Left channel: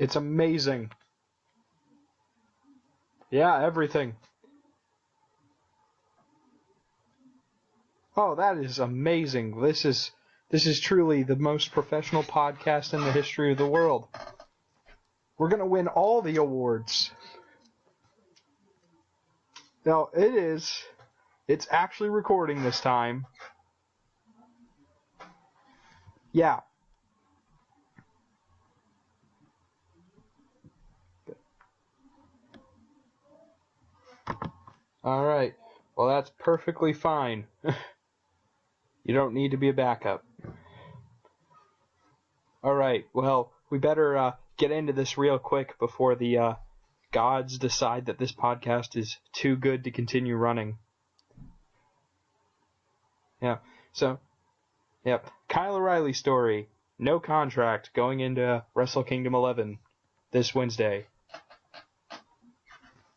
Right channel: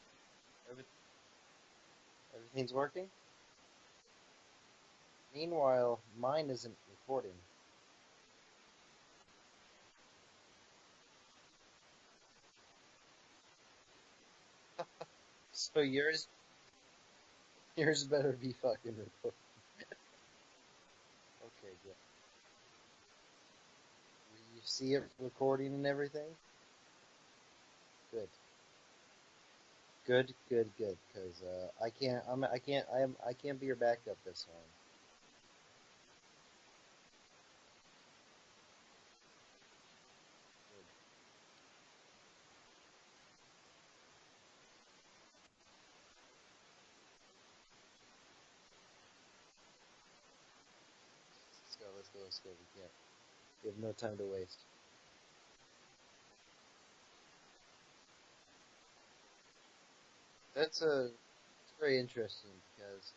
It's amazing. Everything's working? Yeah, everything. Meanwhile, mine isn't recording. Oh, that is amazing. This is truly the most professional podcast in the history of the world. We're going to win all the awards. Yours better be fucking recording. No, it is. It's actually recording this time. You see it recording and everything? Yeah. Good. Because I can't be your backup this time. All right. Well, that's perfectly fine. You don't need to be a backup. All right. Well, we better get into this real quick before the gods decide that this podcast is too good to continue running. Let's go. Yeah. We have no So, time to waste. Yep. Kyle O'Reilly story. No contract going into Wrestle Kingdom 11 this Wednesday. It's very interesting because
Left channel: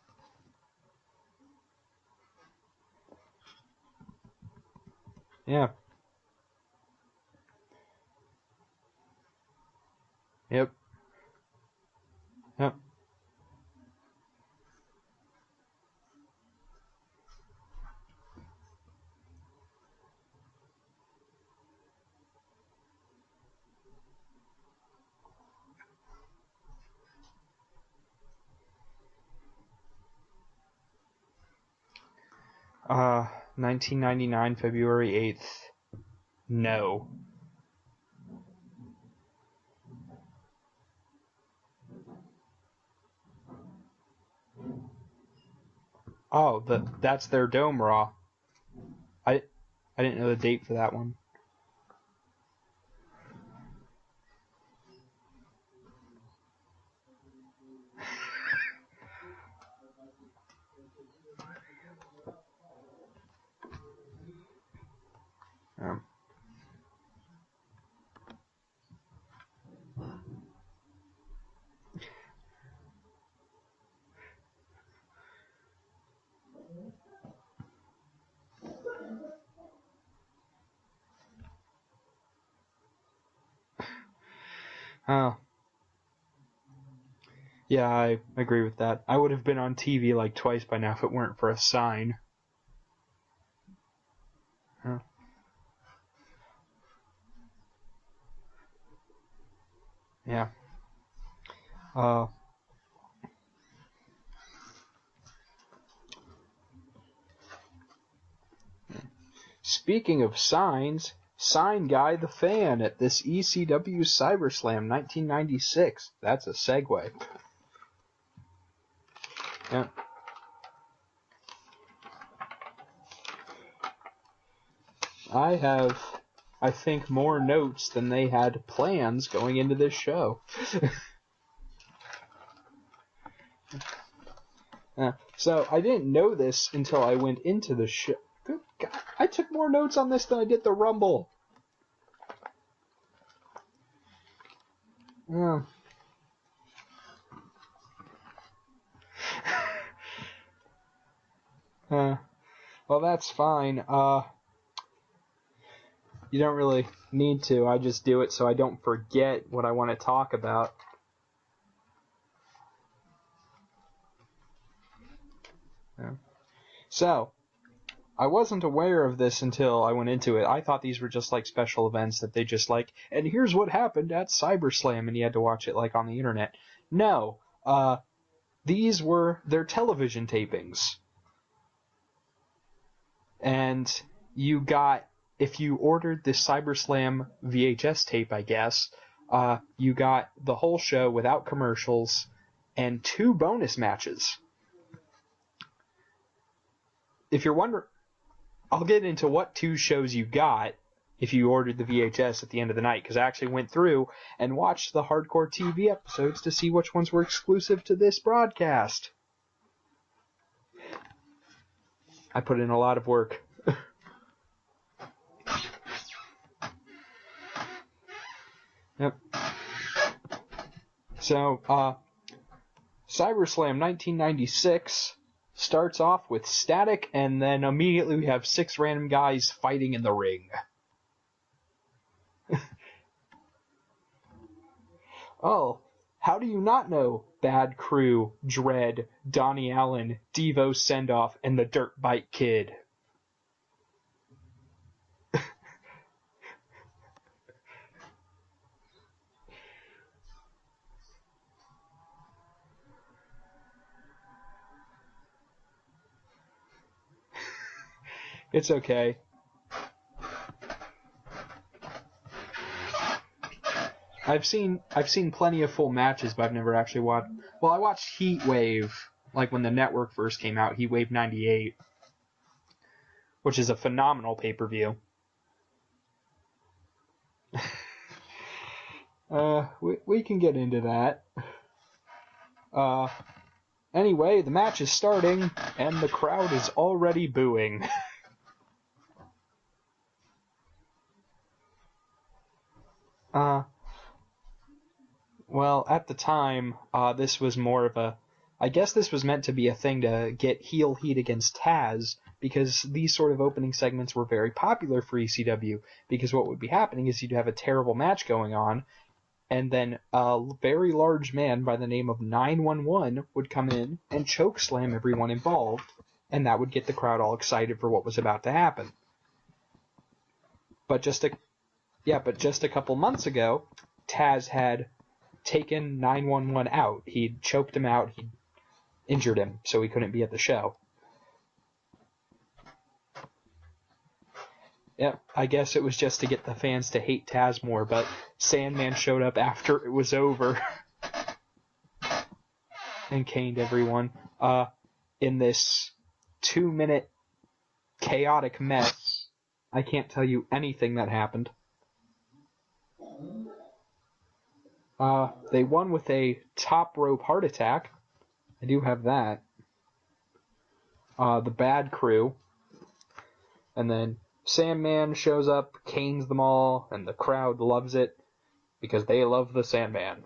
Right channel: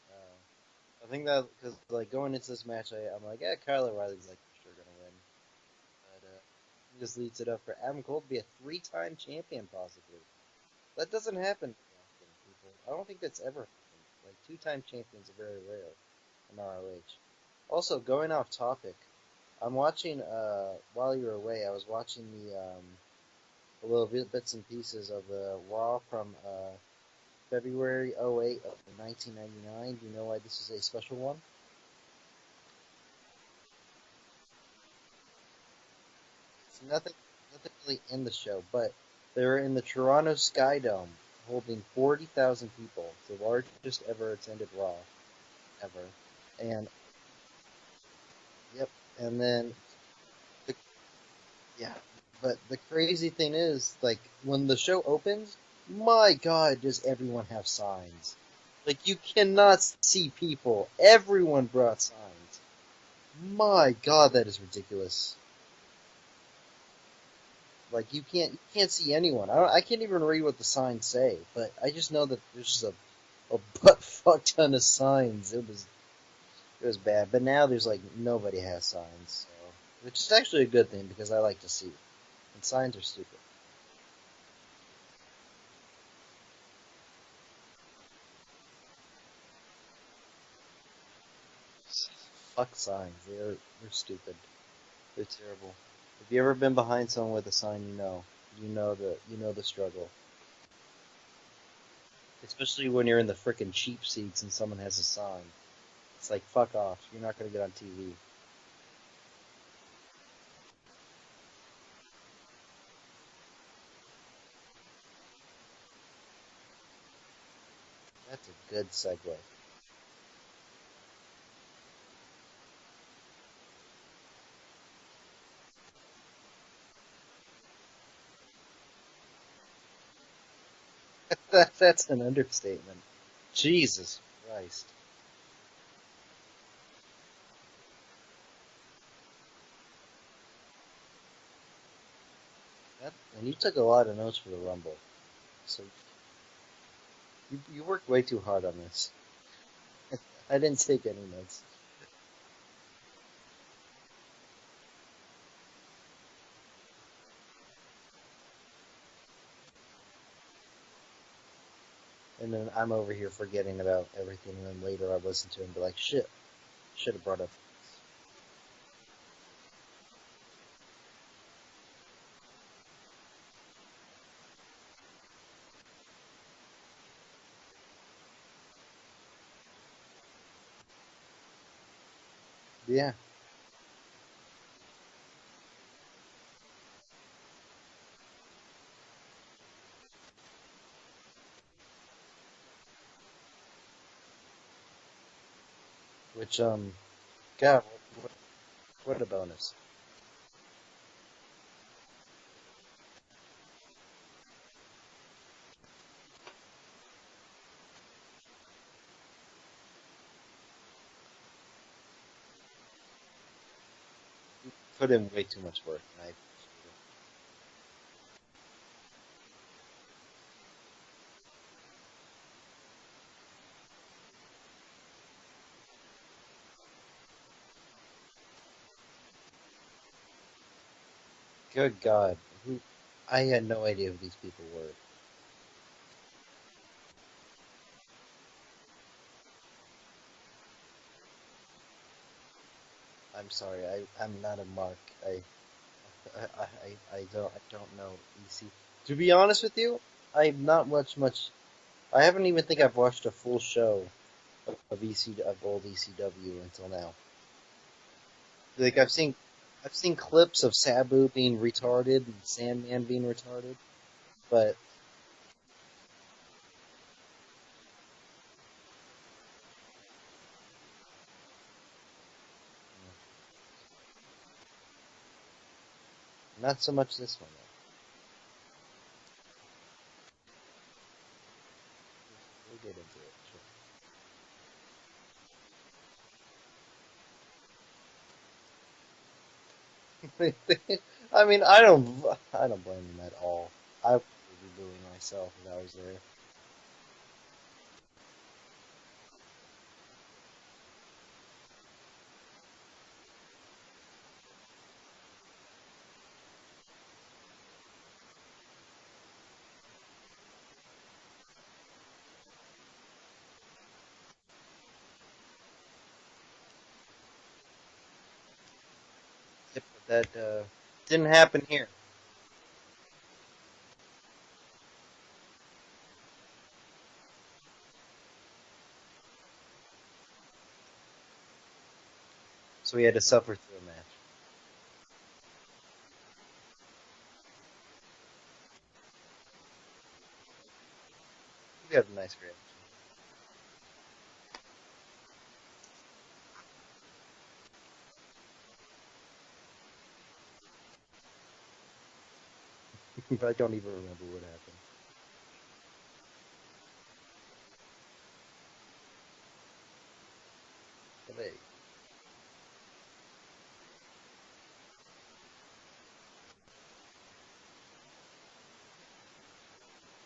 I think that because like going into this match, I'm like, yeah, Kyle O'Reilly's like for sure gonna win. Yeah. But he just leads it up for Adam Cole to be a 3-time champion possibly. Yep. That doesn't happen. Yep. I don't think that's ever happened. Like 2-time champions are very rare in ROH. Also, going off topic, I'm watching while you were away, I was watching the little bits and pieces of the Raw from February 08 of 1999. Do you know why this is a special one? 1999, February 8th. No. Nothing really in the show, but they were in the Toronto Sky Dome, holding 40,000 people, the largest ever attended Raw ever. Oh, that's their Dome Raw. Yep. And then I didn't know the date for that one. Yeah. But the crazy thing is, like, when the show opens, my God, does everyone have signs. Like, you cannot see people. Everyone brought signs. My God, that is ridiculous. Yeah. Like, you can't see anyone. I can't even read what the signs say, but I just know that there's just a butt fuck ton of signs. It was bad. But now there's like nobody has signs, so, which is actually a good thing because I like to see. And signs are stupid. Oh. Yeah, I agree with that. I would have been on TV like twice by now if it weren't for a sign. Fuck signs. They're stupid. Huh. They're terrible. Have you ever been behind someone with a sign? You know the struggle. Yeah. Especially when you're in the frickin' cheap seats and someone has a sign. It's like, fuck off. You're not gonna get on TV. Speaking of signs, Sign Guy the Fan at this ECW CyberSlam 1996. That's a segue. That's a good segue. Yeah. I have, I think, more notes than they had plans going into this show. That's an understatement. Jesus Christ. So I didn't know this until I went into the show. Good God, I took more notes on this than I did the Rumble. And you took a lot of notes for the Rumble. Yeah. So you worked way too hard on this. I didn't take any notes. Well, that's fine. You don't really need to. I just do it so I don't forget what I want to talk about. And then I'm over here forgetting about everything, and then later I listen to it and be like, shit. So, I wasn't aware of this until I went into it. I thought these were just like special events that they just like, and here's what happened at CyberSlam, and you had to watch it like on the internet. No. These were their television tapings. Yeah. And you got, if you ordered the CyberSlam VHS tape, I guess, you got the whole show without commercials and 2 bonus matches. Which, if you're wondering, I'll get into what 2 shows you got if you ordered the VHS at the end of the night, because I actually went through and watched the Hardcore TV episodes to see which ones were exclusive to this broadcast. I put in a lot of work. You put in way too much work, Yep. So, CyberSlam 1996 starts off with static, and then immediately we have 6 random guys fighting in the ring. Good God. I had no idea who these people were. Oh, How do you not know Bad Crew, Dread, Donnie Allen, Devo Sendoff, and the Dirt Bike Kid? I'm sorry, I'm not a mark. I don't know EC. To be honest with you, I've not watched much. I haven't even think I've watched a full show of old ECW until now. It's okay. Like I've seen clips of Sabu being retarded, and Sandman being retarded. I've seen plenty of full matches, but I've never actually watched. Well, I watched Heat Wave, like when the network first came out. Heat Wave '98, which is a phenomenal pay-per-view. Not so much this one. We can get into that. Anyway, the match is starting, and the crowd is already booing. I mean, I don't blame them at all. I would be booing myself. Well, at the time, this was more of a... I guess this was meant to be a thing to get heel heat against Taz, because these sort of opening segments were very popular for ECW, because what would be happening is you'd have a terrible match going on, and then a very large man by the name of 911 would come in and chokeslam everyone involved, and that would get the crowd all excited for what was about to happen. That but just didn't happen here. Yeah, but just a couple months ago, Taz had taken 911 out. He'd choked him out, he'd injured him, so he couldn't be at the show. So he had to suffer through a match. Yeah, I guess it was just to get the fans to hate Taz more, but Sandman showed up after it was over. He got a nice grip. And caned everyone. In this 2-minute chaotic mess, I can't tell you anything that happened. I don't even remember what happened. They won with a top rope heart attack. I do have that. The Bad Crew. And then Sandman shows up, canes them all, and the crowd loves it because they love the Sandman.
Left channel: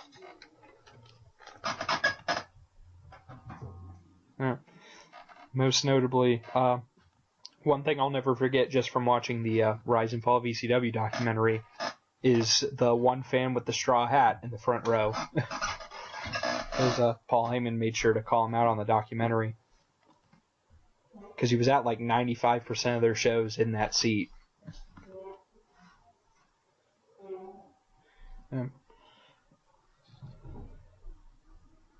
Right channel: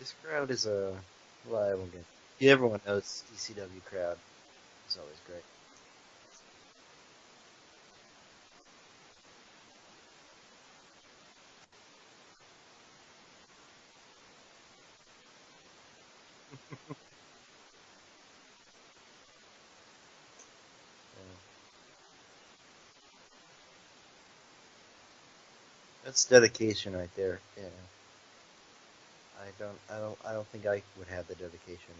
This crowd is well, everyone knows ECW crowd. Yeah. It's always great. Most notably, one thing I'll never forget just from watching the Rise and Fall of ECW documentary is the one fan with the straw hat in the front row. Because Paul Heyman made sure to call him out on the documentary. Because he was at like 95% of their shows in that seat. That's dedication right there. Yeah. Yeah. I don't think I would have the dedication.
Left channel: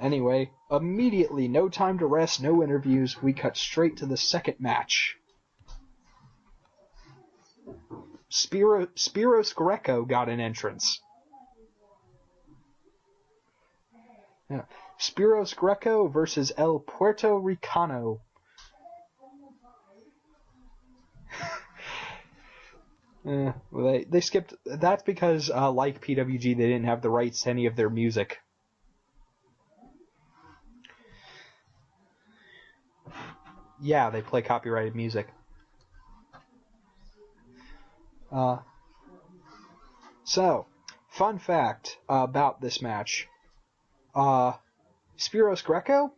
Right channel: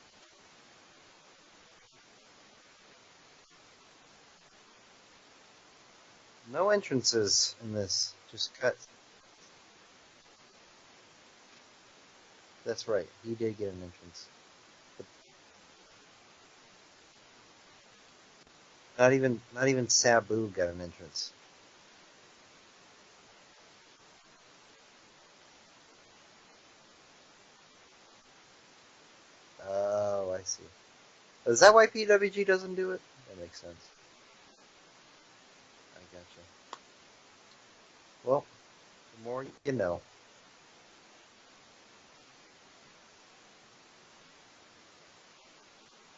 Anyway, immediately, no time to rest, no interviews, we cut straight to the second match. No entrances in this. Spiros Greco got an entrance. That's right, he did get an entrance. Yeah. Spiros Greco versus El Puerto Ricano. Not even Sabu got an entrance. Well, they skipped. That's because, like PWG, they didn't have the rights to any of their music. Oh, I see. Is that why PWG doesn't do it? That makes sense. Yeah, they play copyrighted music. I gotcha. Well, the more you know. So, fun fact about this match. Spiros Greco,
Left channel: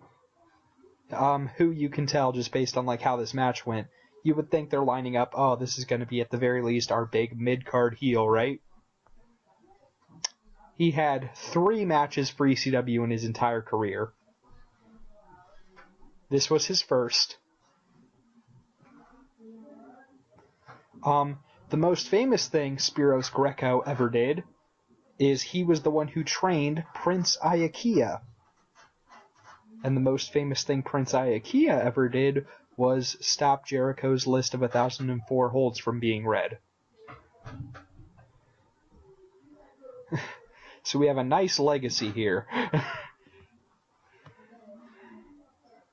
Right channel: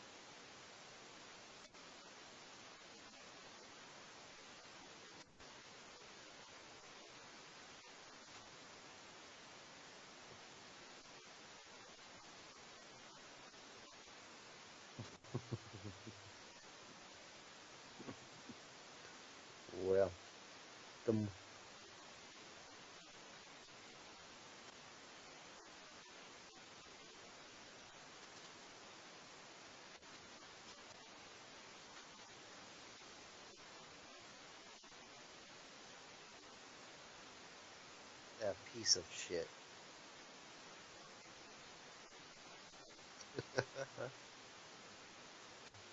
who you can tell just based on like how this match went, you would think they're lining up, oh, this is going to be at the very least our big mid-card heel, right? He had 3 matches for ECW in his entire career. This was his first. Well. The most famous thing Spiros Greco ever did is he was the one who trained Prince Iaukea. And the most famous thing Prince Iaukea ever did was stop Jericho's list of 1,004 holds from being read. That piece of shit. So we have a nice legacy here.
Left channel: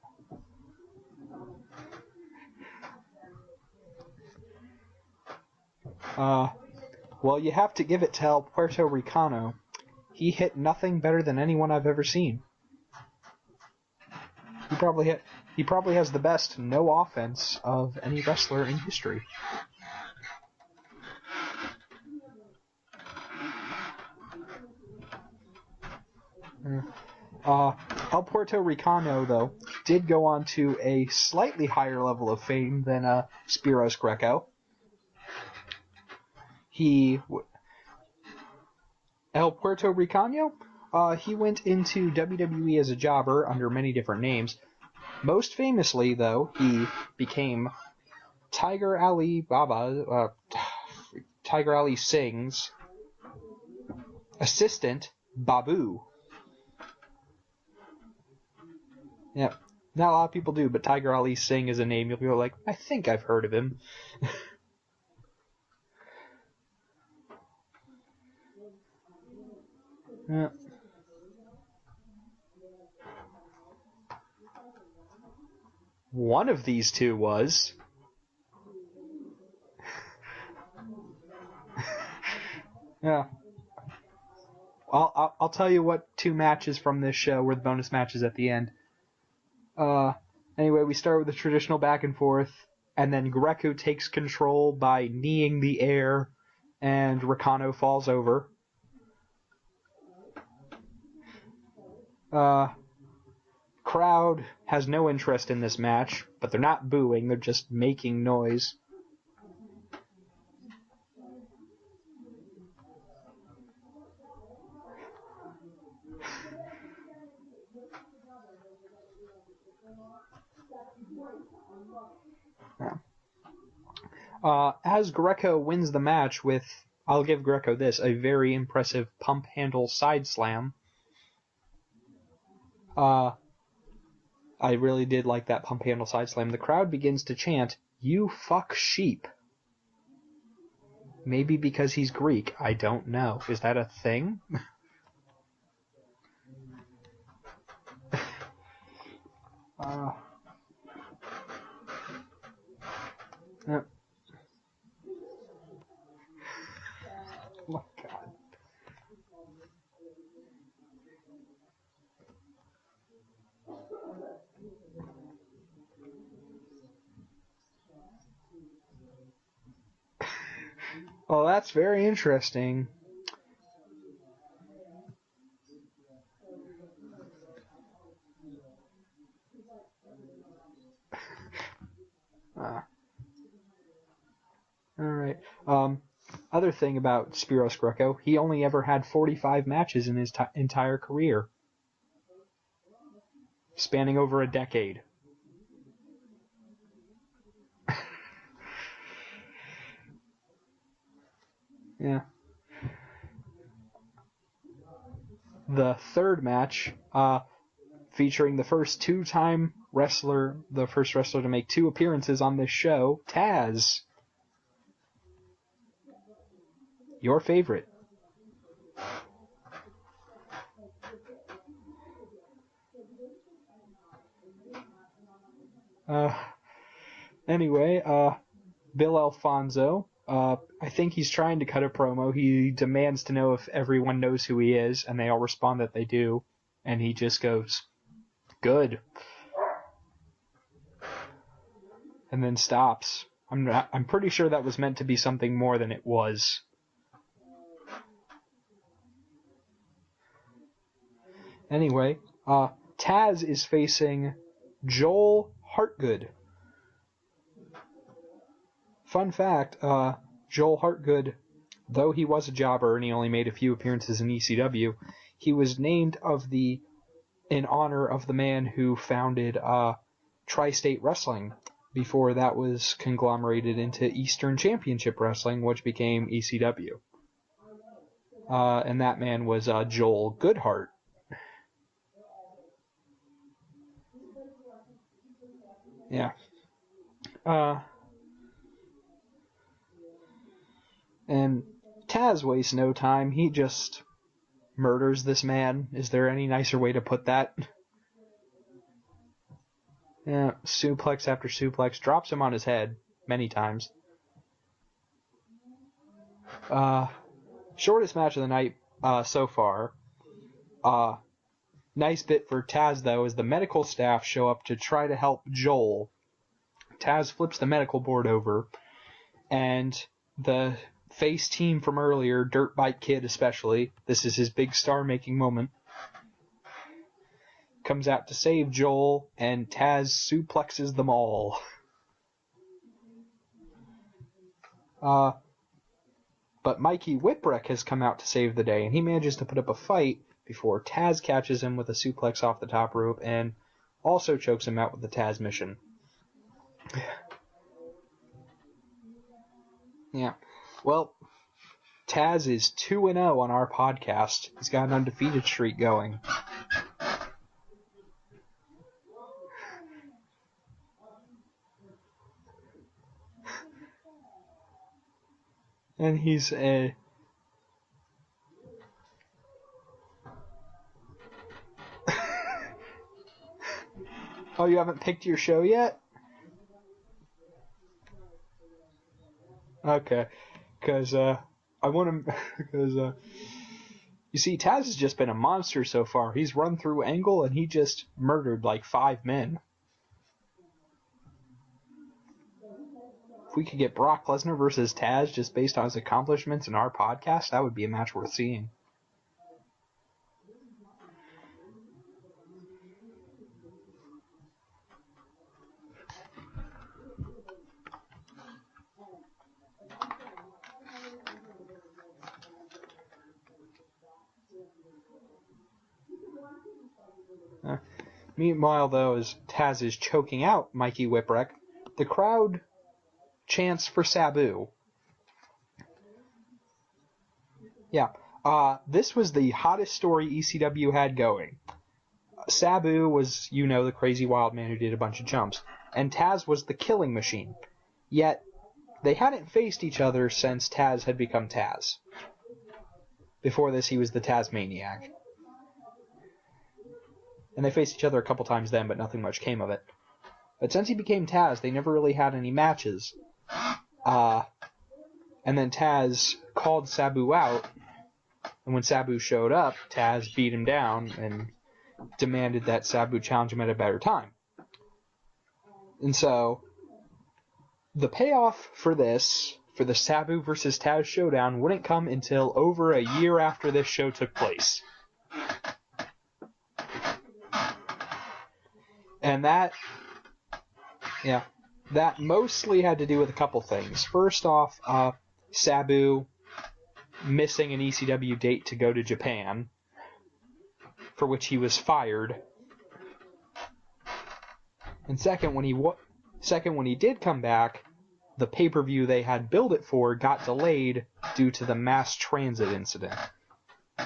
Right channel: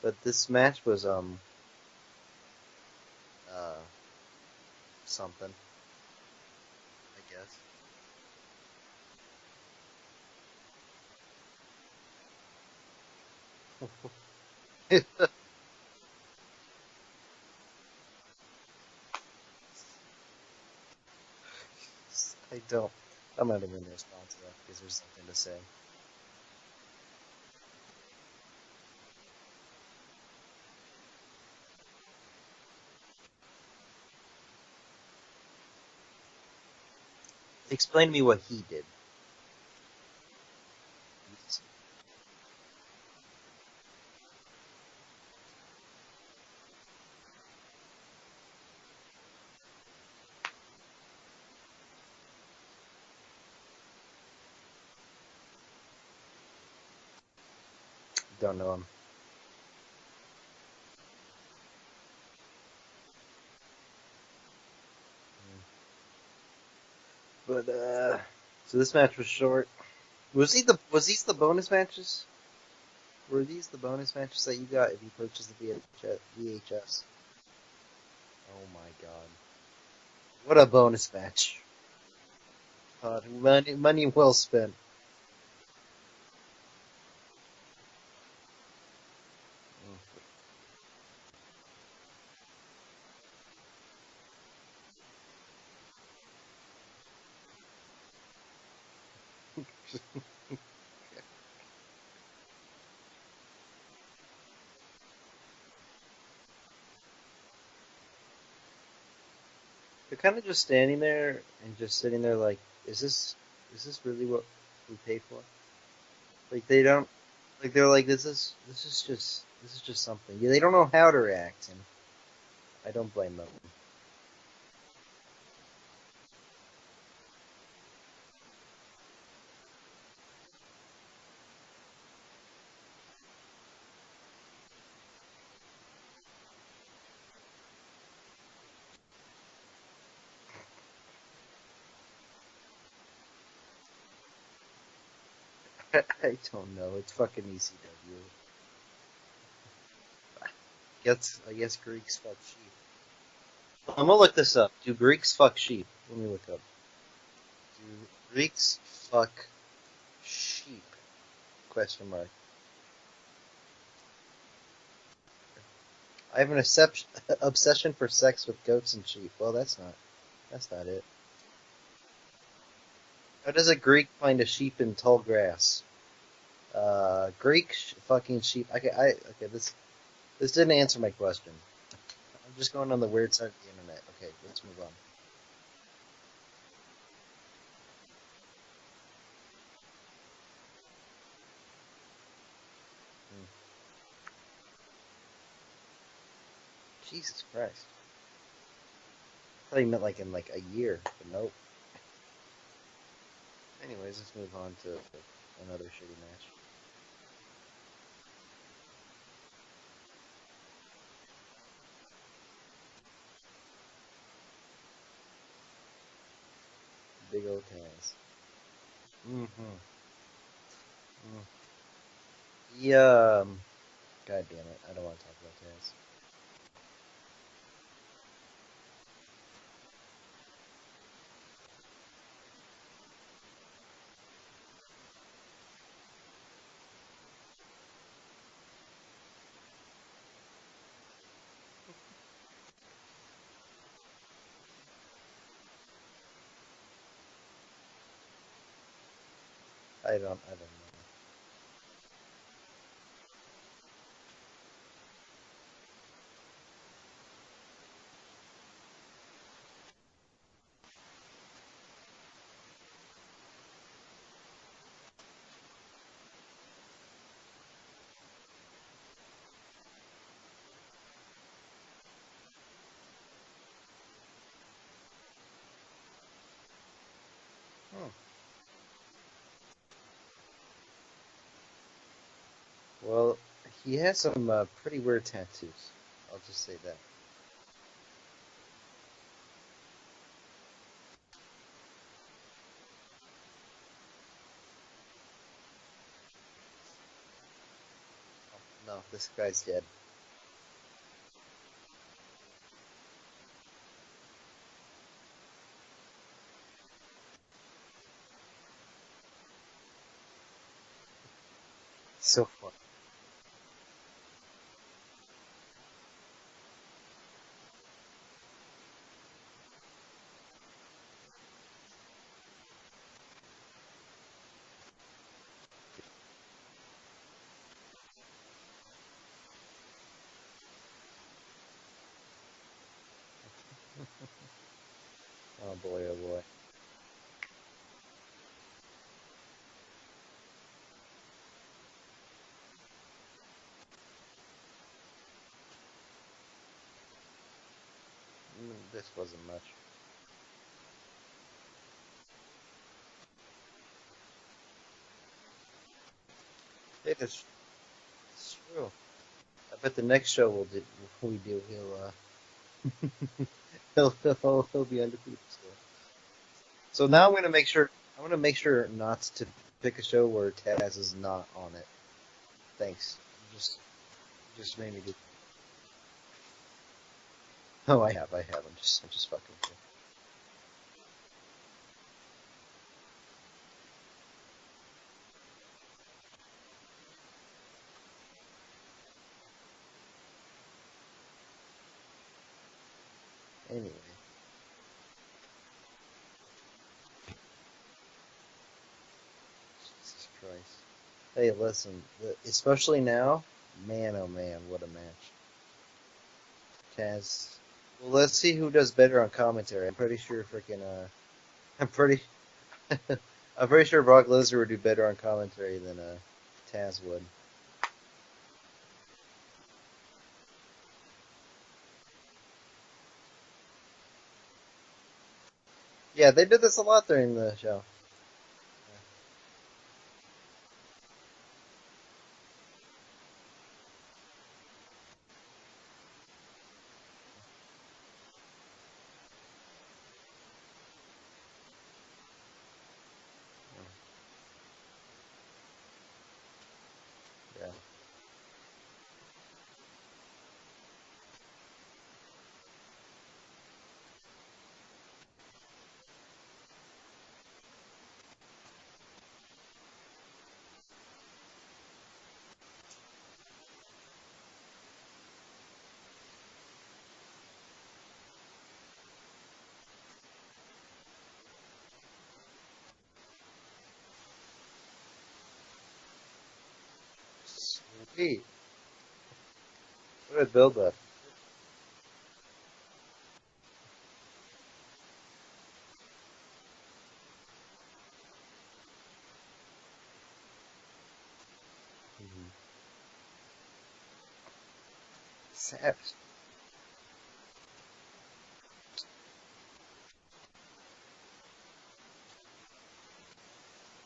But this match was something. Well, you have to give it to El Puerto Ricano. He hit nothing better than anyone I've ever seen. He probably has the best no offense of any wrestler in history. I'm not even response to that because there's something to say. El Puerto Ricano, though, did go on to a slightly higher level of fame than Spiros Greco. Explain to me what he did. El Puerto Ricano, he went into WWE as a jobber under many different names. Most famously, though, he became Tiger Ali Singh's assistant, Babu. Don't know him. Yeah, not a lot of people do, but Tiger Ali Singh is a name you'll be like, I think I've heard of him. But so this match was short. Yeah. Was these the bonus matches? Were these the bonus matches that you got if you purchased the VHS? One of these two was. Oh my god! What a bonus match! Yeah. Money well spent. I'll tell you what two matches from this show were the bonus matches at the end. Anyway, we start with the traditional back and forth, and then Greco takes control by kneeing the air, and Ricano falls over. Crowd has no interest in this match, but they're not booing, they're just making noise. They're kind of just standing there and just sitting there like, is this really what we pay for? Like they don't, like they're like, this is just something. Yeah, they don't know how to react, and I don't blame them. As Greco wins the match with, I'll give Greco this, a very impressive pump handle side slam. I really did like that pump handle side slam. The crowd begins to chant, "You fuck sheep." Maybe because he's Greek. I don't know. Is that a thing? I don't know. It's fucking easy. I guess Greeks fuck sheep. I'm gonna look this up. Do Greeks fuck sheep? Let me look up. Do Greeks fuck sheep? Question mark. I have an obsession for sex with goats and sheep. Well, that's not it. Well, that's very interesting. How does a Greek find a sheep in tall grass? Greek fucking sheep. Okay, this didn't answer my question. I'm just going on the weird side of the internet. Okay, let's move on. All right. Other thing about Spiros Greco, he only ever had 45 matches in his entire career, spanning over a decade. Jesus Christ. I thought he meant like in like a year, but nope. Yeah. Anyways, let's move on to the third match, featuring the first two-time wrestler, the first wrestler to make 2 appearances on this show, Taz. Your favorite. Yeah. God damn it, I don't want to talk about Taz. Anyway, Bill Alfonso, I think he's trying to cut a promo. He demands to know if everyone knows who he is, and they all respond that they do. And he just goes, "Good." And then stops. I'm pretty sure that was meant to be something more than it was. I don't know. Anyway, Taz is facing Joel Hartgood. Fun fact, Joel Hartgood, though he was a jobber and he only made a few appearances in ECW, he was named in honor of the man who founded Tri-State Wrestling before that was conglomerated into Eastern Championship Wrestling, which became ECW. And that man was Joel Goodhart. Well, he has some pretty weird tattoos. Yeah. I'll just say that. And Taz wastes no time. He just murders this man. Is there any nicer way to put that? No, this guy's dead. Yeah, suplex after suplex. Drops him on his head many times. Shortest match of the night so far. Nice bit for Taz, though, is the medical staff show up to try to help Joel. Taz flips the medical board over, and the face team from earlier, Dirt Bike Kid especially, this is his big star-making moment, comes out to save Joel, and Taz suplexes them all. Oh boy, oh boy. But Mikey Whipwreck has come out to save the day, and he manages to put up a fight before Taz catches him with a suplex off the top rope and also chokes him out with the Taz mission. This wasn't much. Yeah. Well, Taz is 2-0 on our podcast. He's got an undefeated streak going. That's true. I bet the next show he'll be undefeated still. And he's So now I'm gonna make sure not to pick a show where Taz is not on it. Thanks. Oh, you haven't picked your show yet? Oh, I have. I'm just fucking. Okay, because I want him. Because you see, Taz has just been a monster so far. He's run through Angle and he just murdered like 5 men. If we could get Brock Lesnar versus Taz just based on his accomplishments in our podcast, that would be a match worth seeing. Jesus Christ. Hey, listen, especially now, man, oh man, what a match. Taz. Well, let's see who does better on commentary. I'm pretty sure I'm pretty sure Brock Lesnar would do better on commentary than Taz would. Meanwhile, though, as Taz is choking out Mikey Whipwreck, the crowd chants for Sabu. Yeah, they did this a lot during the show. Yeah. This was the hottest story ECW had going. Sabu was, the crazy wild man who did a bunch of jumps. And Taz was the killing machine. Yet, they hadn't faced each other since Taz had become Taz. Before this, he was the Tasmaniac. And they faced each other a couple times then, but nothing much came of it. But since he became Taz, they never really had any matches. And then Taz called Sabu out, and when Sabu showed up, Taz beat him down and demanded that Sabu challenge him at a better time. And so, the payoff for this, for the Sabu versus Taz showdown, wouldn't come until over a year after this show took place. And that... What a build-up. Yeah. That mostly had to do with a couple things. First off, Sabu missing an ECW date to go to Japan, for which he was fired. And second, when he did come back, the pay-per-view they had billed it for got delayed due to the mass transit incident. The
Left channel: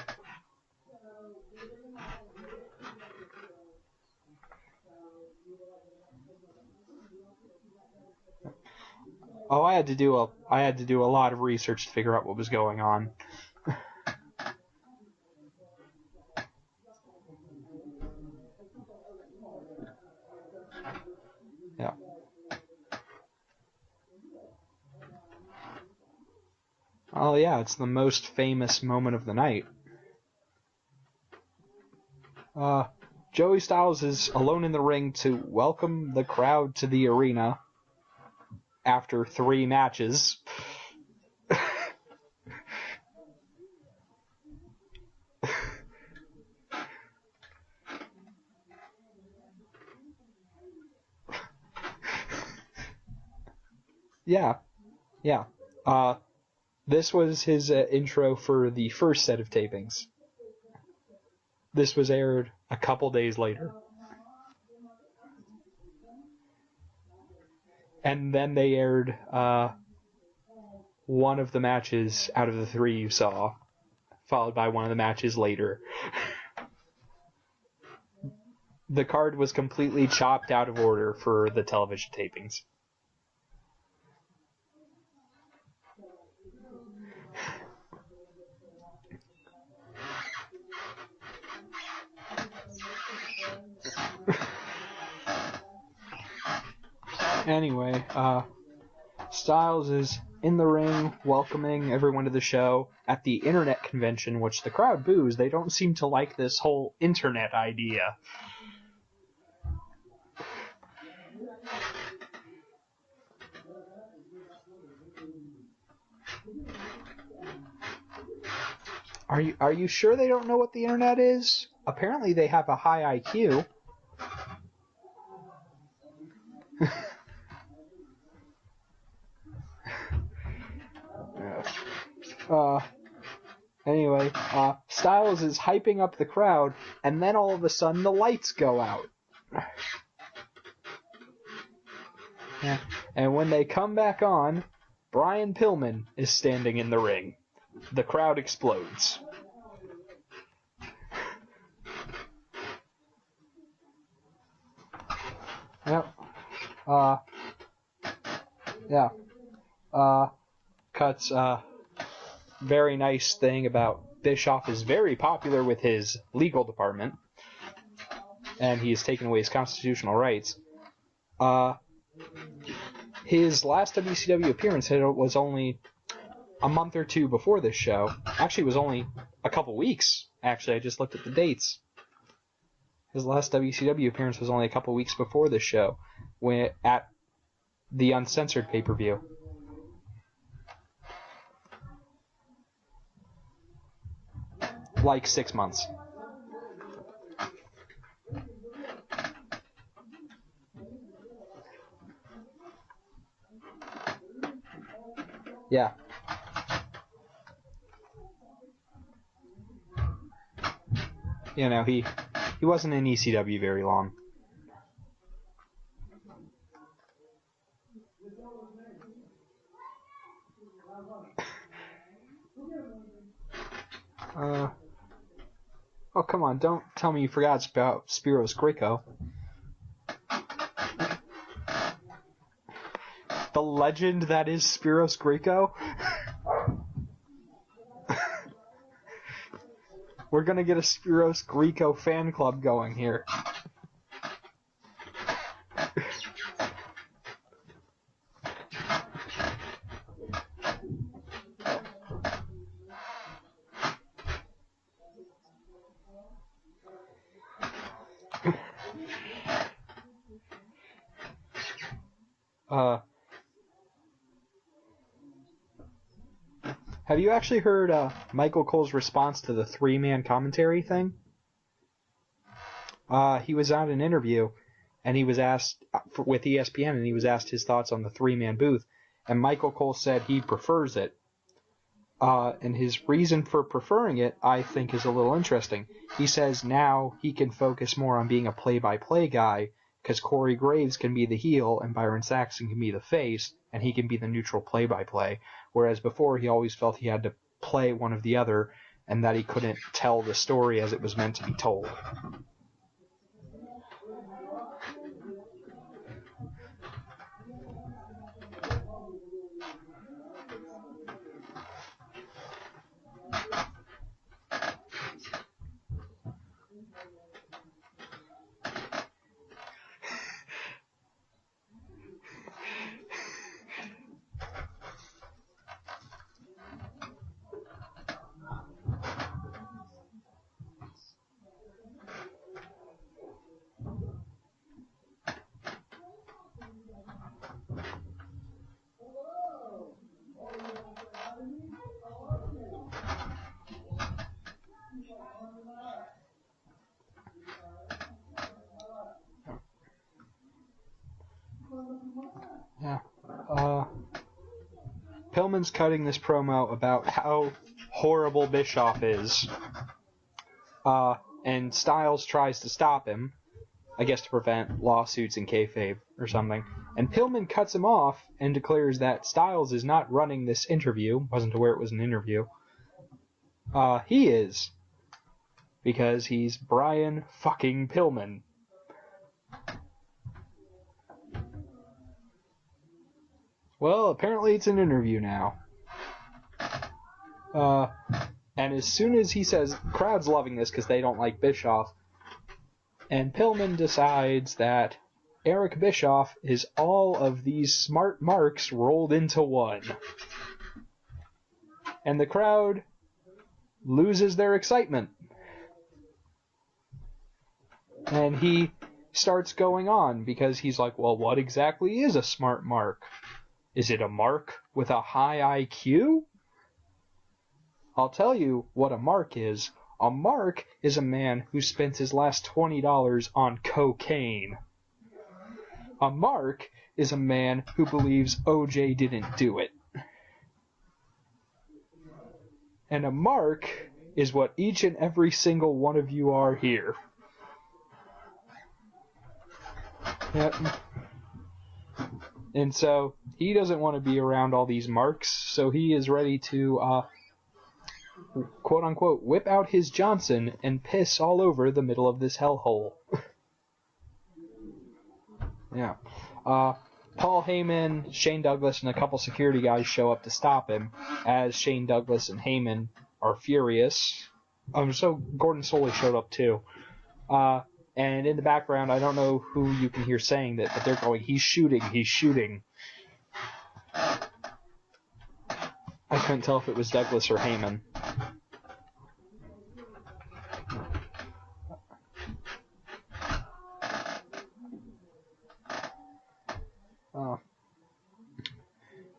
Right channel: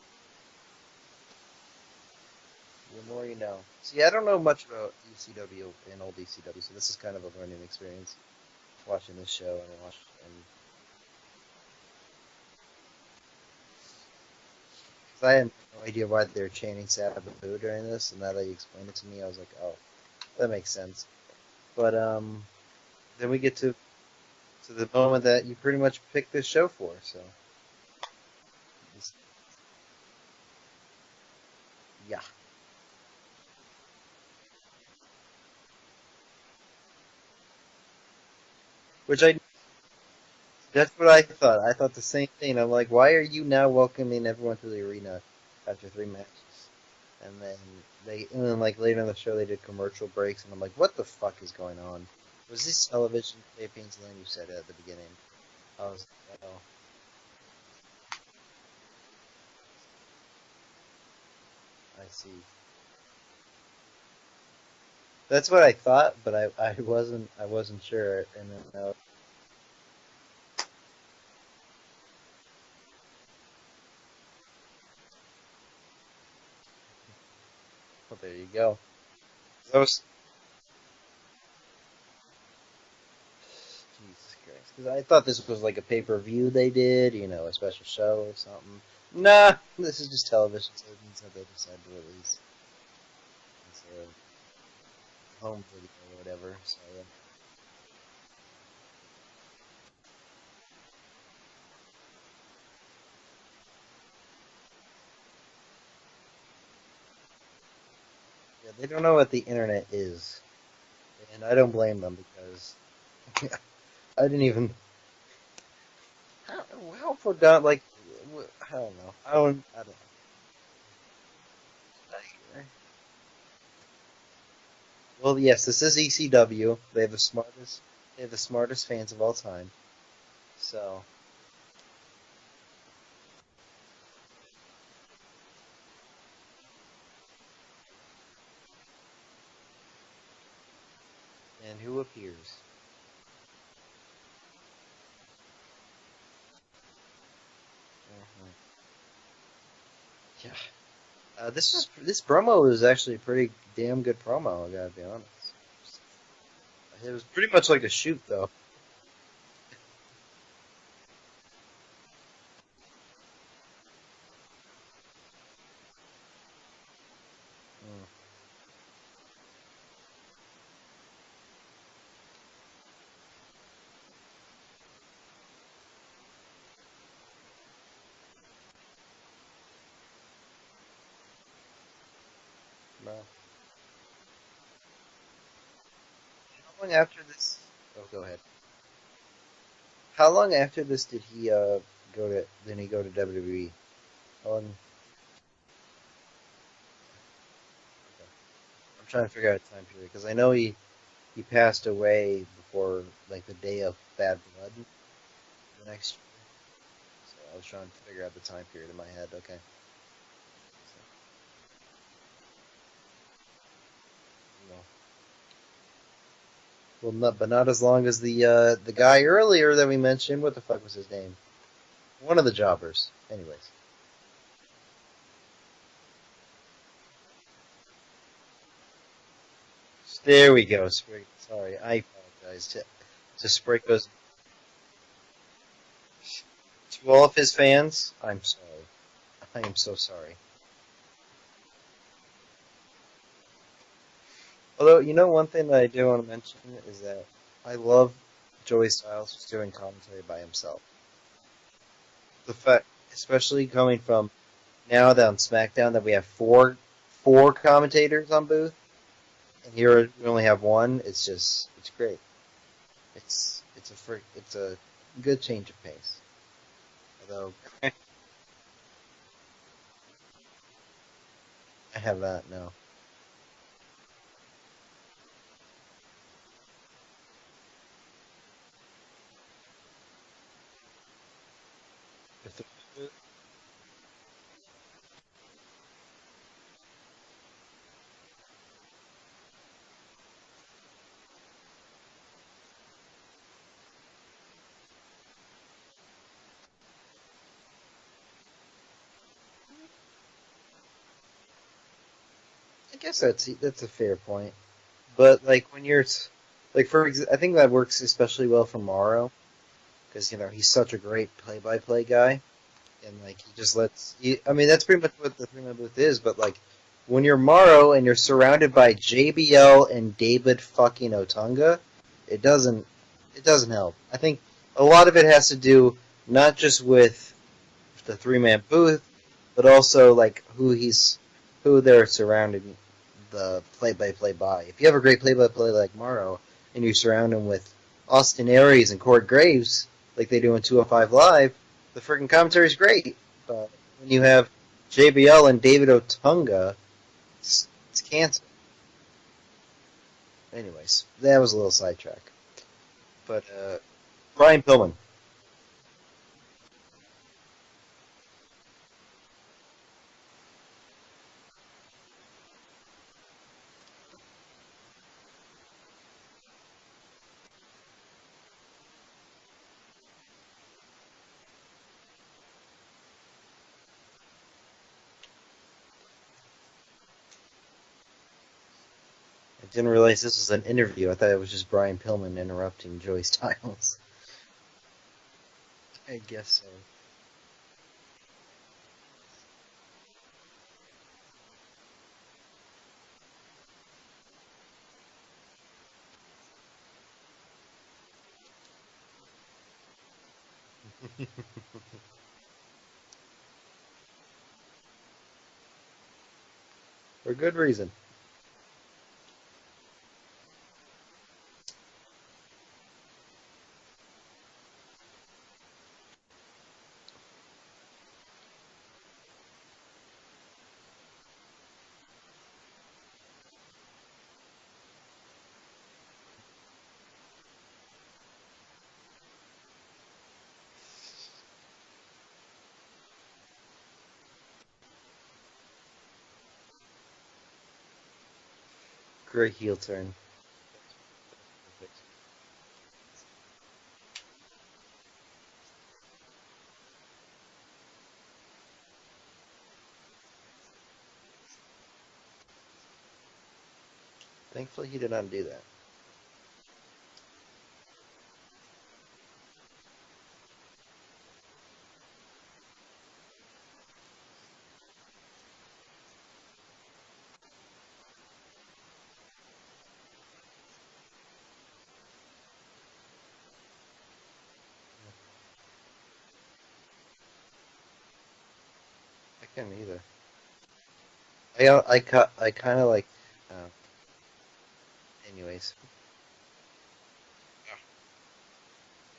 more you know. See, I don't know much about ECW and old ECW, so this is kind of a learning experience watching this show. Oh, I had to do a lot of research to figure out what was going on. I had no idea why they were chanting Sabu during this, and now that you explained it to me, I was like, oh, that makes sense. But then we get to the moment that you pretty much picked this show for us. Oh yeah, it's the most famous moment of the night. Yeah. Joey Styles is alone in the ring to welcome the crowd to the arena after 3 matches. That's what I thought. I thought the same thing. I'm like, why are you now welcoming everyone to the arena after 3 matches? And then like later in the show they did commercial breaks, and I'm like, what the fuck is going on? Was this television tapings? And then you said that at the beginning. Yeah. This was his intro for the first set of tapings. This was aired a couple days later. That's what I thought, but I wasn't sure. And then they aired one of the matches out of the 3 you saw, followed by one of the matches later. Well, there you go. The card was completely chopped out of order for the television tapings. Jesus Christ. Because I thought this was like a pay-per-view they did, a special show or something. Nah, this is just television tapings that they decided to release. Anyway, Styles is in the ring welcoming everyone to the show at the internet convention, which the crowd boos. They don't seem to like this whole internet idea. Yeah, they don't know what the internet is. And I don't blame them, because I didn't even... I don't forgot, like... I don't know. Are you sure they don't know what the internet is? Apparently they have a high IQ. Well, yes, this is ECW. They have the smartest fans of all time. So, Uh, anyway, Styles is hyping up the crowd, and then all of a sudden the lights go out. And who appears? Yeah. And when they come back on, Brian Pillman is standing in the ring. The crowd explodes. Yeah. This promo was actually a pretty damn good promo, I gotta be honest. Yep. It was pretty much like a shoot, though. Yeah. Cuts very nice thing about Bischoff is very popular with his legal department, and he has taken away his constitutional rights. His last WCW appearance was only a month or two before this show. Actually, it was only a couple weeks. Actually, I just looked at the dates. His last WCW appearance was only a couple weeks before this show, when after this, the uncensored pay-per-view. How long after this did he go to WWE? Like 6 months. I'm trying to figure out the time period because I know he passed away before like the day of Bad Blood. Yeah. So I was trying to figure out the time period in my head. Okay. You know, he wasn't in ECW very long. Well, but not as long as the guy earlier that we mentioned. What the fuck was his name? One of the jobbers. Anyways. Oh, come on. Don't tell me you forgot about Spiros Greco. There we go. Sorry. I apologize. The legend that is Spiros Greco. To all of his fans, I'm sorry. I am so sorry. We're going to get a Spiros Greco fan club going here. Although, you know, one thing that I do want to mention is that I love Joey Styles just doing commentary by himself. The fact, especially coming from now that on SmackDown that we have four commentators on booth, and here we only have one. It's great. It's a good change of pace. Have you actually heard Michael Cole's response to the 3-man commentary thing? I have not, no. He was on an interview, and he was asked with ESPN, and he was asked his thoughts on the 3-man booth, and Michael Cole said he prefers it. And his reason for preferring it, I think, is a little interesting. He says now he can focus more on being a play-by-play guy, because Corey Graves can be the heel and Byron Saxton can be the face, and he can be the neutral play-by-play. Whereas before he always felt he had to play one of the other, and that he couldn't tell the story as it was meant to be told. I guess that's a fair point. But like when you're like I think that works especially well for Morrow. Because, you know, he's such a great play-by-play guy. And, like, I mean, that's pretty much what the 3-man booth is, but, like, when you're Morrow and you're surrounded by JBL and David fucking Otunga, it doesn't help. I think a lot of it has to do not just with the 3-man booth, but also, like, who they're surrounding the play-by-play by. If you have a great play-by-play like Morrow, and you surround him with Austin Aries and Corey Graves, like they do in 205 Live, the freaking commentary's great. When you have JBL and David Otunga, it's cancer. Anyways, that was a little sidetrack. Yeah. But Brian Pillman. Pillman's cutting this promo about how horrible Bischoff is. And Styles tries to stop him, I guess to prevent lawsuits and kayfabe or something. And Pillman cuts him off and declares that Styles is not running this interview. Wasn't aware it was an interview. He is. Because he's Brian fucking Pillman. I didn't realize this was an interview. I thought it was just Brian Pillman interrupting Joey Styles. Well, apparently it's an interview now. I guess. And as soon as he says, crowd's loving this because they don't like Bischoff, and Pillman decides that Eric Bischoff is all of these smart marks rolled into one. And the crowd loses their excitement. For good reason. And he starts going on because he's like, well, what exactly is a smart mark? Is it a mark with a high IQ? I'll tell you what a mark is. A mark is a man who spent his last $20 on cocaine. A mark is a man who believes OJ didn't do it. And a mark is what each and every single one of you are here. Great heel turn. Yep. And so he doesn't want to be around all these marks, so he is ready to, quote unquote, whip out his Johnson and piss all over the middle of this hellhole. Thankfully, he did not do that. Yeah. Paul Heyman, Shane Douglas, and a couple security guys show up to stop him, as Shane Douglas and Heyman are furious. So Gordon Soley showed up too. And in the background, I don't know who you can hear saying that, but they're going, he's shooting, he's shooting. I couldn't tell if it was Douglas or Heyman. I can't either. I kind of like... anyways.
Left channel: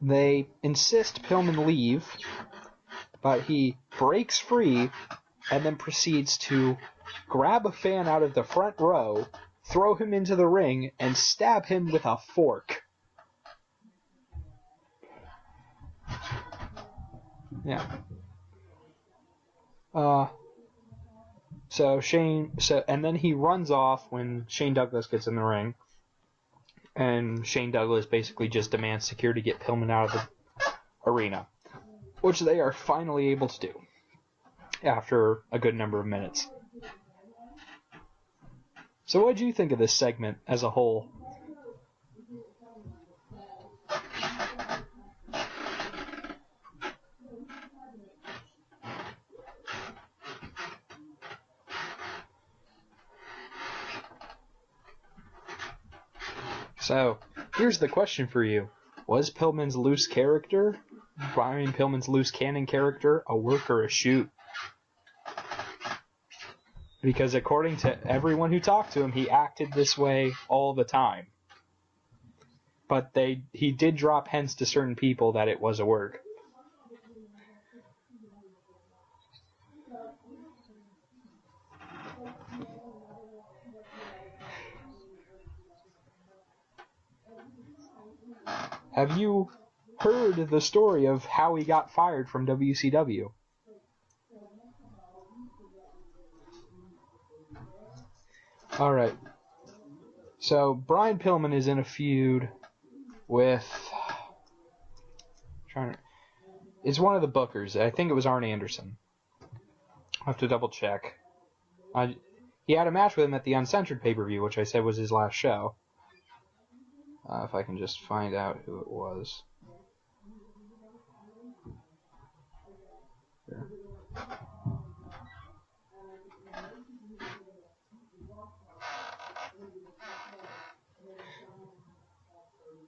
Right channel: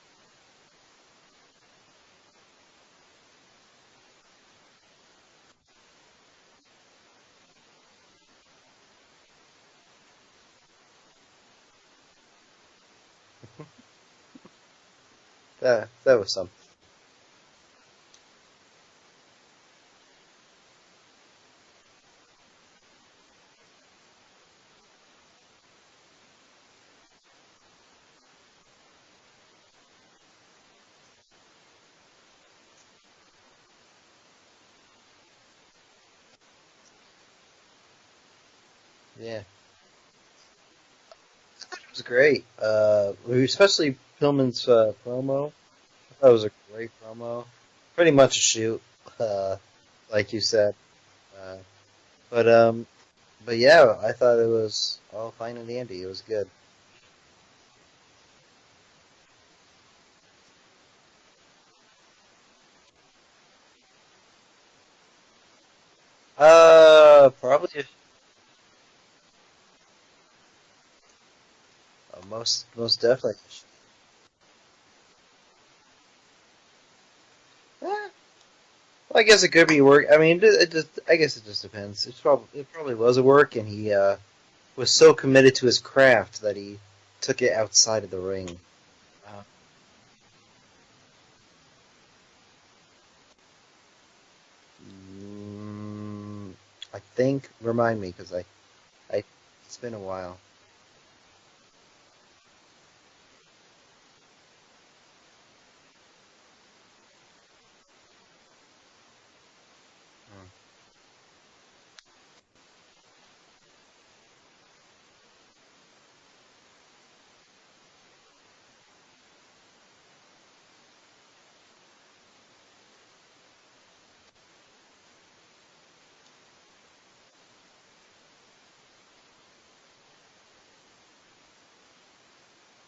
They insist Pillman leave, but he breaks free and then proceeds to grab a fan out of the front row, throw him into the ring, and stab him with a fork. That was something. Yeah. And then he runs off when Shane Douglas gets in the ring, and Shane Douglas basically just demands security to get Pillman out of the arena, which they are finally able to do after a good number of minutes. So what did you think of this segment as a whole? It was great. Especially Pillman's promo. That was a great promo. Pretty much a shoot, like you said. But yeah, I thought it was all fine and dandy. It was good. So, here's the question for you. Was Pillman's loose character, Brian Pillman's loose cannon character, a work or a shoot? Because according to everyone who talked to him, he acted this way all the time. Most but definitely. He did drop hints to certain people that it was a work. Well, I guess it could be work. I mean, I guess it just depends. It probably was a work, and he was so committed to his craft that he took it outside of the ring. Have you heard the story of how he got fired from WCW? I think. Remind me, because All right. It's been a while. So Brian Pillman is in a feud with. It's one of the bookers. I think it was Arn Anderson. I'll have to double check. He had a match with him at the Uncensored pay-per-view, which I said was his last show. If I can just find out who it was. Yeah.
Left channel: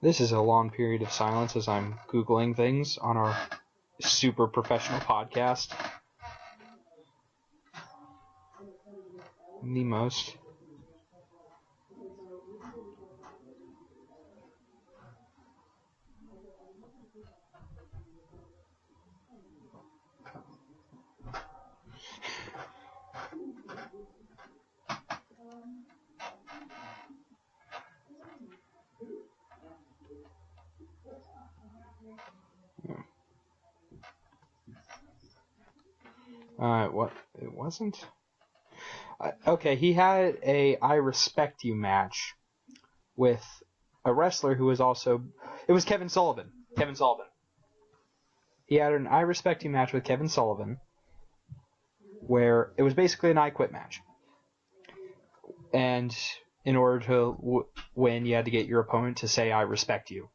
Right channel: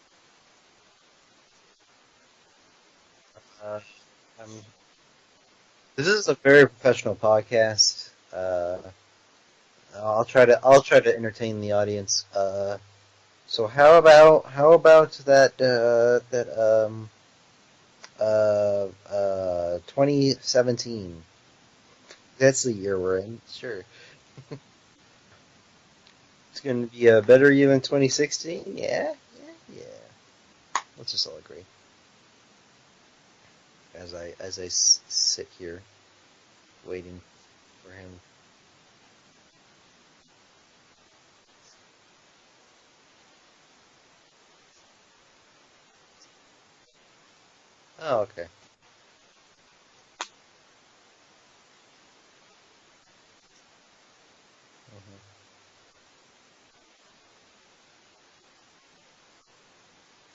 This is a long period of silence as I'm Googling things on our super professional podcast. This is a very professional podcast. The most. I'll try to entertain the audience. So how about that 2017? That's the year we're in. Sure. It's gonna be a better year than 2016. Yeah. Let's just all agree. As I sit here. What? It wasn't. Okay, he had a I Respect You match with a wrestler who was also. It was Kevin Sullivan. Oh, okay. He had an I Respect You match with Kevin Sullivan, where it was basically an I Quit match. Mm-hmm. And in order to win, you had to get your opponent to say I respect you.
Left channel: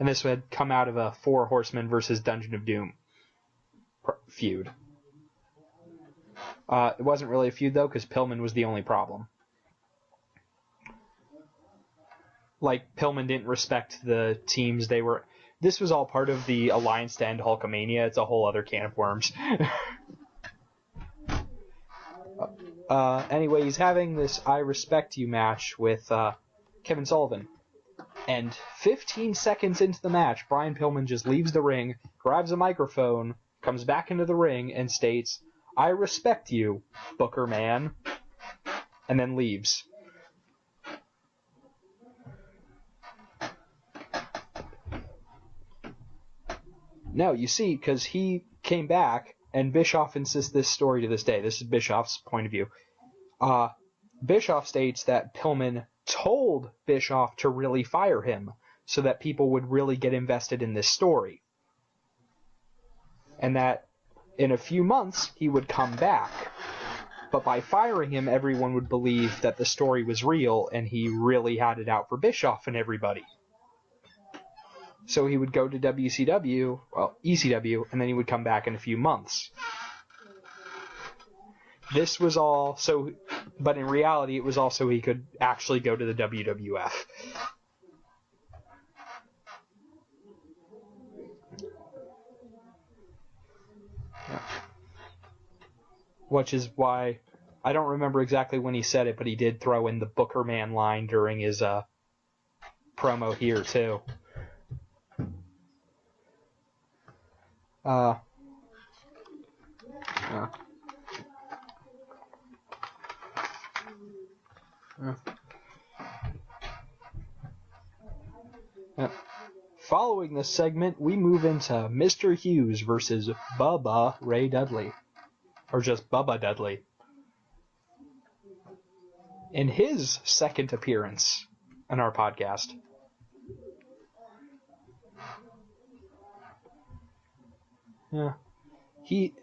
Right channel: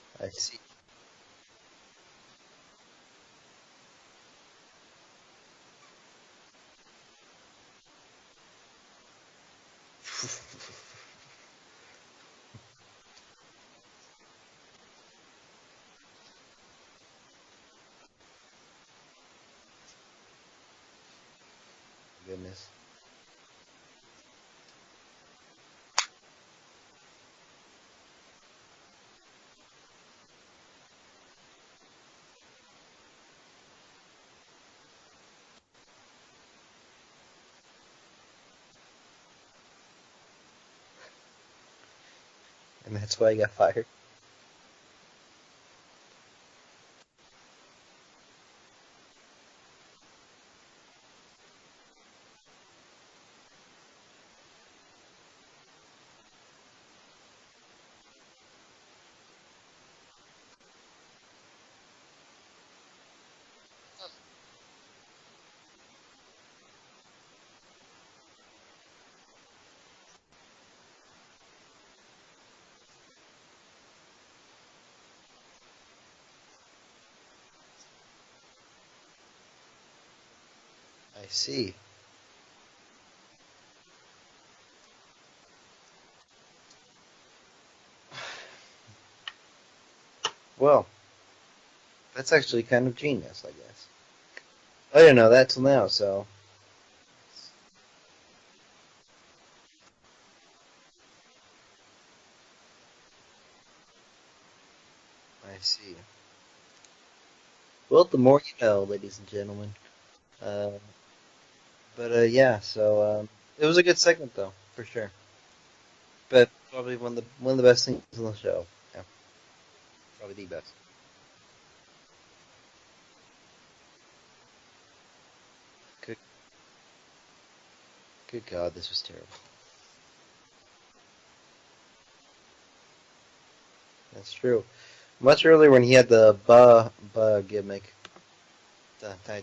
And this had come out of a Four Horsemen versus Dungeon of Doom feud. It wasn't really a feud, though, because Pillman was the only problem. Like, Pillman didn't respect the teams they were... This was all part of the Alliance to End Hulkamania. It's a whole other can of worms. Anyway, he's having this I Respect You match with Kevin Sullivan. And 15 seconds into the match, Brian Pillman just leaves the ring, grabs a microphone, comes back into the ring, and states, I respect you, Booker man, and then leaves. And that's why he got fired. No, you see, because he came back, and Bischoff insists this story to this day. This is Bischoff's point of view. Bischoff states that Pillman told Bischoff to really fire him so that people would really get invested in this story. And that in a few months he would come back. But by firing him, everyone would believe that the story was real and he really had it out for Bischoff and everybody. So he would go to WCW, well, ECW, and then he would come back in a few months. I see. This was all so, but in reality, it was also he could actually go to the WWF. Well, that's actually kind of genius, I guess. Yeah. I didn't know that till now, so. Which is why, I don't remember exactly when he said it, but he did throw in the Booker Man line during his promo here, too. I see. Well, the more you know, ladies and gentlemen. Yeah, so it was a good segment, though, for sure. But probably one of the best things on the show. Yeah. Following this segment, we move into Mr. Hughes versus Bubba Ray Dudley. Or just Bubba Dudley. Good God, this was terrible. In his second appearance on our podcast. That's true. Much earlier when he had the ba gimmick. Yeah. I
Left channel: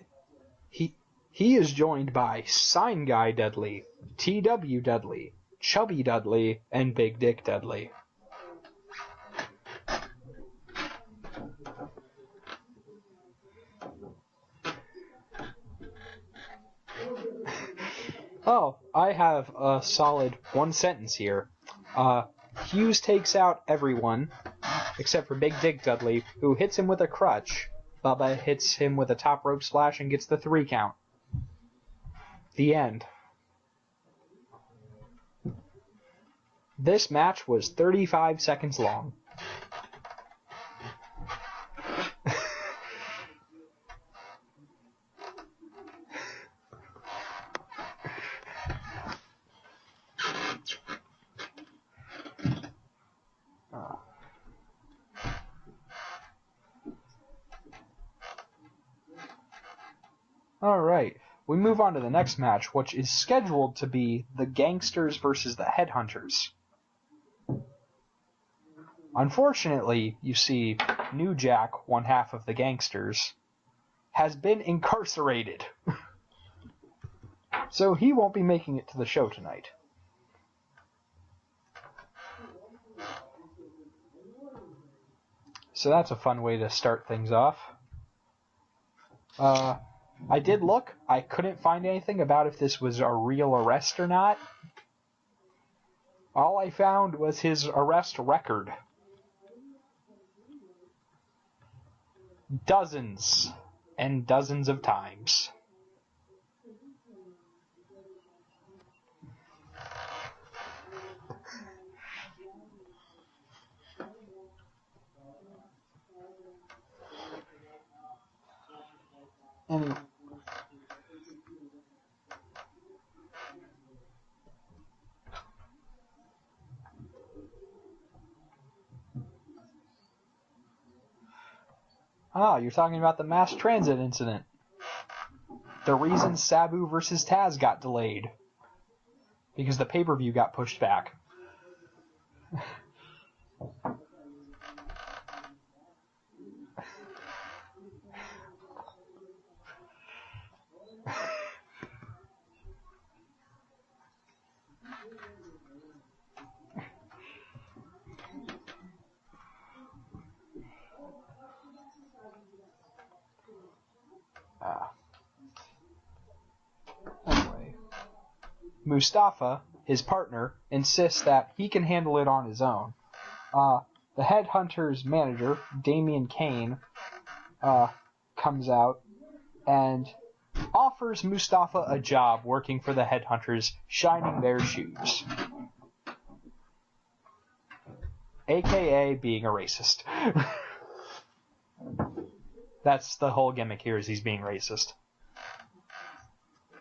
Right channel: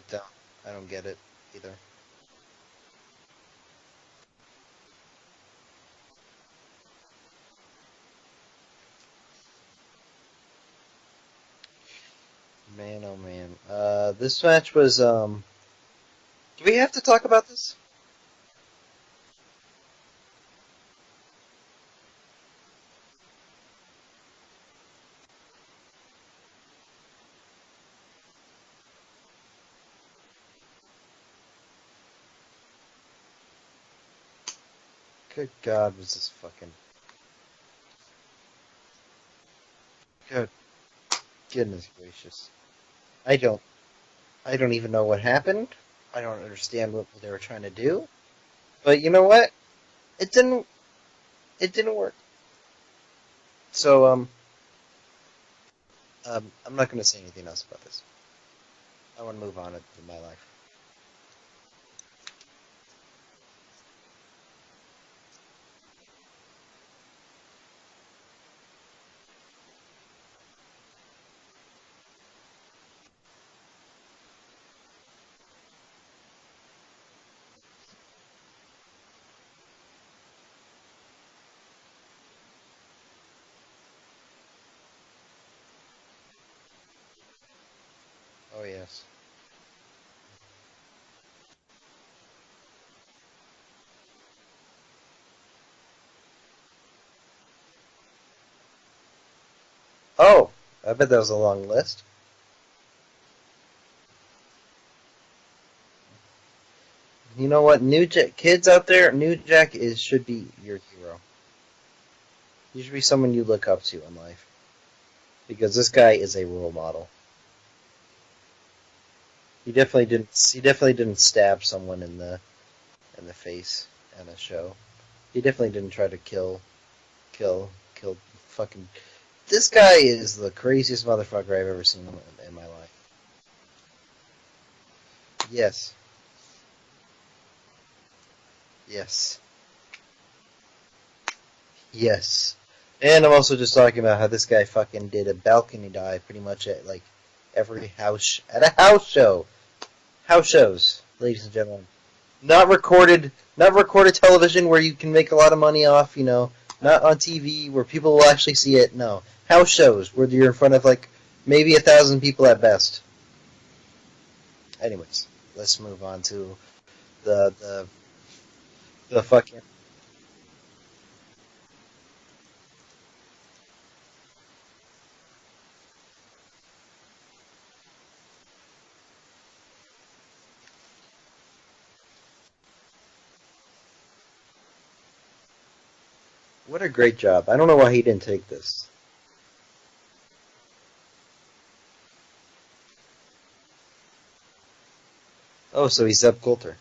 don't get it. He is joined by Sign Guy Dudley, TW Dudley, Chubby Dudley, and Big Dick Dudley. Man, oh man. This match was, do we have to talk about this? Oh, I have a solid one sentence here. Hughes takes out everyone, except for Big Dick Dudley, who hits him with a crutch. Bubba hits him with a top rope splash and gets the 3 count. The end. Good God, was this fucking... This match was 35 seconds long. Good. Goodness gracious. I don't even know what happened. I don't understand what they were trying to do. But you know what? It didn't work. So, I'm not going to say anything else about this. I want to move on in my life. Alright. We move on to the next match, which is scheduled to be the Gangsters versus the Headhunters. Unfortunately, you see, New Jack, one half of the Gangsters, has been incarcerated. So he won't be making it to the show tonight. So that's a fun way to start things off. Oh, yes. I did look. I couldn't find anything about if this was a real arrest or not. All I found was his arrest record. Oh, I bet that was a long list. Dozens and dozens of times. You know what, kids out there, New Jack should be your hero. He should be someone you look up to in life. Because this guy is a role model. He definitely didn't stab someone in the face in a show. He definitely didn't try to kill fucking... This guy is the craziest motherfucker I've ever seen. You're talking about the mass transit incident. Yes. The reason Sabu versus Taz got delayed. Yes. Because the pay-per-view got pushed back. Yes. And I'm also just talking about how this guy fucking did a balcony dive pretty much at like every house at a house show. House shows, ladies and gentlemen. Not recorded television where you can make a lot of money off, not on TV where people will actually see it. No. House shows where you're in front of like maybe 1,000 people at best. Anyways, let's move on to the Mustafa, his partner, insists that he can handle it on his own. The Headhunters manager, Damian Kane, comes out and offers Mustafa a job working for the Headhunters, shining their shoes. What a great job. I don't know why he didn't take this. AKA being a racist. That's the whole gimmick here, is he's being racist. Oh, so he's Zeb Coulter.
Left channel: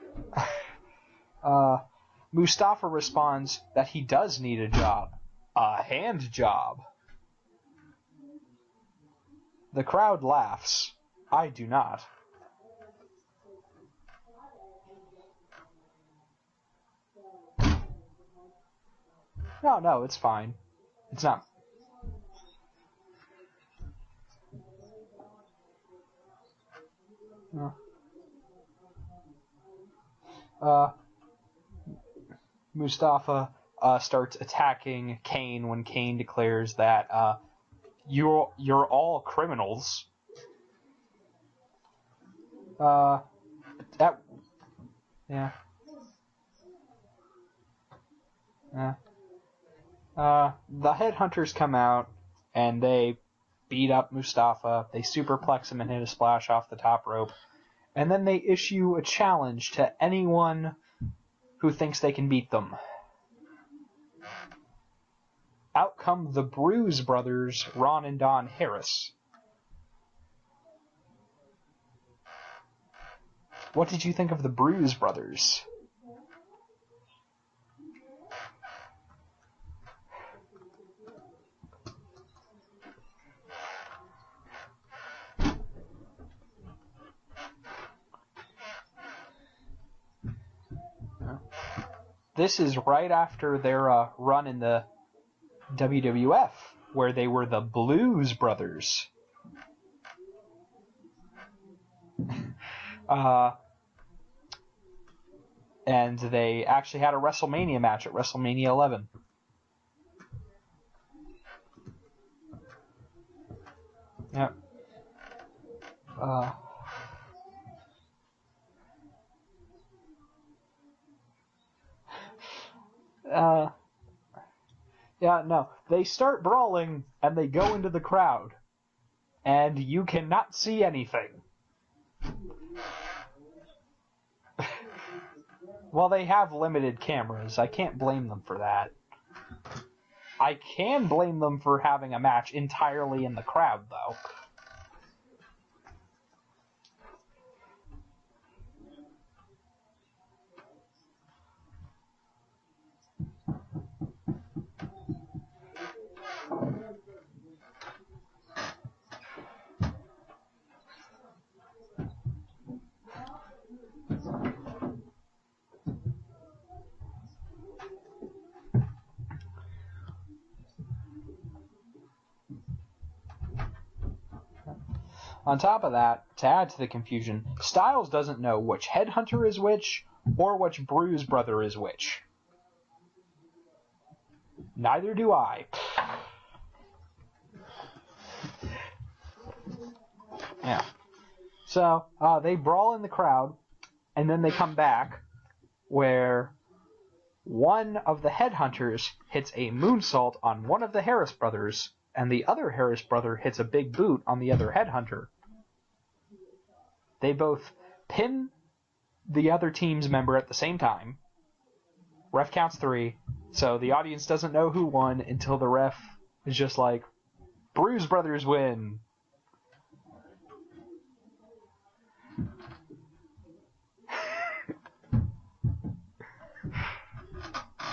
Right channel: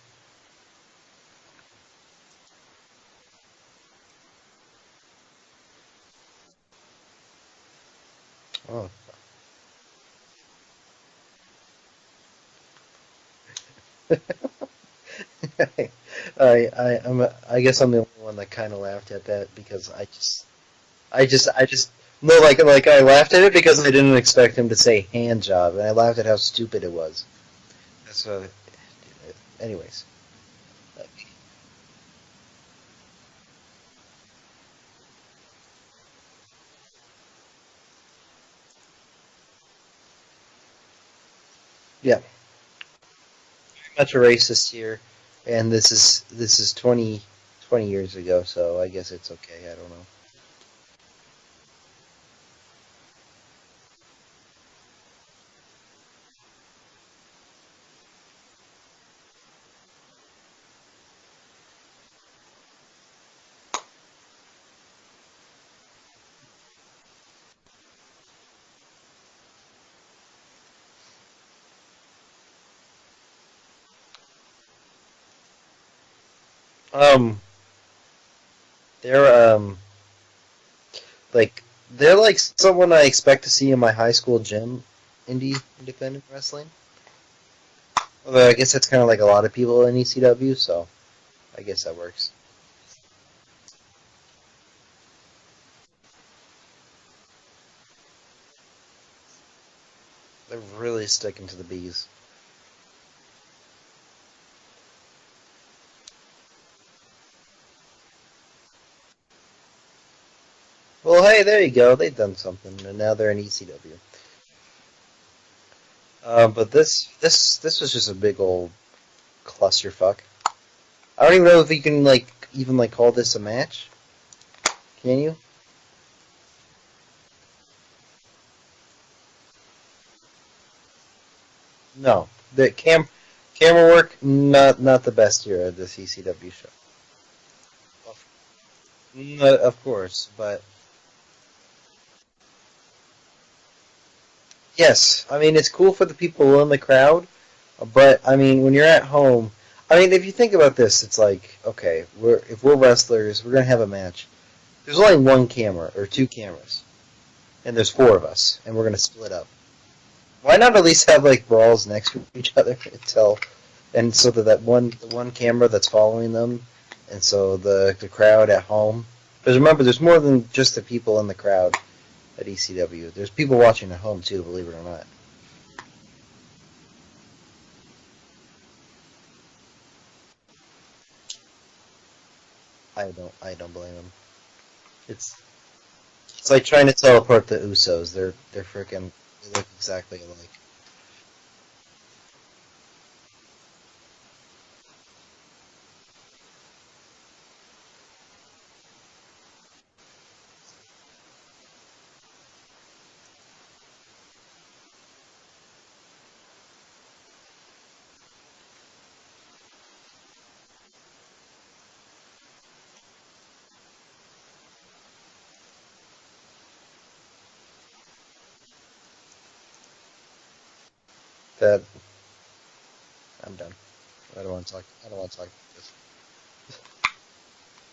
Mustafa responds that he does need a job. A hand job. Oh. The crowd laughs. I do not. I guess I'm the only one that kind of laughed at that because No, it's fine. I just no, like I laughed at it because I didn't expect him to say hand job, and I laughed at how stupid it was. No. That's anyways. Mustafa starts attacking Kane when Kane declares that you're all criminals. Yeah. Much a racist here, yeah. and this is 20 years ago, so Yeah. I guess it's okay. I don't know. The Headhunters come out and they beat up Mustafa. They superplex him and hit a splash off the top rope, and then they issue a challenge to anyone who thinks they can beat them. Out come the Bruise brothers, Ron and Don Harris. What did you think of the Bruise brothers? They're they're like someone I expect to see in my high school gym, independent wrestling. Although I guess that's kind of like a lot of people in ECW, so I guess that works. This is right after their run in the WWF, where they were the Blues brothers. They're really sticking to the bees. And they actually had a WrestleMania match at WrestleMania 11. Well, hey, there you go. They've done something, and now they're in ECW. Yeah. But this was just a big old clusterfuck. I don't even know if you can even call this a match. Can you? Yeah, no. They start brawling and they go into the crowd, and you cannot see anything. No, the camera work not the best here at this. Well, ECW they have show. limited cameras. I can't blame them for that. Of course, but I can blame them for having a match entirely in the crowd, though. yes, I mean it's cool for the people in the crowd, but I mean when you're at home, I mean if you think about this, it's like okay, if we're wrestlers, we're gonna have a match. There's only one camera or two cameras, and there's four of us, and we're gonna split up. Why not at least have brawls next to each other and so that one camera that's following them, and so the crowd at home. Because remember, there's more than just the people in the crowd at ECW. There's people watching at home too, believe it or not. On top of that, to add to the confusion, Styles doesn't know which Headhunter is which, or which Bruise brother is which. I don't blame him. Neither do I. It's like trying to teleport the Usos. They're freaking look exactly alike. Yeah. So they brawl in the crowd, and then they come back, where one of the Headhunters hits a moonsault on one of the Harris brothers, and the other Harris brother hits a big boot on the other Headhunter. They both pin the other team's member at the same time. Ref counts 3, so the audience doesn't know who won until the ref is just like, Bruise brothers win. I'm done. I don't want to talk about this.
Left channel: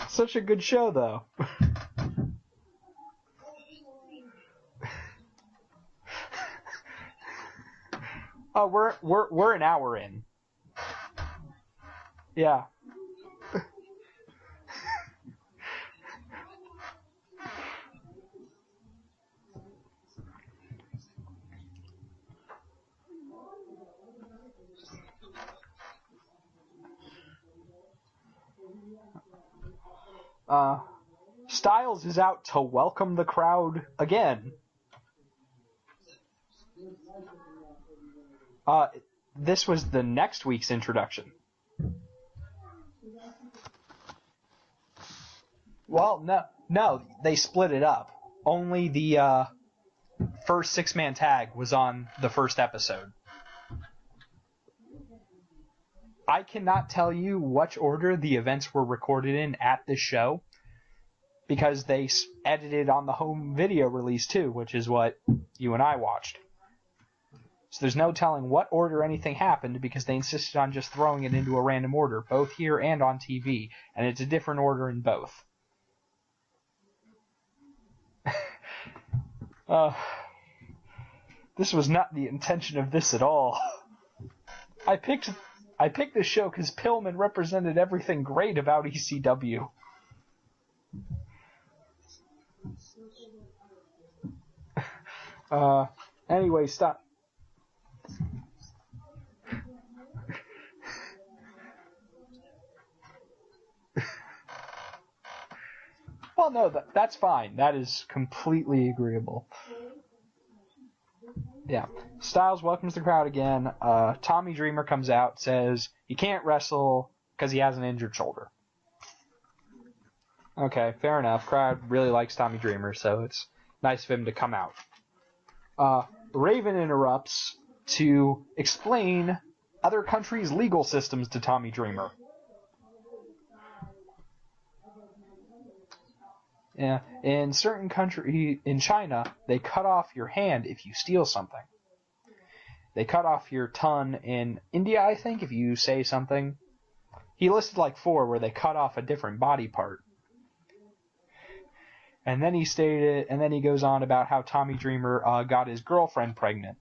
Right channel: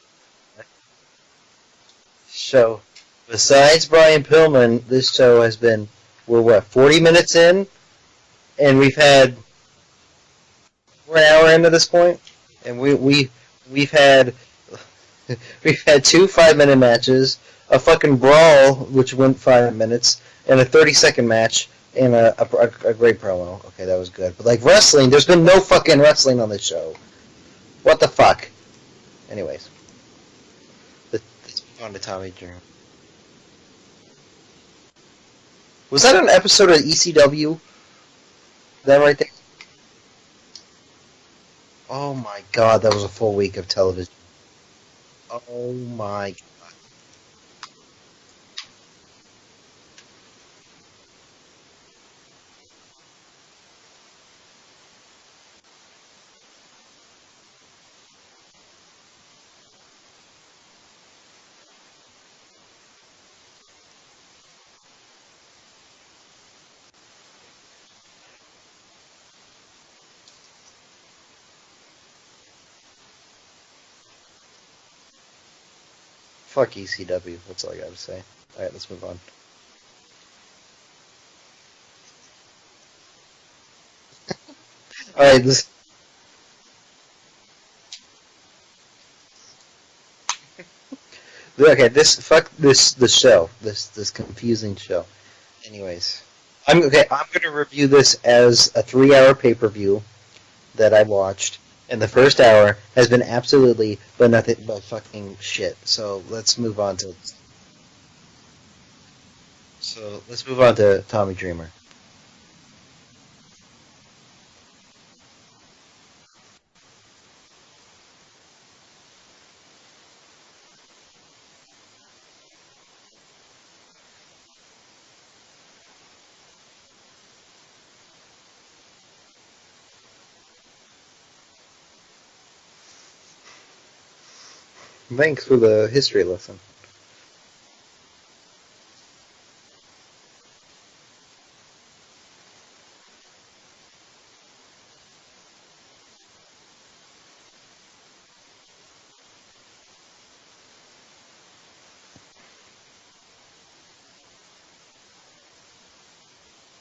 Such a good show, though. Show. Besides Brian Pillman, this show has been, we're 40 minutes in? And we're an hour in. We're an hour into this point? Yeah. And we've had 2 5-minute matches, a fucking brawl, which went 5 minutes, and a 30-second match, and a great promo. Okay, that was good. But wrestling, there's been no fucking wrestling on this show. What the fuck? Anyways. Styles is out to welcome the crowd again. Was that an episode of ECW? Is that right there? This was the next week's introduction. Oh my god, that was a full week of television. Oh my god. No, they split it up. Only the first 6-man tag was on the first episode. I cannot tell you which order the events were recorded in at this show, because they edited on the home video release too, which is what you and I watched. So there's no telling what order anything happened, because they insisted on just throwing it into a random order, both here and on TV, and it's a different order in both. Fuck ECW, that's all I gotta say. Alright, let's move on. This was not the intention of this at all. I picked this show because Pillman represented everything great about ECW. Okay, this show, this confusing show. Anyway, I'm gonna review this as a 3-hour pay-per-view that I watched, and the first hour has been absolutely nothing but fucking shit. So let's move on. That's fine. That is completely agreeable. So let's move on to Tommy Dreamer. Yeah. Styles welcomes the crowd again. Tommy Dreamer comes out, says he can't wrestle because he has an injured shoulder. Okay, fair enough. Crowd really likes Tommy Dreamer, so it's nice of him to come out. Raven interrupts to explain other countries' legal systems to Tommy Dreamer. Thanks for the history lesson. Yeah, in certain countries, in China, they cut off your hand if you steal something. They cut off your tongue in India, I think, if you say something. He listed like 4 where they cut off a different body part. And then he goes on about how Tommy Dreamer got his girlfriend pregnant.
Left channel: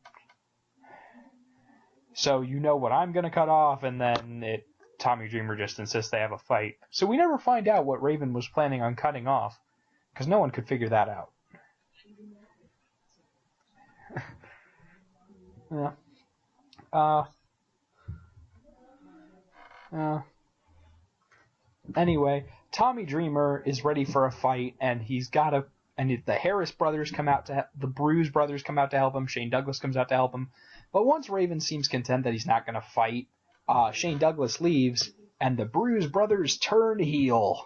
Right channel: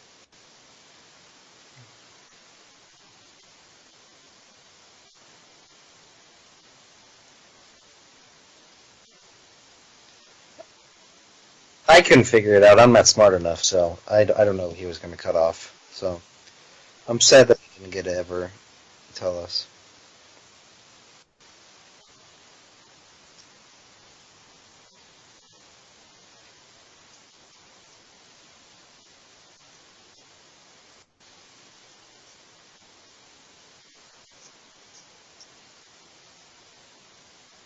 So you know what I'm going to cut off, and then Tommy Dreamer just insists they have a fight. So we never find out what Raven was planning on cutting off, because no one could figure that out. I couldn't figure it out. I'm not smart enough, so I don't know what he was going to cut off. Yeah. So I'm sad that he didn't get to ever tell us. Anyway, Tommy Dreamer is ready for a fight, and the Harris brothers come out the Bruise brothers come out to help him. Shane Douglas comes out to help him. But once Raven seems content that he's not going to fight, Shane Douglas leaves, and the Bruise brothers turn heel.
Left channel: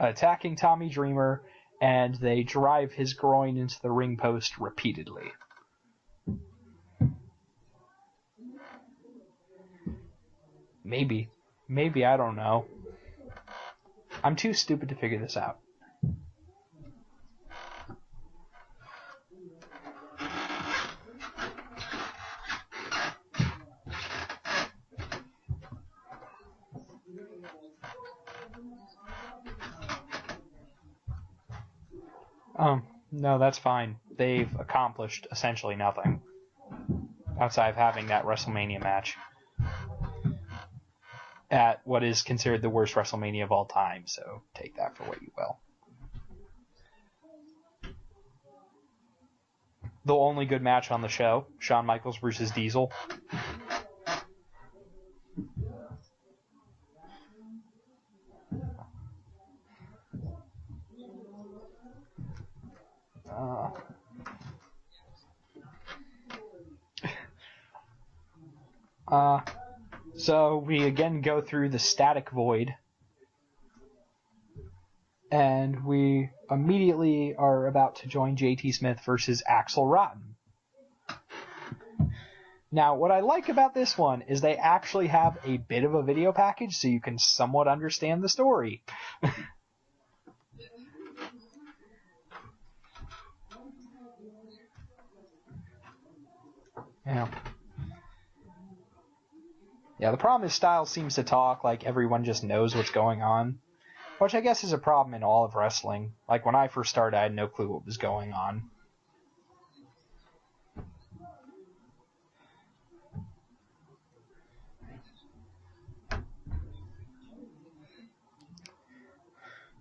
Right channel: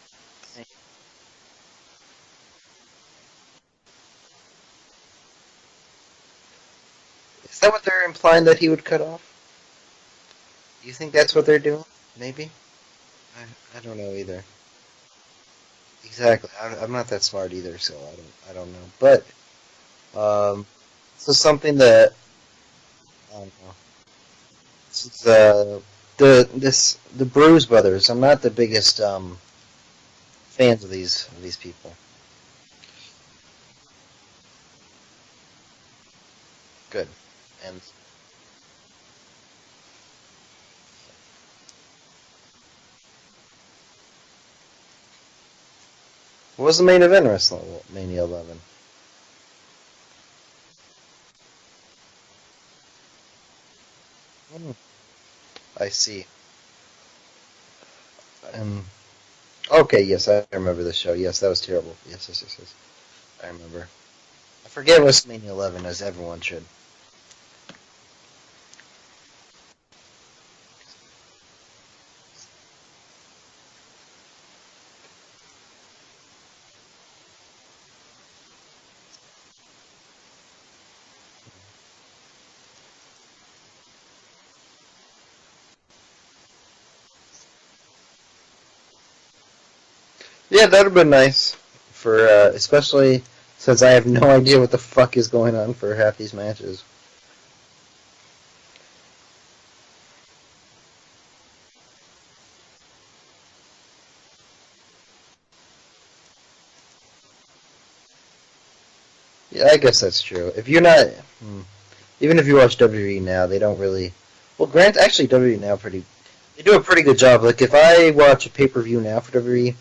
Attacking Tommy Dreamer, and they drive his groin into the ring post repeatedly. Is that what they're implying that he would cut off? You think that's what they're doing? Maybe, I don't know. I don't know either. I'm too stupid to figure this out. Exactly. I'm not that smart either, so I don't know. But so something that I don't know. The Bruise brothers. I'm not the biggest fans of these people. No, that's fine. They've accomplished essentially nothing. Good. Outside of having that WrestleMania match at what is considered the worst WrestleMania of all time, so take that for what you will. What was the main event WrestleMania 11? The only good match on the show, Shawn Michaels versus Diesel. I see. Okay, yes, I remember the show. Yes, that was terrible. Yes. I remember. I forget WrestleMania 11, as everyone should. So we again go through the static void, and we immediately are about to join JT Smith versus Axelrod. Now, what I like about this one is they actually have a bit of a video package, so you can somewhat understand the story. Yeah, that would have been nice, for especially since I have no idea what the fuck is going on for half these matches. Yeah, the problem is Styles seems to talk like everyone just knows what's going on, which I guess is a problem in all of wrestling. Like, when I first started, I had no clue what was going on. Yeah, I guess that's true. If you're not... Even if you watch WWE now, they don't really... Well, actually, WWE now they do a pretty good job. Like, if I watch a pay-per-view now for WWE,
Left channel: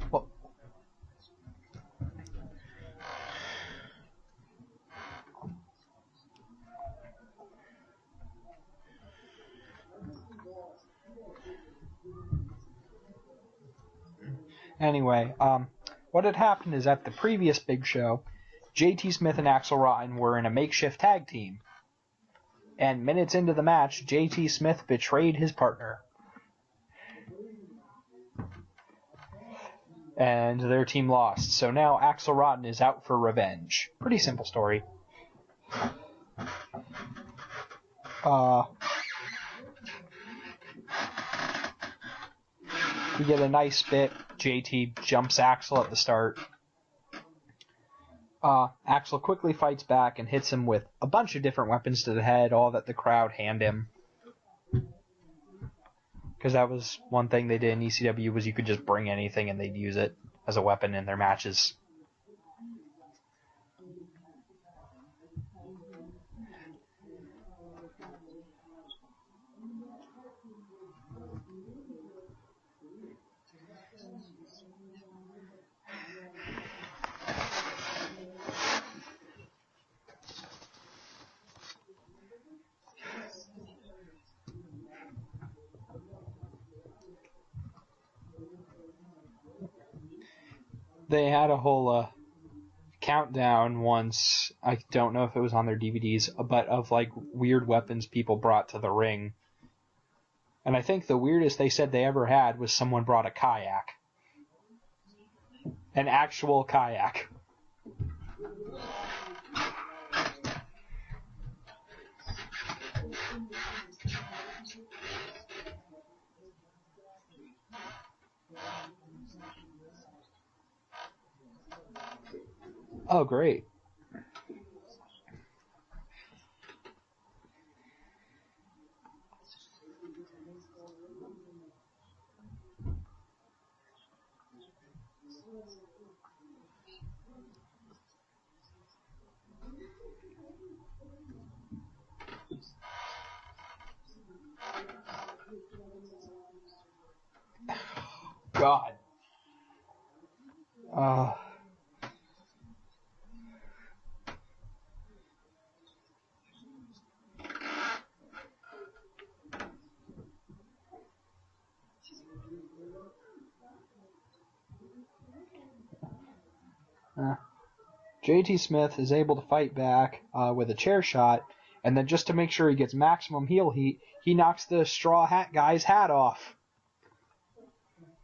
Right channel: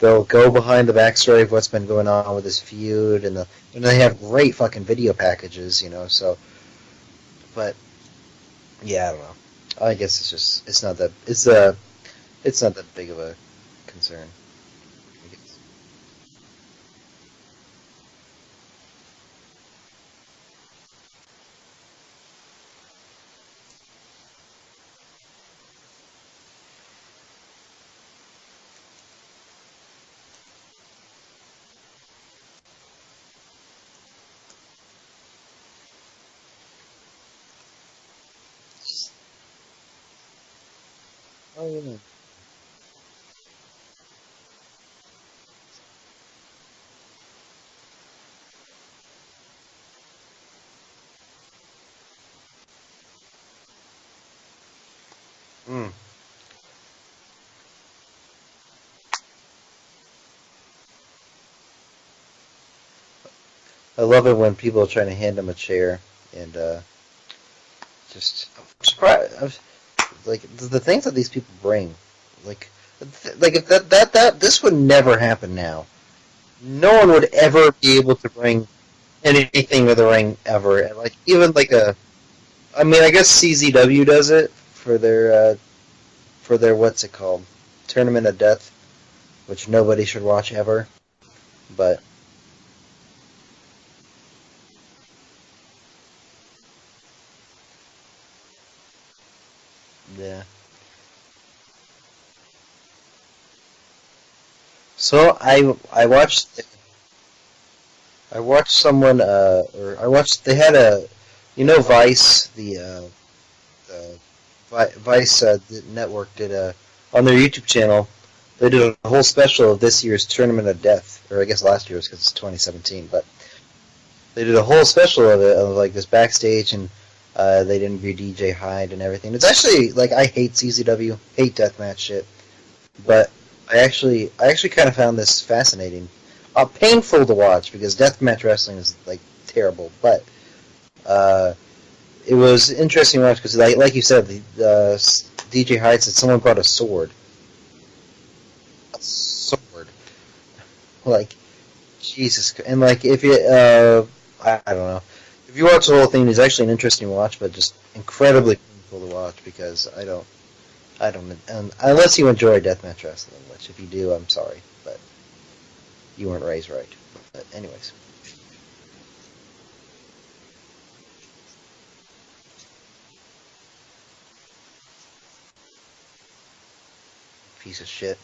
they'll go behind the backstory of what's been going on with this feud, and they have great fucking video packages, so... But, yeah, I don't know. I guess it's not that big of a concern. Anyway, what had happened is at the previous big show, JT Smith and Axelrod were in a makeshift tag team. And minutes into the match, JT Smith betrayed his partner. And their team lost. So now Axelrod is out for revenge. Pretty simple story. We get a nice bit. JT jumps Axel at the start. Axel quickly fights back and hits him with a bunch of different weapons to the head, all that the crowd hand him. Because that was one thing they did in ECW, was you could just bring anything and they'd use it as a weapon in their matches. I love it when people are trying to hand him a chair and just I'm surprised. Like the things that these people bring, like if that this would never happen now. No one would ever be able to bring anything to the ring ever. And like even like I mean, I guess CZW does it for their what's it called, Tournament of Death, which nobody should watch ever. They had a whole But countdown once. I don't know if it was on their DVDs, but of like weird weapons people brought to the ring. yeah. And I think the weirdest they said they ever had was someone brought a kayak. So I watched Actual kayak. I watched someone or I watched they had a Vice the Vice the network did a on their YouTube channel. They did a whole special of this year's Tournament of Death, or I guess last year's because it's 2017. Oh, great! They did a whole special of it, of like this backstage, and they interviewed DJ Hyde and everything. It's actually like I hate CZW, hate deathmatch shit, but I actually kind of found this fascinating, painful to watch because deathmatch wrestling is like terrible, but it was interesting to watch because like you said, the DJ Hyde said someone brought a sword. God. A sword. Like, Jesus. And, like, if you, I don't know. If you watch the whole thing, it's actually an interesting watch, but just incredibly painful to watch because I don't, unless you enjoy deathmatch wrestling, which if you do, I'm sorry, but you weren't raised right. But anyways. JT Smith is able to fight back with a chair shot, and then just to make sure he gets maximum heel heat, he knocks the straw hat guy's hat off. Piece of shit.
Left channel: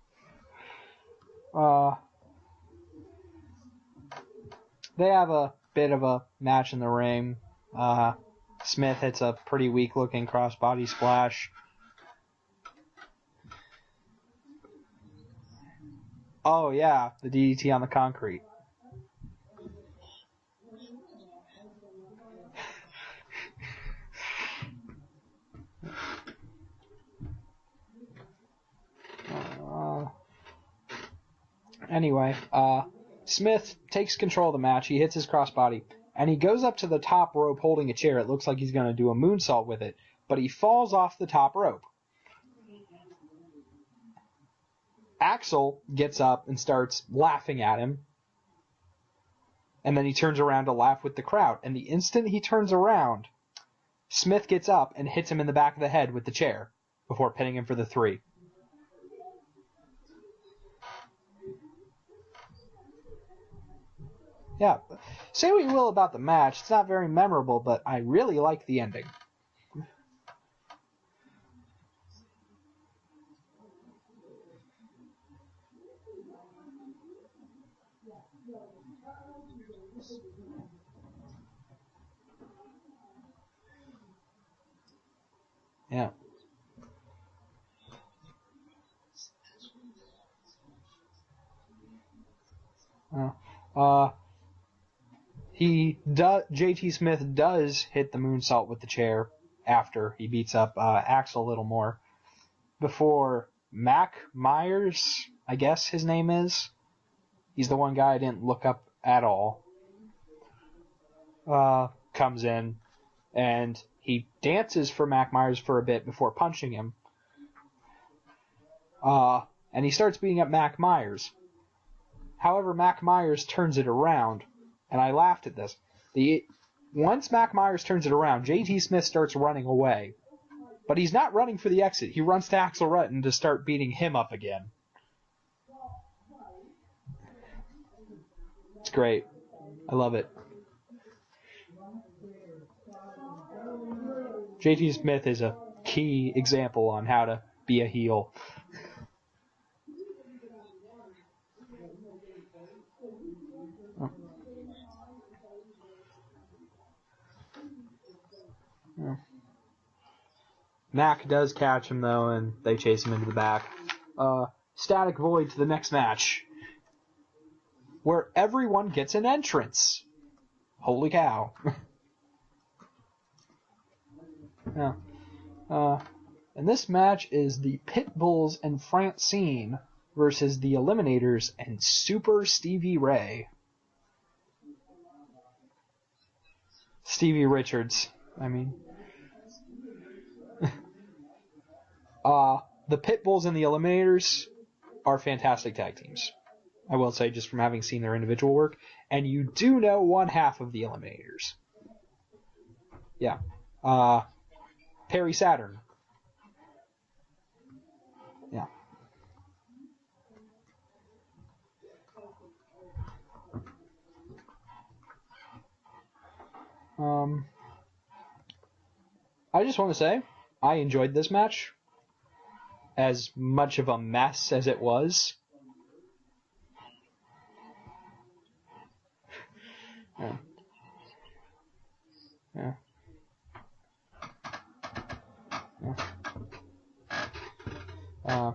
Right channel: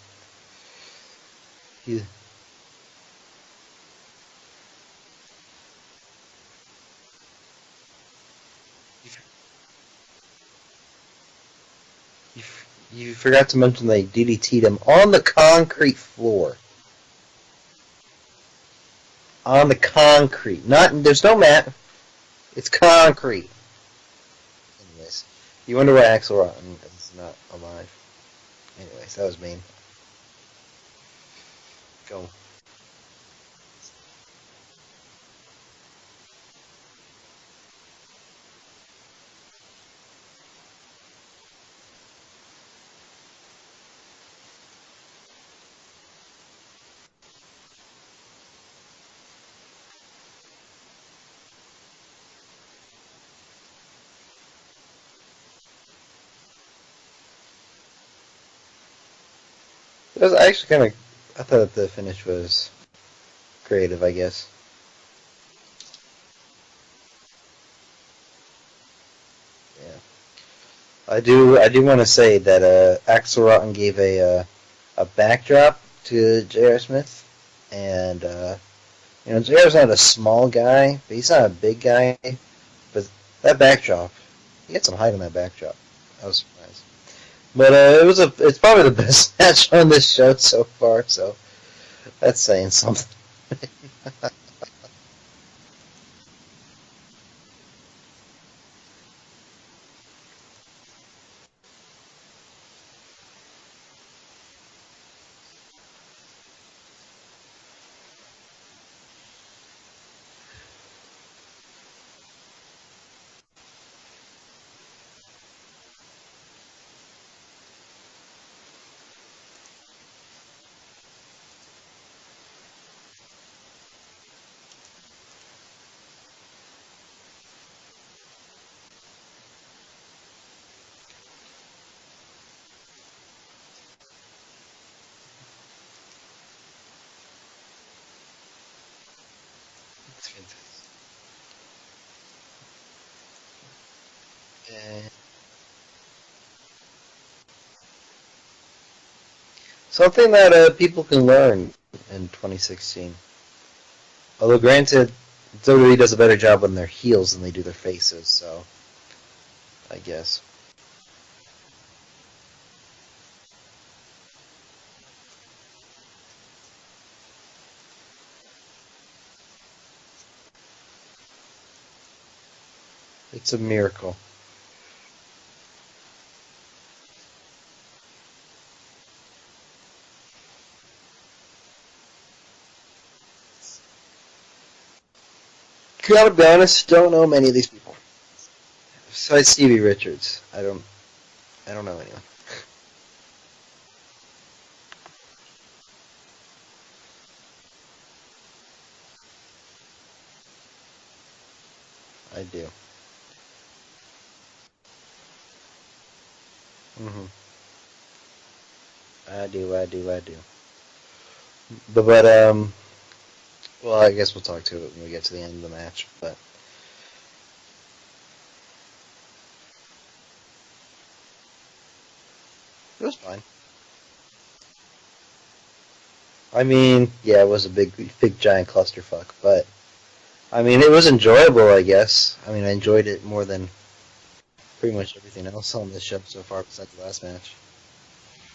They have a bit of a match in the ring. Smith hits a pretty weak-looking crossbody splash. You forgot to mention they DDT'd him on the concrete floor. Oh, yeah, the DDT on the concrete. On the concrete. There's no mat. It's concrete. Anyways, you wonder why Axelrod is not alive. Anyways, that was mean. Anyway, Smith takes control of the match. He hits his crossbody, and he goes up to the top rope holding a chair. It looks like he's going to do a moonsault with it, but he falls off the top rope. Axel gets up and starts laughing at him, and then he turns around to laugh with the crowd. And the instant he turns around, Smith gets up and hits him in the back of the head with the chair before pinning him for the 3. It was actually I thought the finish was creative, I guess. Yeah. Say what you will about the match, it's not very memorable, but I really like the ending. Yeah. I do want to say that Axelrod gave a backdrop to J.R. Smith, and J.R.'s not a small guy, but he's not a big guy. But that backdrop, he had some height on that backdrop. Yeah. I was surprised. But it's probably the best match on this show so far, so that's saying something. JT Smith does hit the moonsault with the chair after he beats up Axel a little more. Before Mac Myers, I guess his name is. He's the one guy I didn't look up at all. Comes in, and he dances for Mac Myers for a bit before punching him. And he starts beating up Mac Myers. However, Mac Myers turns it around, and I laughed at this. Once Mac Myers turns it around, JT Smith starts running away. But he's not running for the exit. He runs to Axelrod to start beating him up again. It's great. I love it. JT Smith is a key example on how to be a heel. Something that people can learn in 2016. Oh. Although, granted, WWE does a better job when they're heels than they do their faces, so yeah. I guess. Mac does catch him, though, and they chase him into the back. Static Void to the next match, where everyone gets an entrance. Holy cow. It's a miracle. Yeah. And this match is the Pitbulls and Francine versus the Eliminators and Super Stevie Ray. Gotta be honest, don't know Stevie many of these. Richards. I mean, Besides Stevie Richards, I don't know anyone. the Pitbulls and the Eliminators are fantastic tag teams. I will say, just from having seen their individual work. And you do know one half of the Eliminators. I do. Yeah. Perry Saturn. Mm-hmm. Yeah. I do. But well, I guess we'll talk to it when we get to the end of the match. But I just want to say, I enjoyed this match. As fine. much of a mess as it was. I mean, yeah, it was a big giant clusterfuck, but Yeah. I mean, it was enjoyable, I guess. I mean, I enjoyed it more than pretty much everything else on the show so far besides the last match.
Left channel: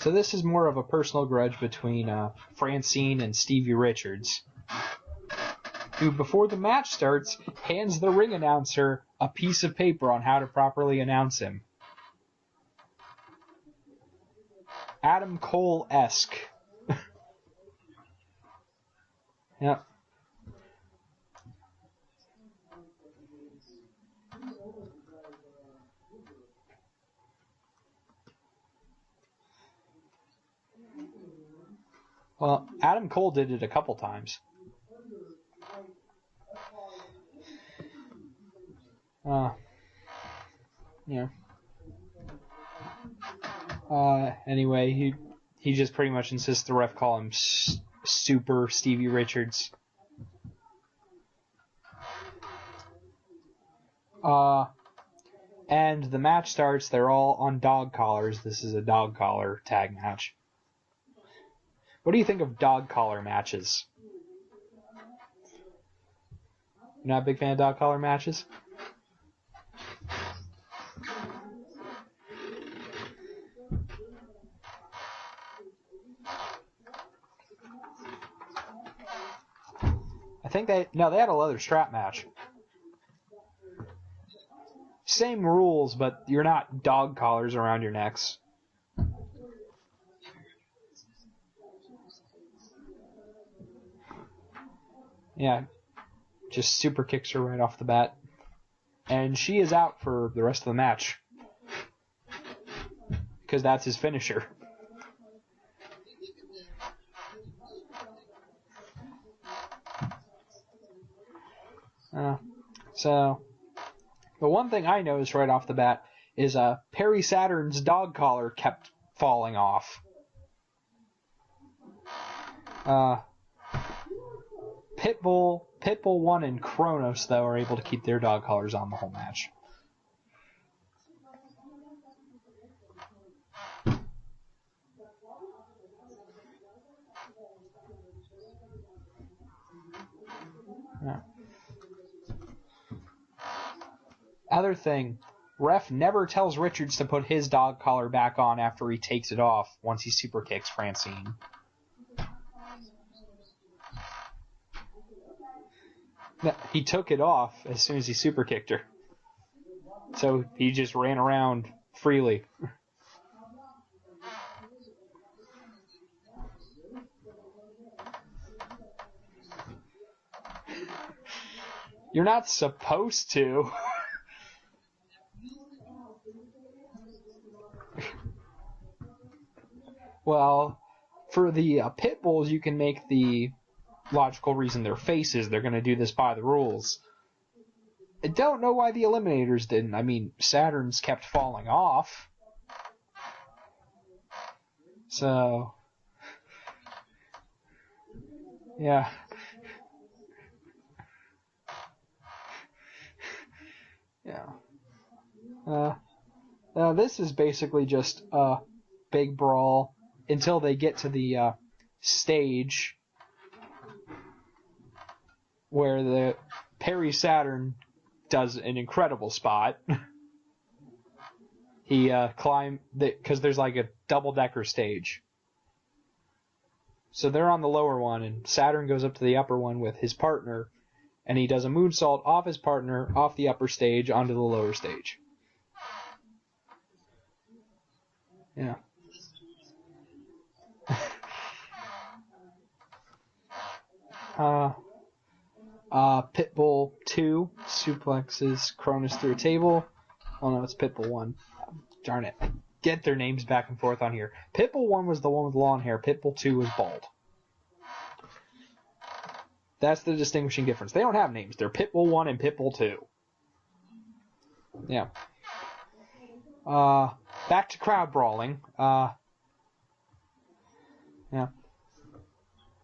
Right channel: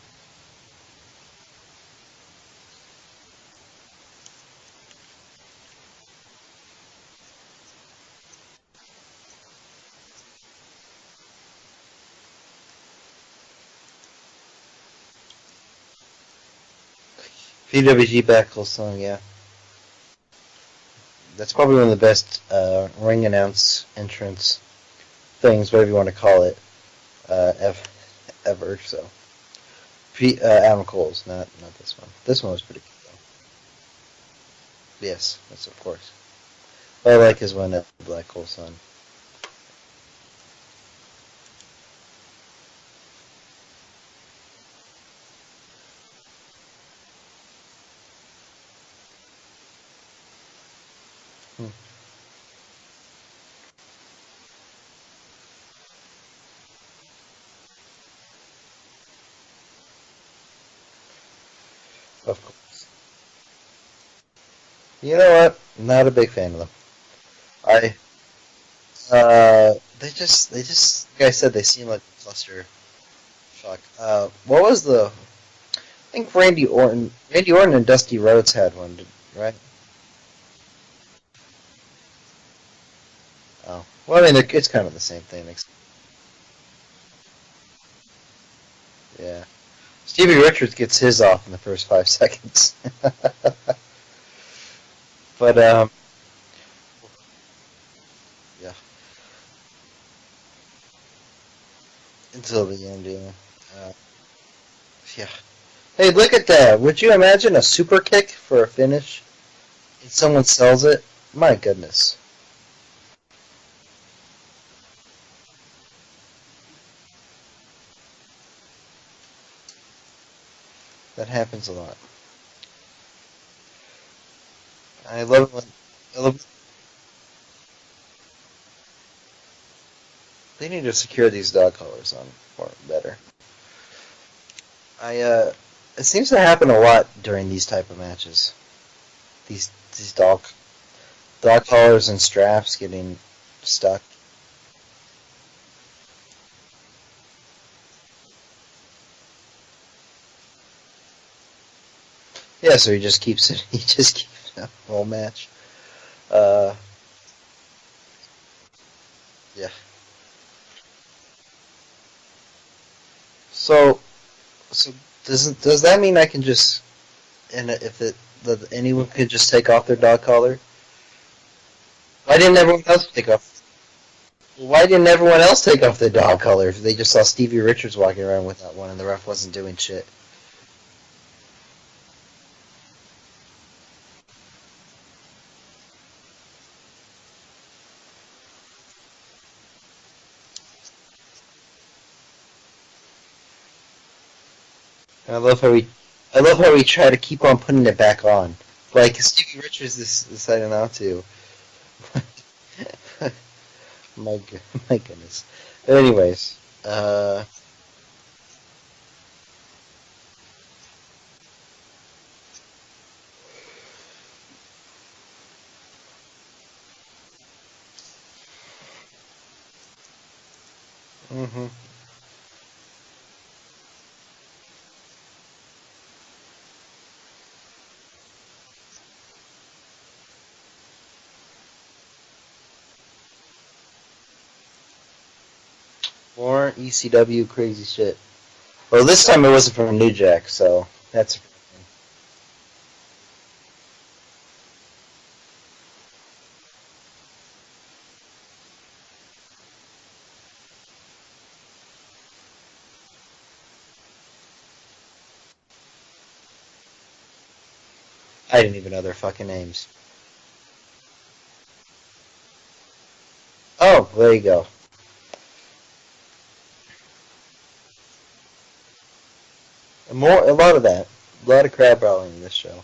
So this is more of a personal grudge between Francine and Stevie Richards, who, before the match starts, hands the ring announcer a piece of paper on how to properly announce him. Adam Cole-esque. PWG Backlash song, yeah. Yep. That's probably one of the best ring announce entrance things, whatever you want to call it, ever. So, Adam Cole's, not this one. This one was pretty good. Adam Cole did it a couple times. Yes, that's of course. I like his one at Black Hole Sun. Yeah. Anyway, he just pretty much insists the ref call him Super Stevie Richards. And the match starts. They're all on dog collars. This is a dog collar tag match. What do you think of dog collar matches? You know what? Not a big fan of them. You're not a big fan of dog collar matches? They just, like I said, they seem like cluster. Fuck. What was the? I think Randy Orton and Dusty Rhodes had one, right? I think they had a leather strap match. Oh, well, I mean, it's kind of the same thing. Same rules, but you're not dog collars around your necks. Yeah. Stevie Richards gets his off in the first 5 seconds. But yeah, just super kicks her right off the bat. Yeah. And she is out for the rest of the match. Until the end, yeah. Because that's his finisher. Yeah. Hey, look at that. Would you imagine a super kick for a finish? Someone sells it? My goodness. So, the one thing I noticed right off the bat is Perry Saturn's dog collar kept falling off. That happens a lot. Pitbull 1 and Kronos, though, are able to keep their dog collars on the whole match. They need to secure these dog collars on more better. It seems to happen a lot during these type of matches. These dog collars and straps getting stuck. Other thing, ref never tells Richards to put his dog collar back on after he takes it off once he super kicks Francine. Yeah, so he just keeps it. He just keeps it up the whole match. He took it off as soon as he super kicked her. Yeah. So he just ran around freely. So does that mean I can just, and anyone could just take off their dog collar? You're not Why didn't everyone else supposed take off? to. Why didn't everyone else take off their dog collar if they just saw Stevie Richards walking around without one and the ref wasn't doing shit? Well, for the pit bulls, you can make the logical reason they're faces. They're going to do this by the rules. I don't know why the Eliminators didn't. I mean, Saturn's kept falling off. So I love how we try to keep on putting it back on. Yeah. Like Stevie Richards decided not to. my goodness. Anyways, this is basically just a big brawl until they get to the stage where the Perry Saturn does an incredible spot. Mm-hmm. He climbed because there's like a double-decker stage. So they're on the lower one, and Saturn goes up to the upper one with his partner, and he does a moonsault off his partner, off the upper stage, onto the lower stage. More ECW crazy shit. Yeah. Well, this time it wasn't from New Jack, so that's... Pitbull 2 suplexes Cronus through a table. Oh no, it's Pitbull 1. Darn it. I get their names back and forth on here. Pitbull 1 was the one with long hair. Pitbull 2 was bald. I didn't even know their fucking names. That's the distinguishing difference. They don't have names. They're Pitbull 1 and Pitbull 2. Oh, there you go. Yeah. Back to crowd brawling. A lot of that. Yeah. A lot of crowd brawling in this show.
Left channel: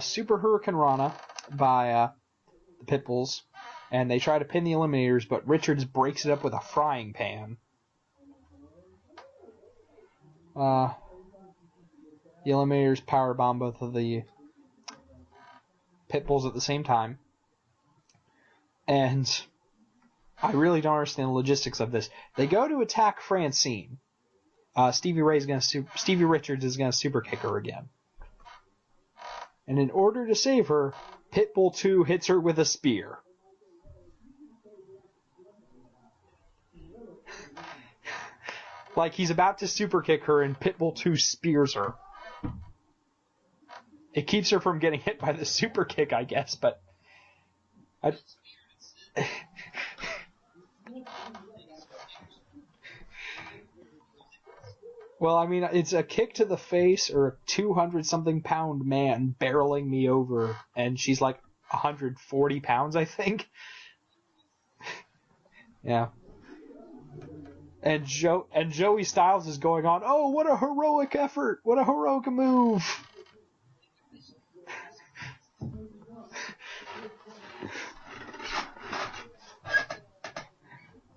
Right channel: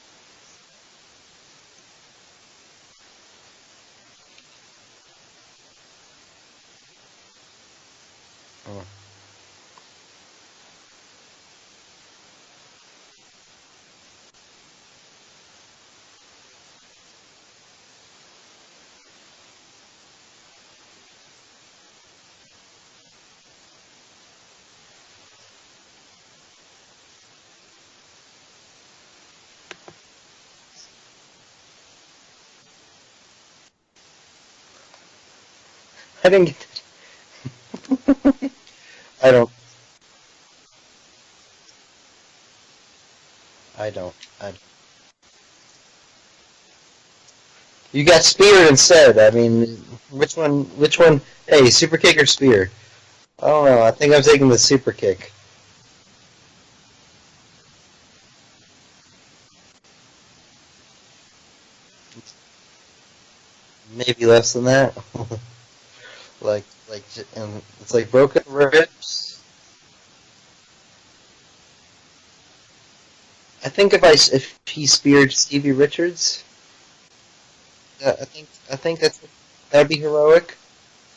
Super Hurricane Rana by Pitbulls, and they try to pin the Eliminators, but Richards breaks it up with a frying pan. The Eliminators powerbomb both of the Pitbulls at the same time, and I really don't understand the logistics of this. They go to attack Francine. Stevie Richards is going to super kick her again. And in order to save her, Pitbull 2 hits her with a spear. I didn't get that. Like he's about to super kick her and Pitbull 2 spears her. I don't. It keeps her from getting hit by the super kick, I guess, but... You got speared instead. I mean, which one? Hey, super kick or spear? I don't know. I think I'm taking the super kick. Well, I mean, it's a kick to the face or a 200-something pound man barreling me over, and she's like 140 pounds, I think. Maybe less than that. Yeah. It's broken ribs. Joey Styles is going on. Oh, what a heroic effort! What a heroic move! I think if he speared Stevie Richards, I think that'd be heroic,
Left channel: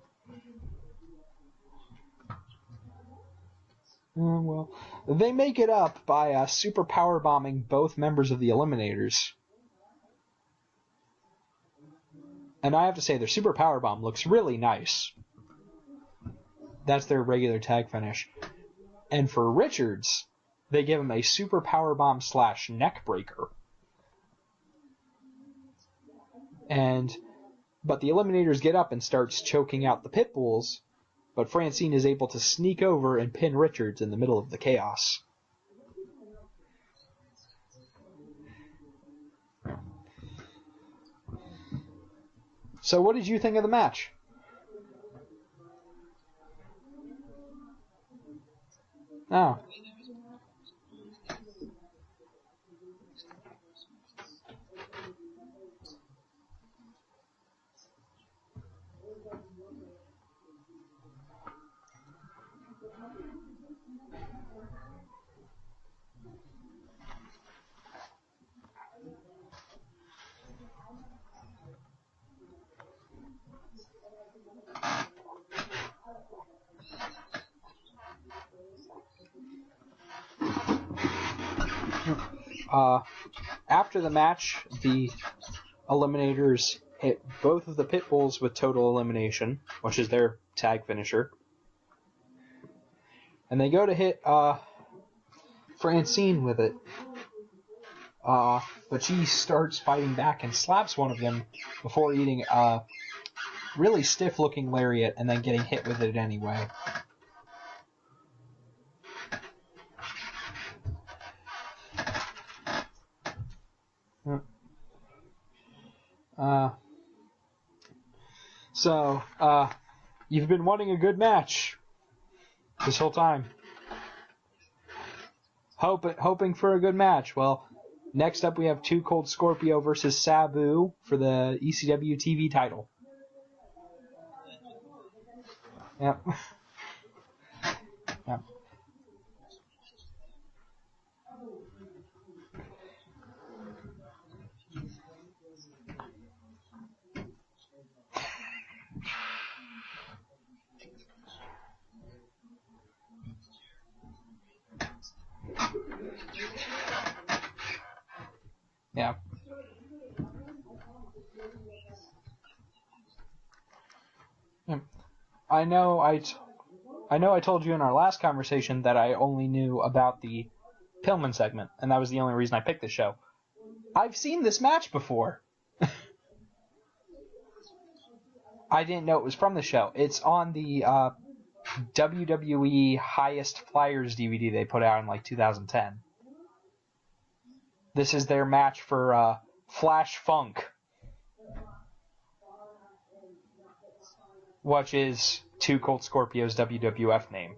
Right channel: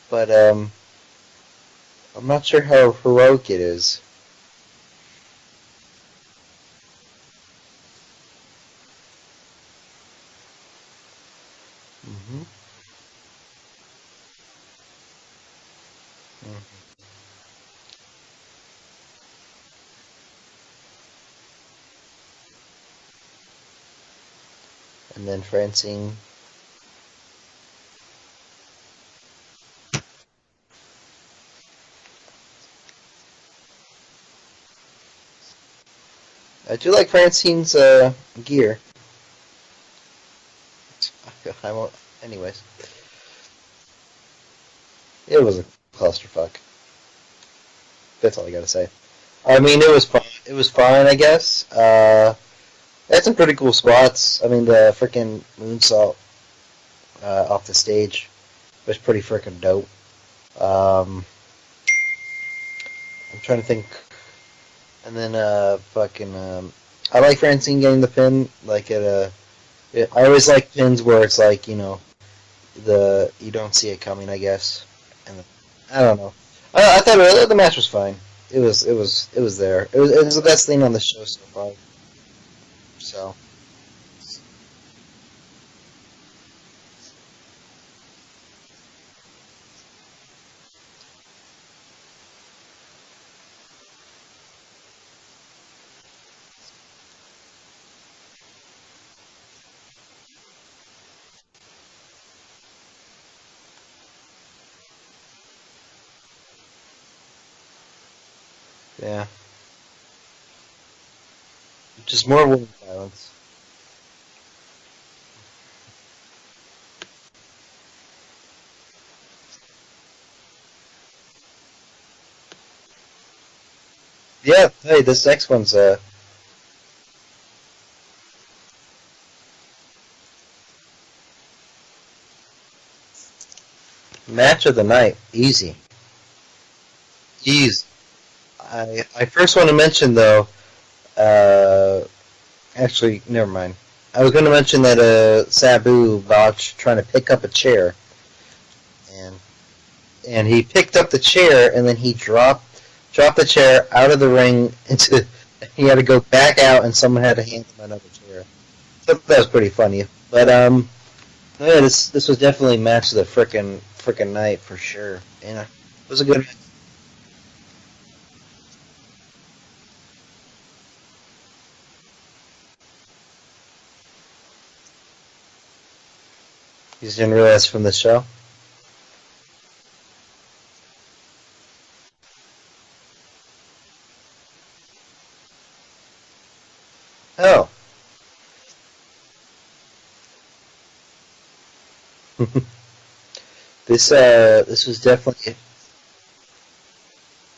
but I'm not sure how heroic it is. Well, they make it up by super power bombing both members of the Eliminators. Mm-hmm. And I have to say, their super power bomb looks really nice. That's their regular tag finish. And for Richards, they give him a super power bomb / neck breaker. And then Francine. But the Eliminators get up and starts choking out the Pitbulls. But Francine is able to sneak over and pin Richards in the middle of the chaos. I do like Francine's gear. I won't. Anyways. So what did you think of the match? It was a clusterfuck. That's all I gotta say. Oh. I mean, it was fun. It was fine, I guess. Had some pretty cool spots. I mean, the freaking moonsault off the stage was pretty freaking dope. I'm trying to think. And then I like Francine getting the pin. Like I always like pins where it's like, you know, you don't see it coming, I guess. And I don't know. I thought the match was fine. It was there. It was the best thing on the show so far. So after the match, the Eliminators hit both of the Pitbulls with total elimination, which is their tag finisher. And they go to hit Francine with it. But she starts fighting back and slaps one of them before eating a really stiff-looking lariat and then getting hit with it anyway. Yeah. Just more wound violence. So, you've been wanting a good match this whole time. Yeah, hey, this next one's hoping for a good match. Well, next up we have Too Cold Scorpio versus Sabu for the ECW TV title. Match of the night. Easy. Yep. Easy. Yep. I first want to mention, though, actually, never mind. I was going to mention that Sabu botched trying to pick up a chair. And he picked up the chair, and then he dropped the chair out of the ring into... He had to go back out, and someone had to hand him another chair. Yeah. That was pretty funny. But, yeah, this was definitely match of the frickin' night, for sure. And I know. It was a good... I know I told you in our last conversation that I only knew about the Pillman segment, and that was the only reason I picked this show. I've seen this match before. You just didn't realize from the show? I didn't know it was from the show. It's on the WWE Highest Flyers DVD they put out in like 2010. Oh, This is their match for Flash Funk. This What was is definitely... Two Cold Scorpio's WWF name.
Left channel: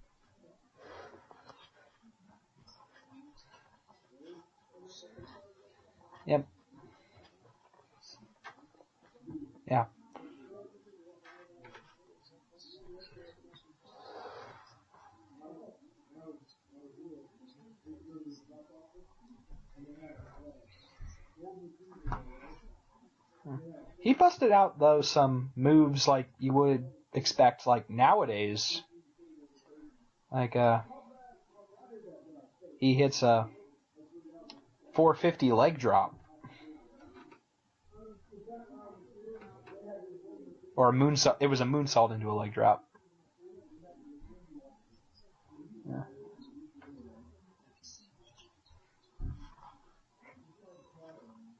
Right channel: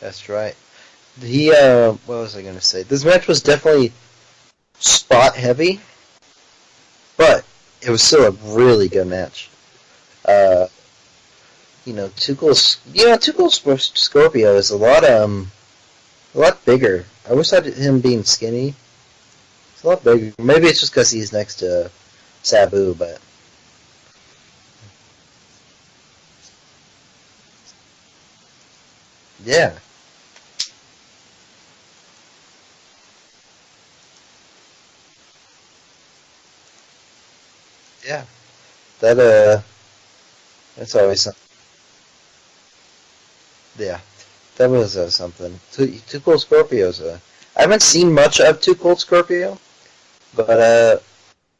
That's right. What was I gonna say? This match was definitely spot heavy. Yep. But it was still a really good match. Yeah. Two Cold Scorpio is a lot bigger. I wish I him being skinny. It's a lot bigger. Maybe it's just because he's next to Sabu, but he busted out though some moves like you would expect like nowadays. Yeah. Like he hits a 450 leg drop. Yeah. That Or always... it was a moonsault into a leg drop. Yeah. That was something. Two Cold Scorpios. I haven't seen much of Two Cold Scorpio, but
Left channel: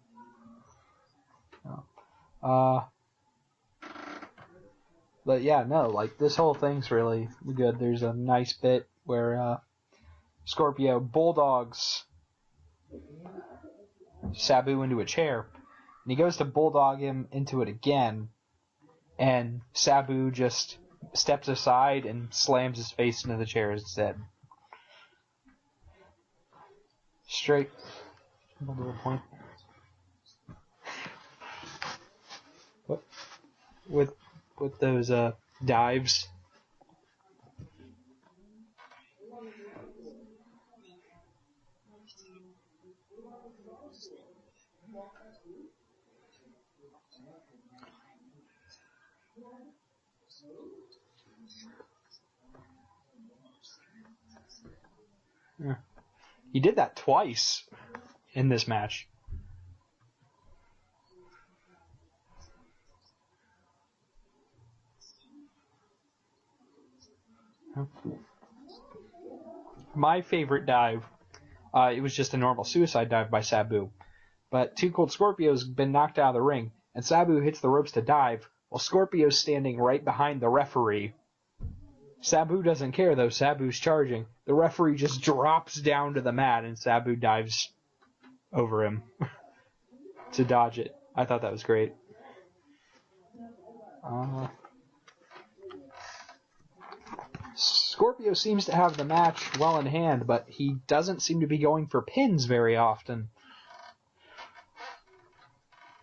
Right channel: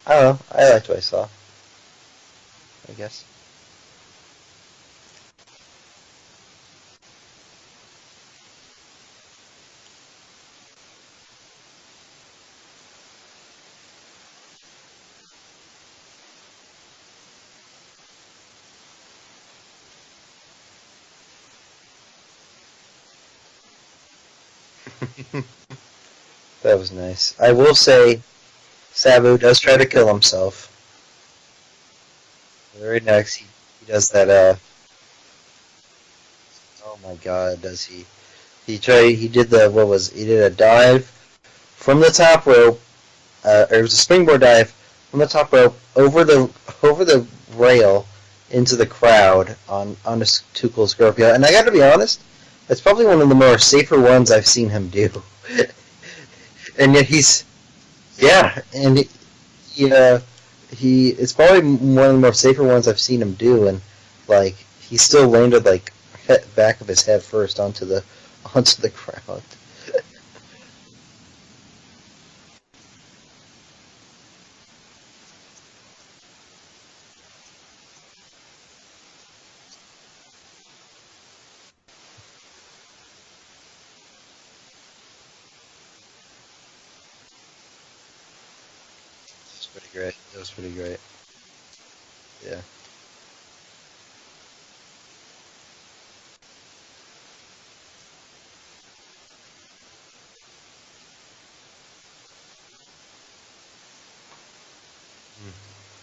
I don't know. I liked what I saw. I guess. But yeah, no, like this whole thing's really good. There's a nice bit where Scorpio bulldogs Sabu into a chair, and he goes to bulldog him into it again, and Sabu just steps aside and slams his face into the chair instead. That was nice. I will say, Sabu does try to kill himself. Very nice. He does that. With those dives. Oh my God, does he? He did a dive from the top rope. It was a springboard dive from the top rope over the rail into the crowd on a Two Cold Scorpio. And I got to be honest, it's probably one of the more safer ones I've seen him do. Yeah. He did that and yet twice. and it's probably one of the more safer ones I've seen him do, and like he still landed like back of his head first onto the crowd. My favorite dive, it was just a normal suicide dive by Sabu, but Two Cold Scorpio's been knocked out of the ring, and Sabu hits the ropes to dive while Scorpio's standing right behind the referee. Sabu doesn't care though. Sabu's charging. The referee just drops down to the mat, and Sabu dives over him. That's pretty great. To dodge it. I thought that was great. Yeah. Scorpio seems to have the match well in hand, but he doesn't seem to be going for pins very often.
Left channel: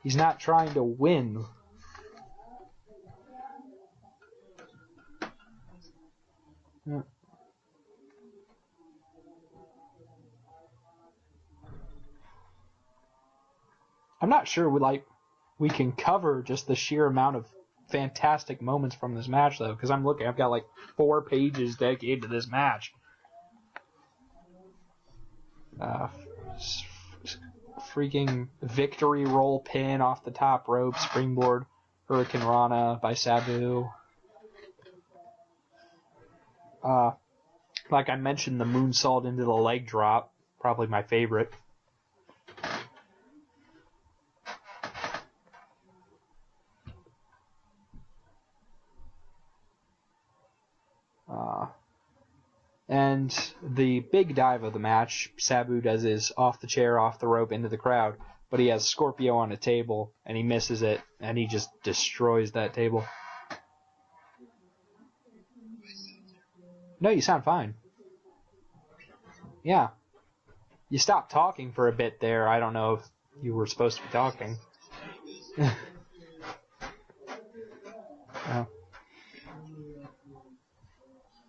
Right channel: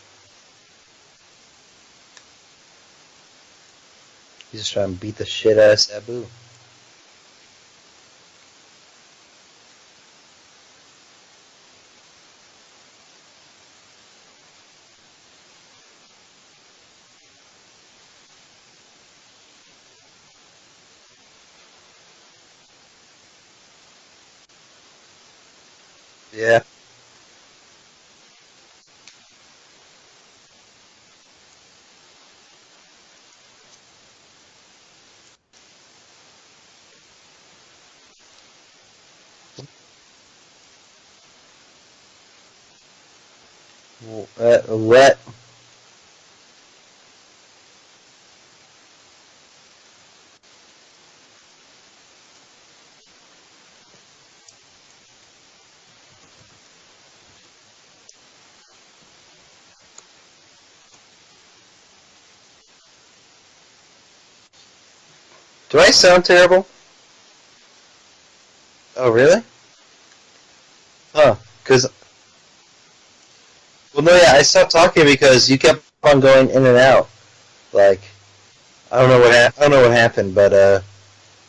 He's not trying to win. He's just trying to beat the shit out of Sabu. Yeah. I'm not sure we can cover just the sheer amount of fantastic moments from this match though, because I've got like 4 pages dedicated to this match. Yeah. Freaking victory roll pin off the top rope, springboard Hurricane Rana by Sabu. Like I mentioned, the moonsault into the leg drop, probably my favorite. What? And the big dive of the match, Sabu does his off the chair, off the rope, into the crowd, but he has Scorpio on a table, and he misses it, and he just destroys that table. Do I sound terrible? No, you sound fine. Oh, really? Yeah. You stopped talking for a bit there. I don't know if you were supposed to... Well, no, yeah, I stopped talking because you kept on going in and out. Like, I don't know what happened, but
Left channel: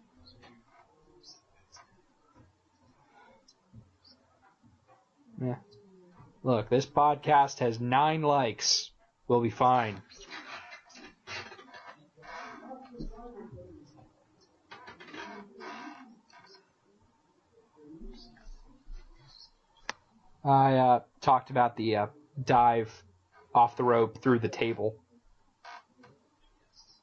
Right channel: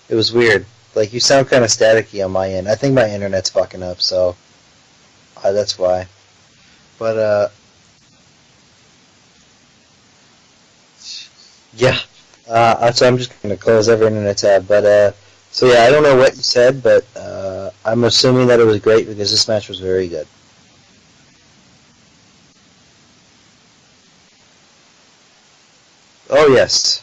it was weird. Like, you sound kind of staticky on my end. I think my internet's fucking up, so that's why. Look, this podcast has 9 likes. We'll be fine. Yeah. So I'm just going to close every internet tab. But, so yeah, I don't know what you said, but I'm assuming that it was great because this match was very good. I talked about the dive off the rope through the table. Oh, yes.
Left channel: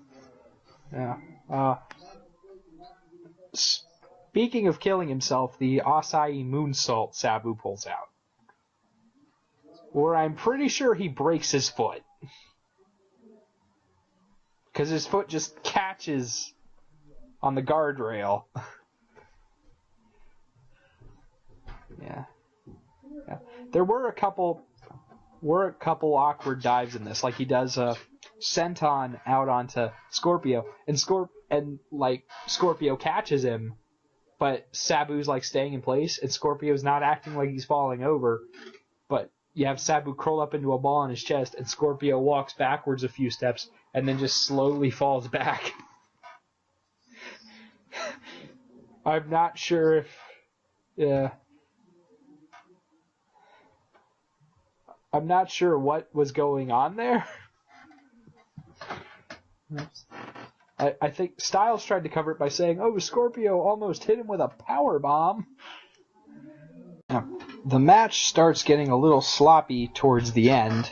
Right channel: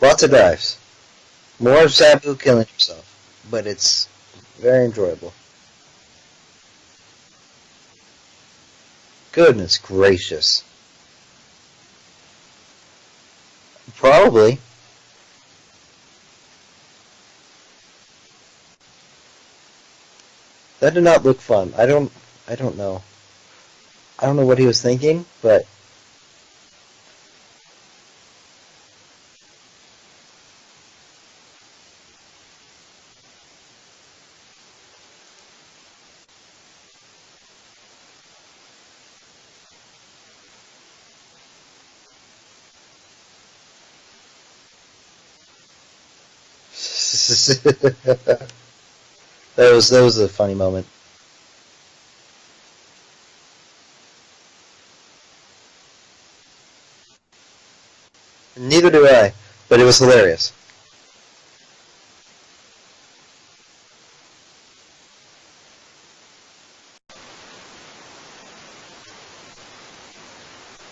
Lots of dives. Yeah. More of Sabu killing himself, but it's Speaking of killing himself, the Asai moonsault Sabu pulls out. Goodness gracious. Well, I'm pretty sure he breaks his foot. Probably. Because his foot just catches on the guardrail. That did not look fun. I don't know. Yeah. There were a couple. I don't know what he was thinking, but there were a couple awkward dives in this. Like he does a senton out onto Scorpio, and Scorpio catches him, but Sabu's like staying in place, and Scorpio's not acting like he's falling over. But you have Sabu curl up into a ball on his chest, and Scorpio walks backwards a few steps, and then just slowly falls back. I'm not sure. That was a funny moment. Yeah. I'm not sure what was going on there. Neither do I, but it was hilarious. I think Styles tried to cover it by saying, "Oh, Scorpio almost hit him with a power bomb." Now, the match starts getting a little sloppy towards the end.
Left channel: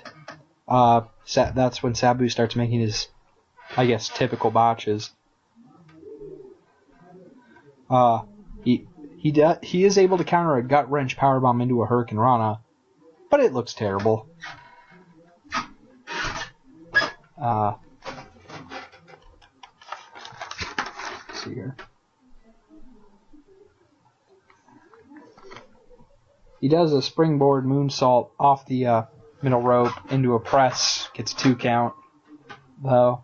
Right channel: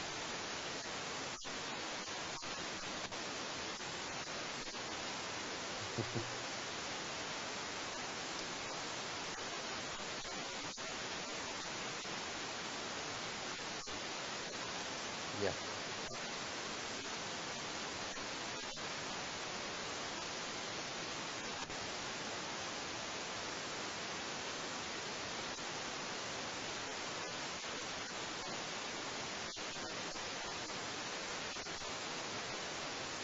That's when Sabu starts making his, I guess, typical botches. He is able to counter a gut wrench powerbomb into a Hurricane Rana, but it looks terrible. Yeah. Let's see here. He does a springboard moonsault off the middle rope into a press, gets 2 count. Though,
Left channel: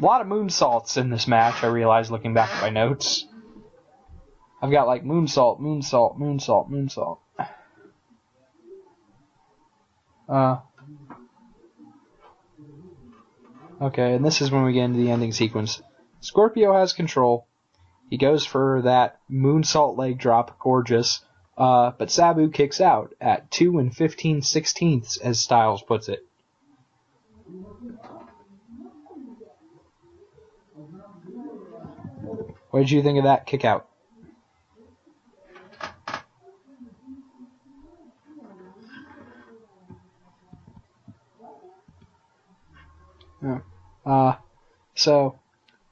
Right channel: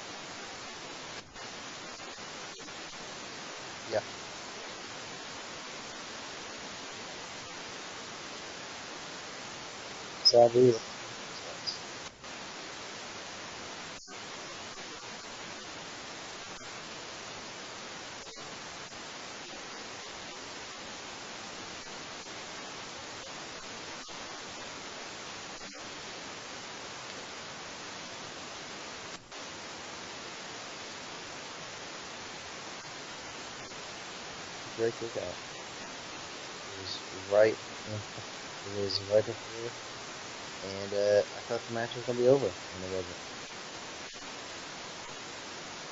a lot of moonsaults in this match, I realized looking back at my notes. Yeah. I've got like moonsault, moonsault, moonsault, moonsault. Okay, and this is when we get into the ending sequence. Scorpio has control. He goes for that moonsault leg drop, gorgeous. But Sabu kicks out at 2 15/16, as Styles puts it. What did you think of that kick out? Great kick out. It was right. It was right before, and I thought the match was gonna be over, and it wasn't. Yeah. So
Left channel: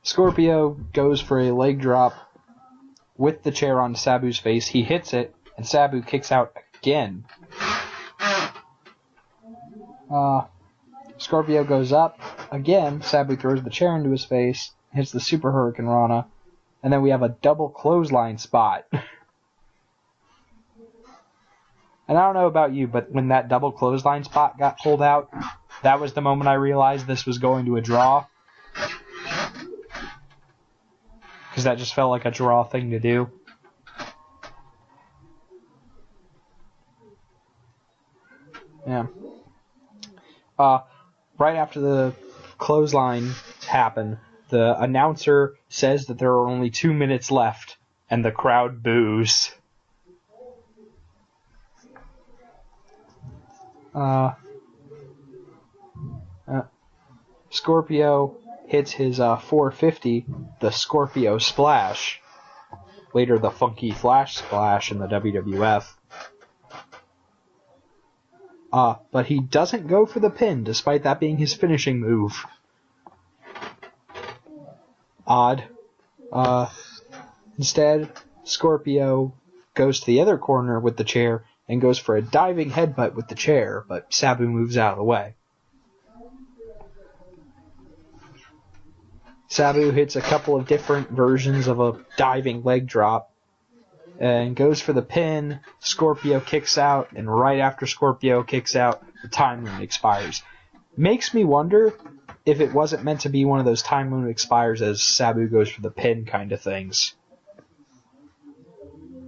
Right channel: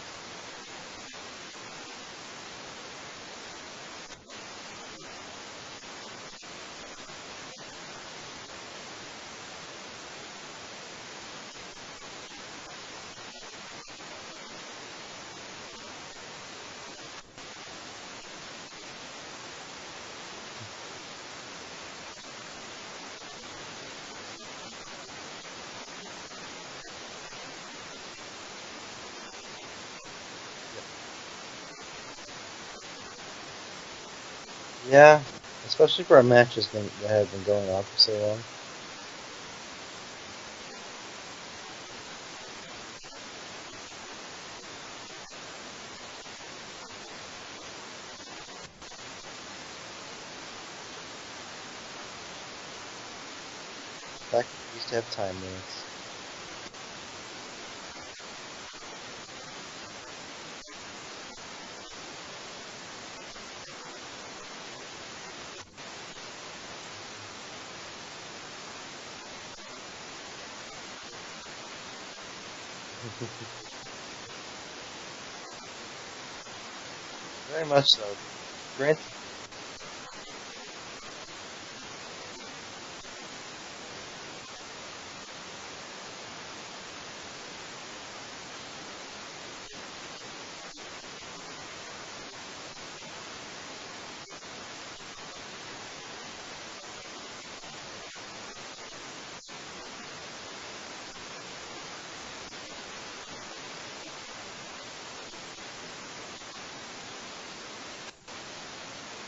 Scorpio goes for a leg drop with the chair on Sabu's face. He hits it, and Sabu kicks out again. Scorpio goes up again. Sabu throws the chair into his face, hits the Super Hurricane Rana, and then we have a double clothesline spot. And I don't know about you, but when that double clothesline spot got pulled out, that was the moment I realized this was going to a draw. Because that just felt like a draw thing to do. Yeah, especially for a match that had been going on for so long. Yeah. Right after the clothesline happened, the announcer says that there are only 2 minutes left, and the crowd boos. Back when we used to have time limits. Scorpio hits his 450, the Scorpio Splash. Later, the Funky Flash Splash in the WWF. But he doesn't go for the pin, despite that being his finishing move. Odd. Instead, so. Scorpio goes to the other corner with the chair and goes for a diving headbutt with the chair, but Sabu moves out of the way. Sabu hits a couple of different versions of a diving leg drop and goes for the pin. Scorpio kicks out, and right after Scorpio kicks out, the time limit expires. Makes me wonder if it wasn't meant to be one of those time limit expires as Sabu goes for the pin kind of things.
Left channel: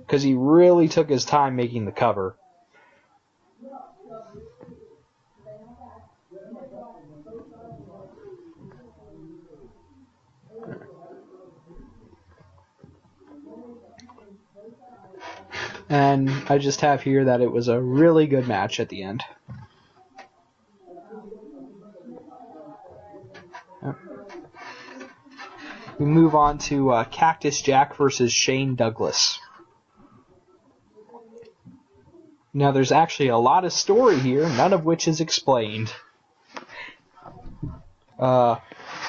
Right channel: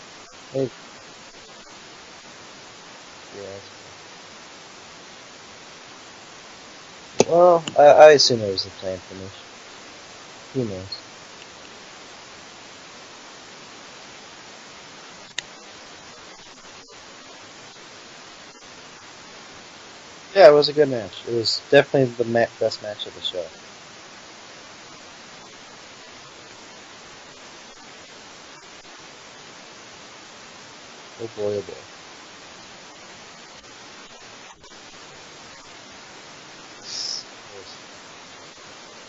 Because he really took his time making the cover. Yeah. Well, I assume it was a planned finish. Who knows? And I just have here that it was a really good match at the end. Yeah, it was a good match. It was definitely the best match of the show. Yeah. We move on to Cactus Jack versus Shane Douglas. Oh boy, oh boy. Now, there's actually a lot of story here, none of which is explained.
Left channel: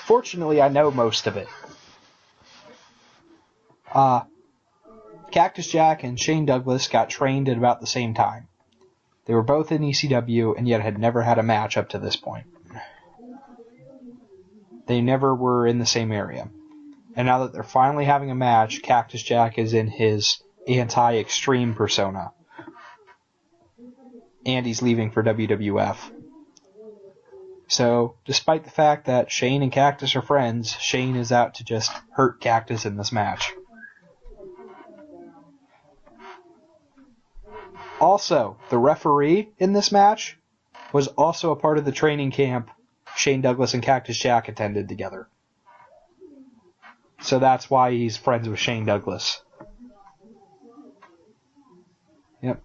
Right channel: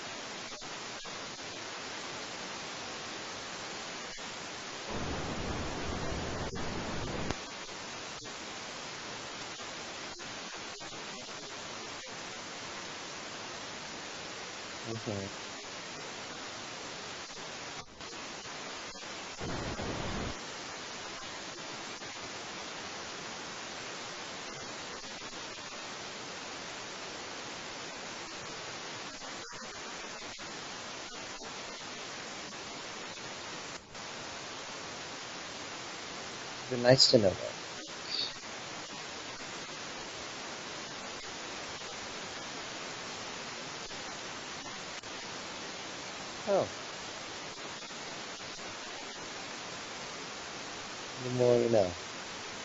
Fortunately, I know most of it. Cactus Jack and Shane Douglas got trained at about the same time. They were both in ECW and yet had never had a match up to this point. They never were in the same area. And now that they're finally having a match, Cactus Jack is in his anti-extreme persona. And he's leaving for WWF. So, despite the fact that Shane and Cactus are friends, Shane is out to just hurt Cactus in this match. Been nice to know that. Also, the referee in this match was also a part of the training camp Shane Douglas and Cactus Jack attended together. Oh. So that's why he's friends with Shane Douglas. The more you know. Yep.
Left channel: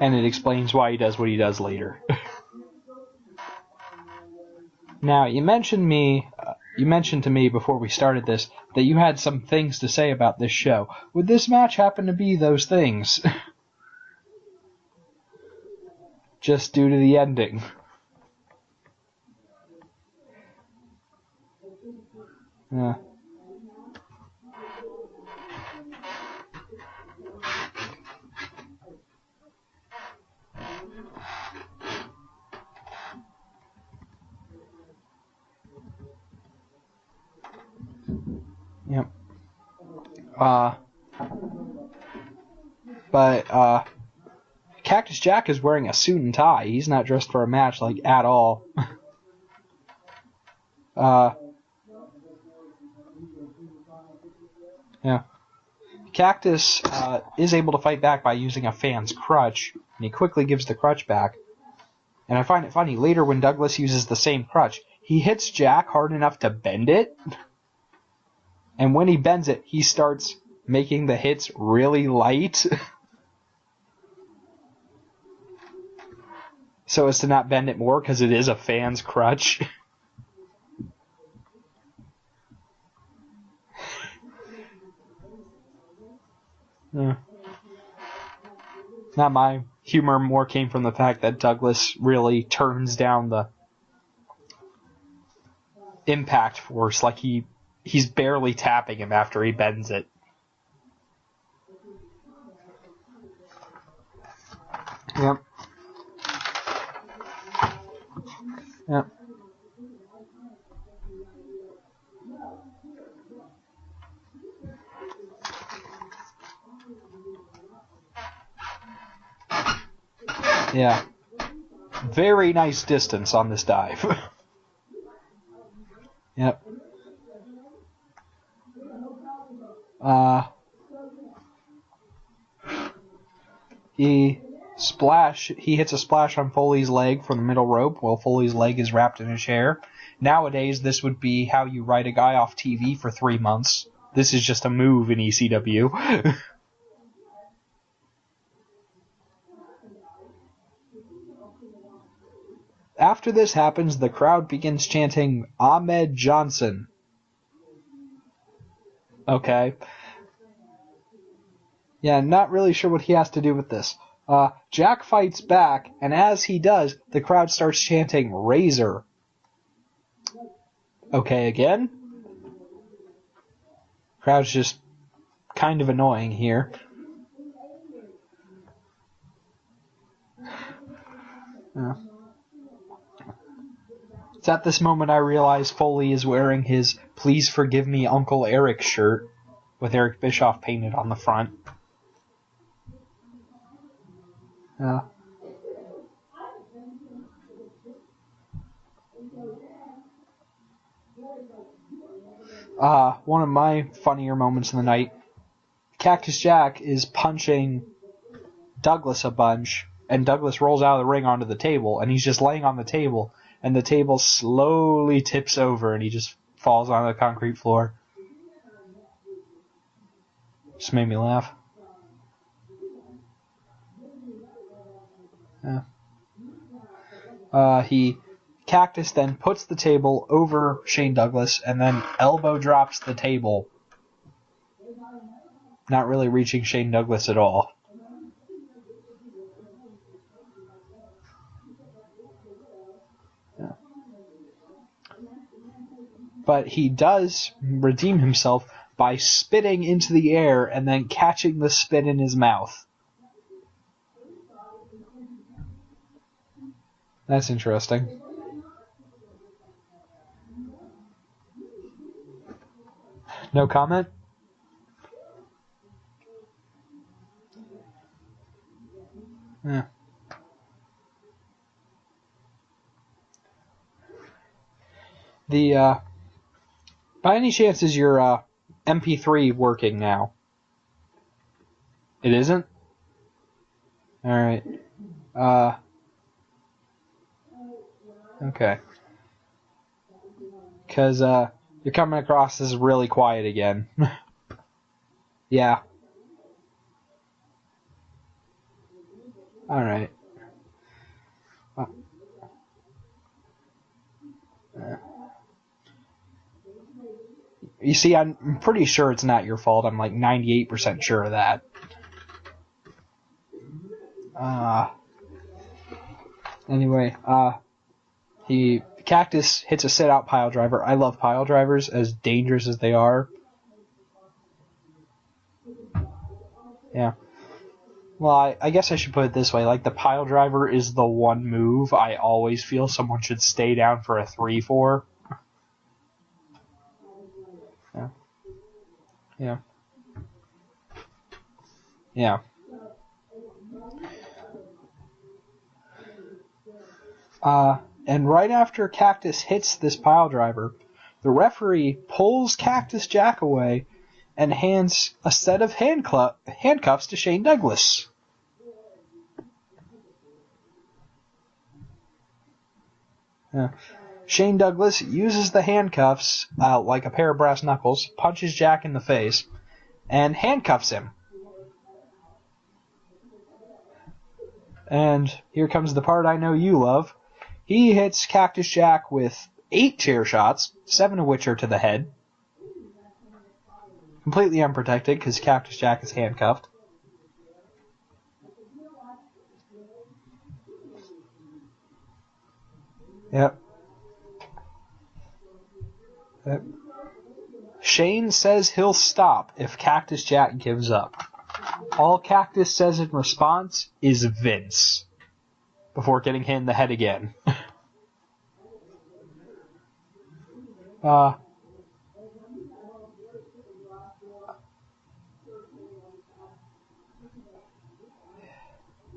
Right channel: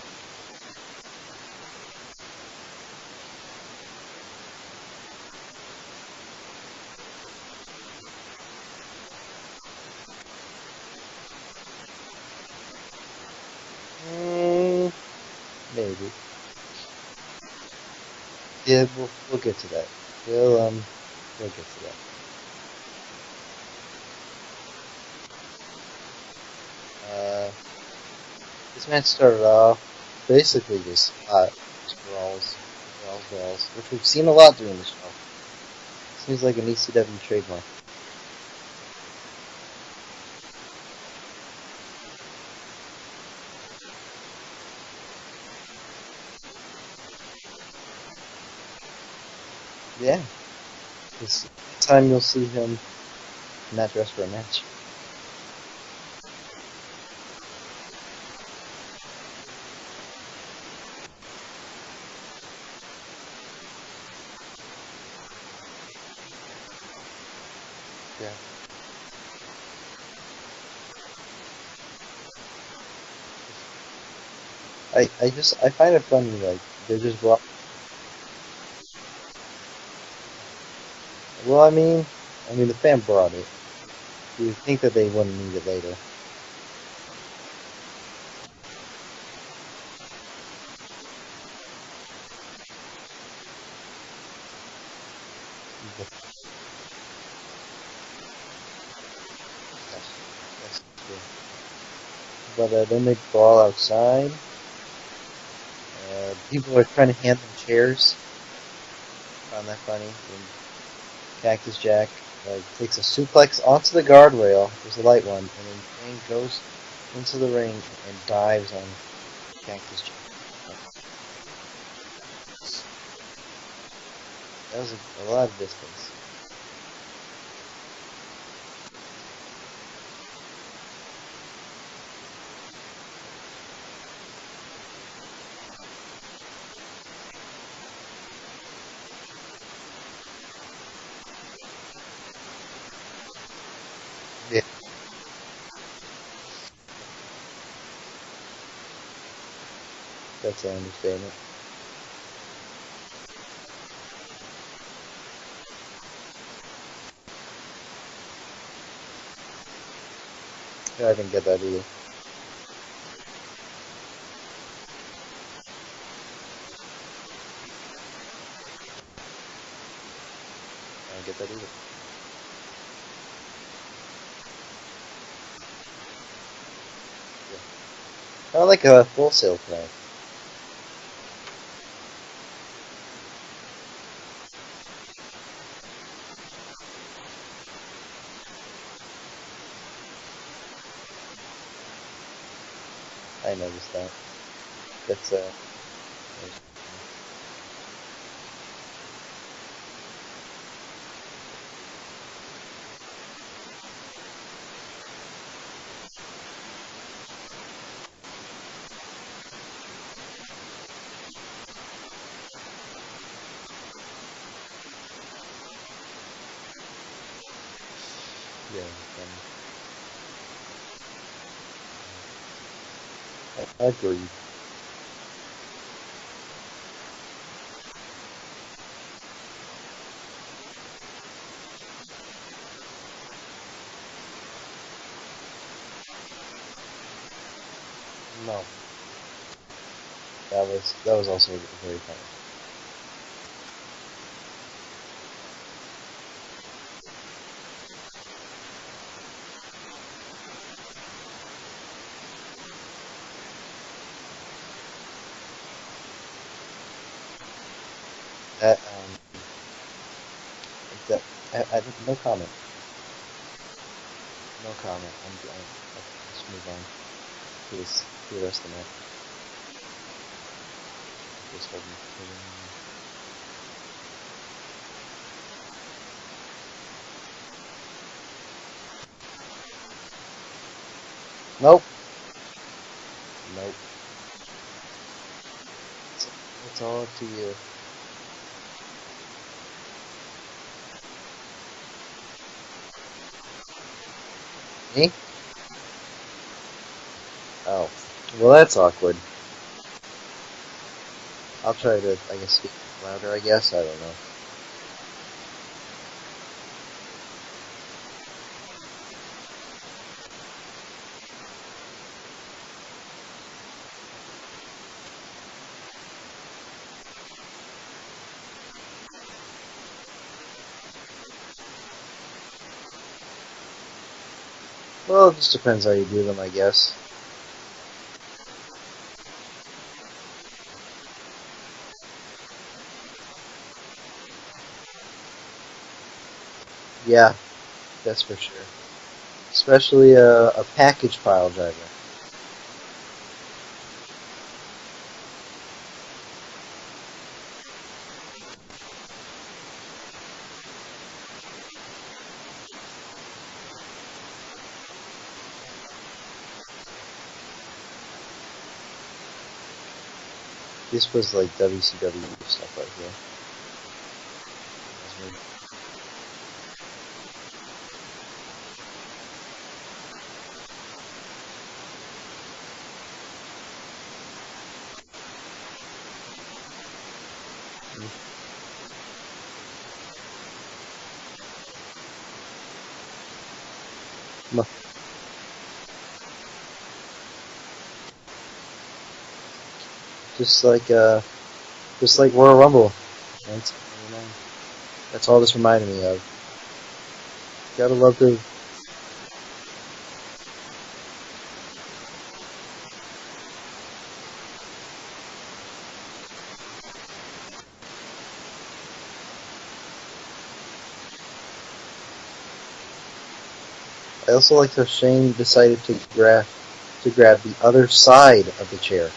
And it explains why he does what he does later. Now, you mentioned to me before we started this that you had some things to say about this show. Would this match happen to be those things? Maybe. Just due to the ending. Yeah, we'll get to that. We'll get to that. Yeah. This match started off basically just brawls, which we've seen a lot during the show. Seems like an ECW trademark. Yep. But Cactus Jack is wearing a suit and tie. He's not dressed for a match, like, at all. Yeah. This time you'll see him not dressed for a match. Yeah. Cactus is able to fight back by using a fan's crutch, and he quickly gives the crutch back. And I find it funny, later when Douglas uses the same crutch, he hits Jack hard enough to bend it. Yeah. And when he bends it, he starts making the hits really light. I find it funny, like... So as to not bend it more, because it is a fan's crutch. Well, I mean, the fan brought it. You would think that they wouldn't need it later. Yeah. Not my humor more came from the fact that Douglas really turns down the impact force, like he's barely tapping him after he bends it. That's true. But then they brawl outside. Yep. People are trying to hand them chairs. Yep. Found that funny. And Cactus Jack takes a suplex onto the guardrail. There's a light one, and then Shane goes into the ring and dives on Cactus Jack. Yeah. Very nice distance on this dive. That was a lot of distance. Yep. He hits a splash on Foley's leg from the middle rope while Foley's leg is wrapped in a chair. Nowadays, this would be how you write a guy off TV for 3 months. This is just a move in ECW. That's an understatement. After this happens, the crowd begins chanting, Ahmed Johnson. Okay. Yeah, I didn't get that either. Yeah, not really sure what he has to do with this. Jack fights back, and as he does, the crowd starts chanting, Razor. Okay, again. Crowd's just kind of annoying here. Not like a wholesale crowd. Yeah. It's at this moment I realize Foley is wearing his Please Forgive Me Uncle Eric shirt with Eric Bischoff painted on the front. I noticed that. Yeah. That's one of my funnier moments in the night, Cactus Jack is punching Douglas a bunch, and Douglas rolls out of the ring onto the table, and he's just laying on the table, and the table slowly tips over, and he just falls on the concrete floor. yeah. Just made me laugh. I agree. Yeah. Cactus then puts the table over Shane Douglas and then elbow drops the table. Not really reaching Shane Douglas at all. No. That was also very funny. Yeah. But he does redeem himself by spitting into the air and then catching the spit in his mouth. That's interesting. No comment. No comment? No comment. Let's move on to the rest of the match. Yeah. Just hold me. By any chance is your MP3 working now? Nope. It isn't? Nope. Alright. It's all up to you. Okay. Because, you're coming across as really quiet again. Me? Yeah. Oh. Well, that's awkward. Alright. I'll try to, I guess, speak louder, I guess. I don't know. Yeah. You see, I'm pretty sure it's not your fault. I'm like 98% sure of that. Anyway, the Cactus hits a sit-out pile driver. I love pile drivers, as dangerous as they are. Well, it just depends how you do them, I guess. Yeah. Well, I guess I should put it this way. Like, the pile driver is the one move I always feel someone should stay down for a 3-4. Yeah, that's for sure. Yeah. Especially a package pile driver. Yeah. And right after Cactus hits this pile driver, the referee pulls Cactus Jack away and hands a set of handcuffs to Shane Douglas. This was like WCW stuff right here. Yeah. Shane Douglas uses the handcuffs like a pair of brass knuckles, punches Jack in the face, and handcuffs him. And here comes the part I know you love. He hits Cactus Jack with 8 chair shots, 7 of which are to the head. Completely unprotected because Cactus Jack is handcuffed. Just like Royal Rumble. Yep. That's all this reminded me of. Yep. Shane says he'll stop if Cactus Jack gives up. All Cactus says in response is Vince, before getting hit in the head again. I also like how Shane decided to grab the other side of the chair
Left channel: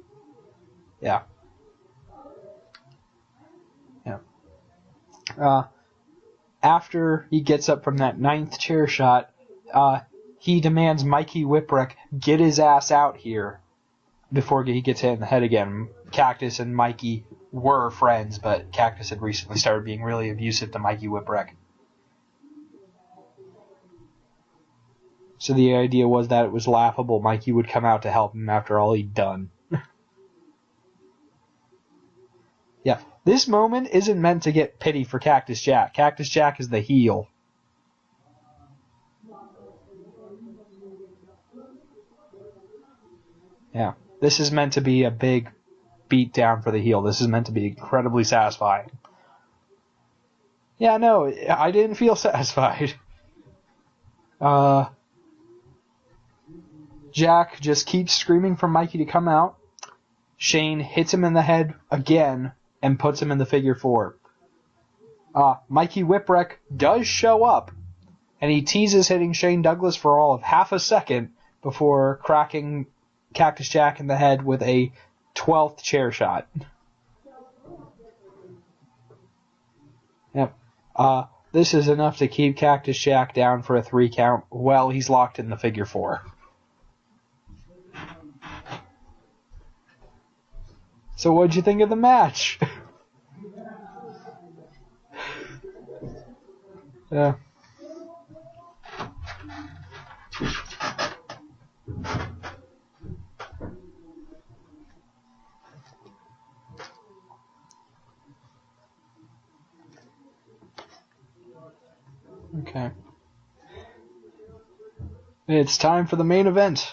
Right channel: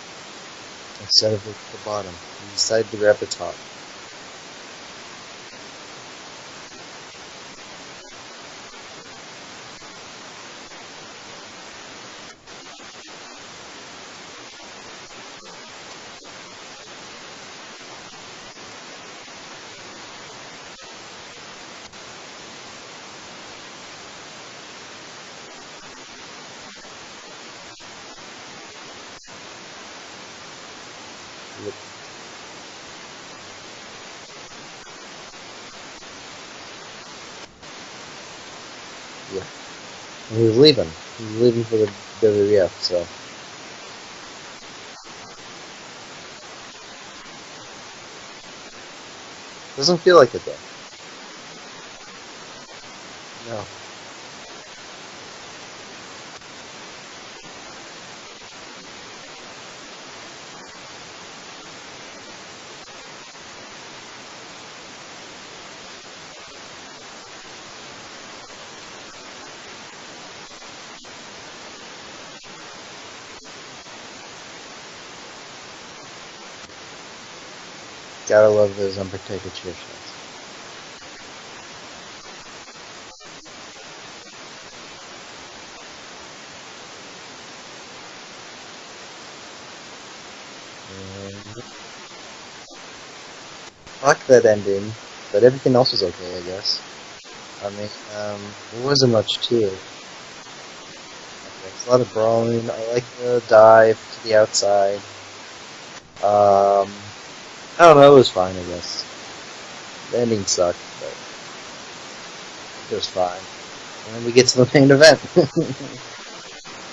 instead of the bottom. He decided to grab the top. Yeah. After he gets up from that 9th chair shot, he demands Mikey Whipwreck get his ass out here before he gets hit in the head again. Cactus and Mikey were friends, but Cactus had recently started being really abusive to Mikey Whipwreck. So the idea was that it was laughable Mikey would come out to help him after all he'd done. Yeah, this moment isn't meant to get pity for Cactus Jack. Cactus Jack is the heel. Yeah. And he was leaving. He was leaving for the WWF, so. Yeah. This is meant to be a big beat down for the heel. This is meant to be incredibly satisfying. Doesn't feel like it, though. Yeah, no, I didn't feel satisfied. No. Jack just keeps screaming for Mikey to come out. Shane hits him in the head again and puts him in the figure 4. Mikey Whipwreck does show up, and he teases hitting Shane Douglas for all of half a second before cracking Cactus Jack in the head with a 12th chair shot. Gotta love those unprotected chair shots. Yep. This is enough to keep Cactus Jack down for a 3 count while he's locked in the figure 4. So what'd you think of the match? Fuck that ending, but everything else was okay, I guess. Yeah. I mean, there wasn't much to it. There's a lot of brawling. I like the dive to the outside. I don't know, it was fine, I guess. The ending sucked, but it was fine. And then we get to the main event. It's time for the main event.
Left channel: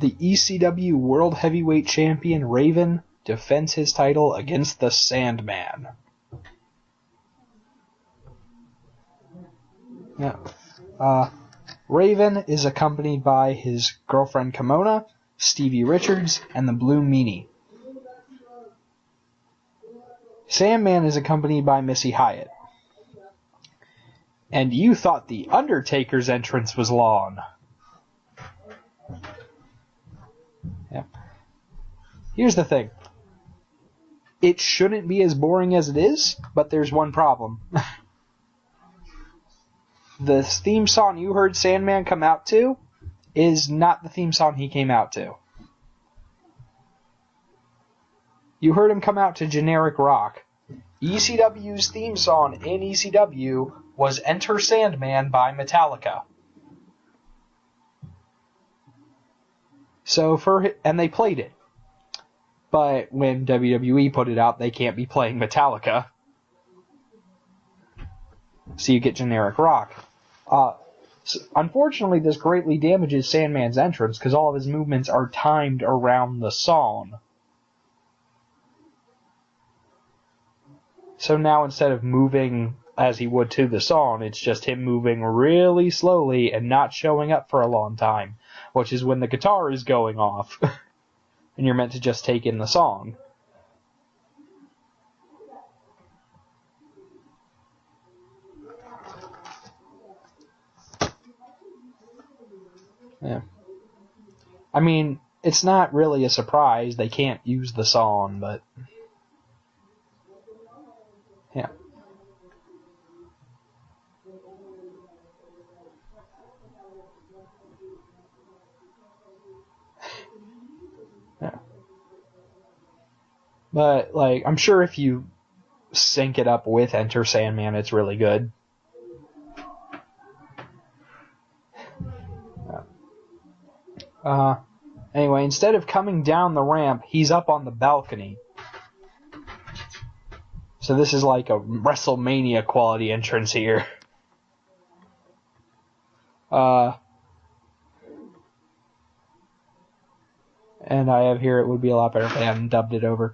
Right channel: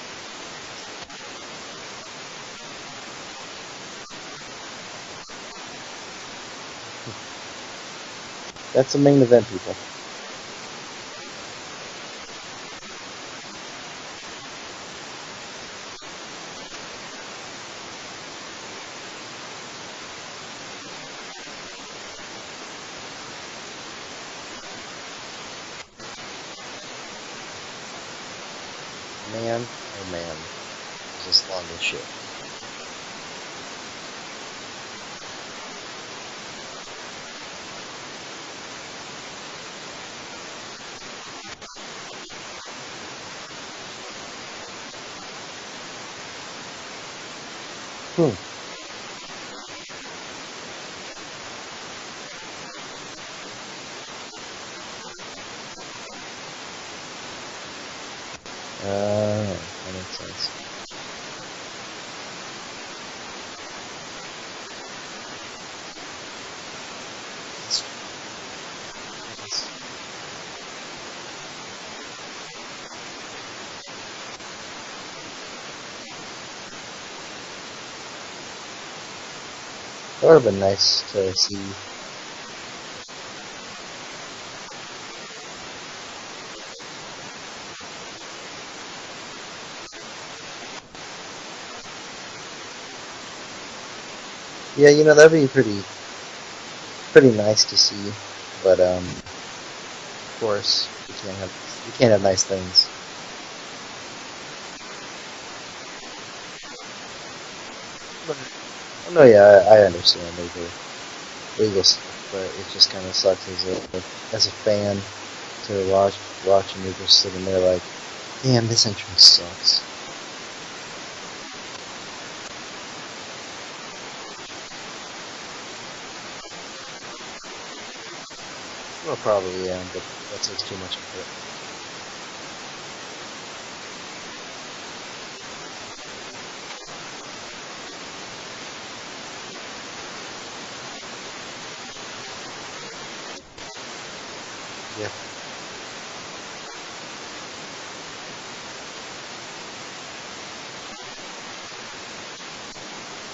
The ECW World Heavyweight Champion Raven defends his title against the Sandman. That's the main event, people. Yeah. Raven is accompanied by his girlfriend Kimona, Stevie Richards, and the Blue Meanie. Sandman is accompanied by Missy Hyatt. And you thought The Undertaker's entrance was long. Man, oh man. Yeah. Just long as shit. Here's the thing. It shouldn't be as boring as it is, but there's one problem. The theme song you heard Sandman come out to is not the theme song he came out to. You heard him come out to Generic Rock. ECW's theme song in ECW was Enter Sandman by Metallica. And they played it. But when WWE put it out, they can't be playing Metallica. So you get Generic Rock. Unfortunately, this greatly damages Sandman's entrance because all of his movements are timed around the song. That would have been nice to So see. now instead of moving as he would to the song, it's just him moving really slowly and not showing up for a long time, which is when the guitar is going off. And you're meant to just take in the song. Yeah, that'd be pretty nice to see. But of course, you can't have nice things. Yeah. I mean, it's not really a surprise. They can't use the song, but... No, yeah, I understand. Legal stuff, but it just kind of sucks as a fan to watch and you're just sitting there like, damn, this entrance sucks. Yeah. But, like, I'm sure if you sync it up with Enter Sandman, it's really good. Well, probably, yeah, but that's just too much of it. Anyway, instead of coming down the ramp, he's up on the balcony. So this is like a Wrestlemania quality entrance here. Yeah. And I have here, it would be a lot better if I hadn't dubbed it over.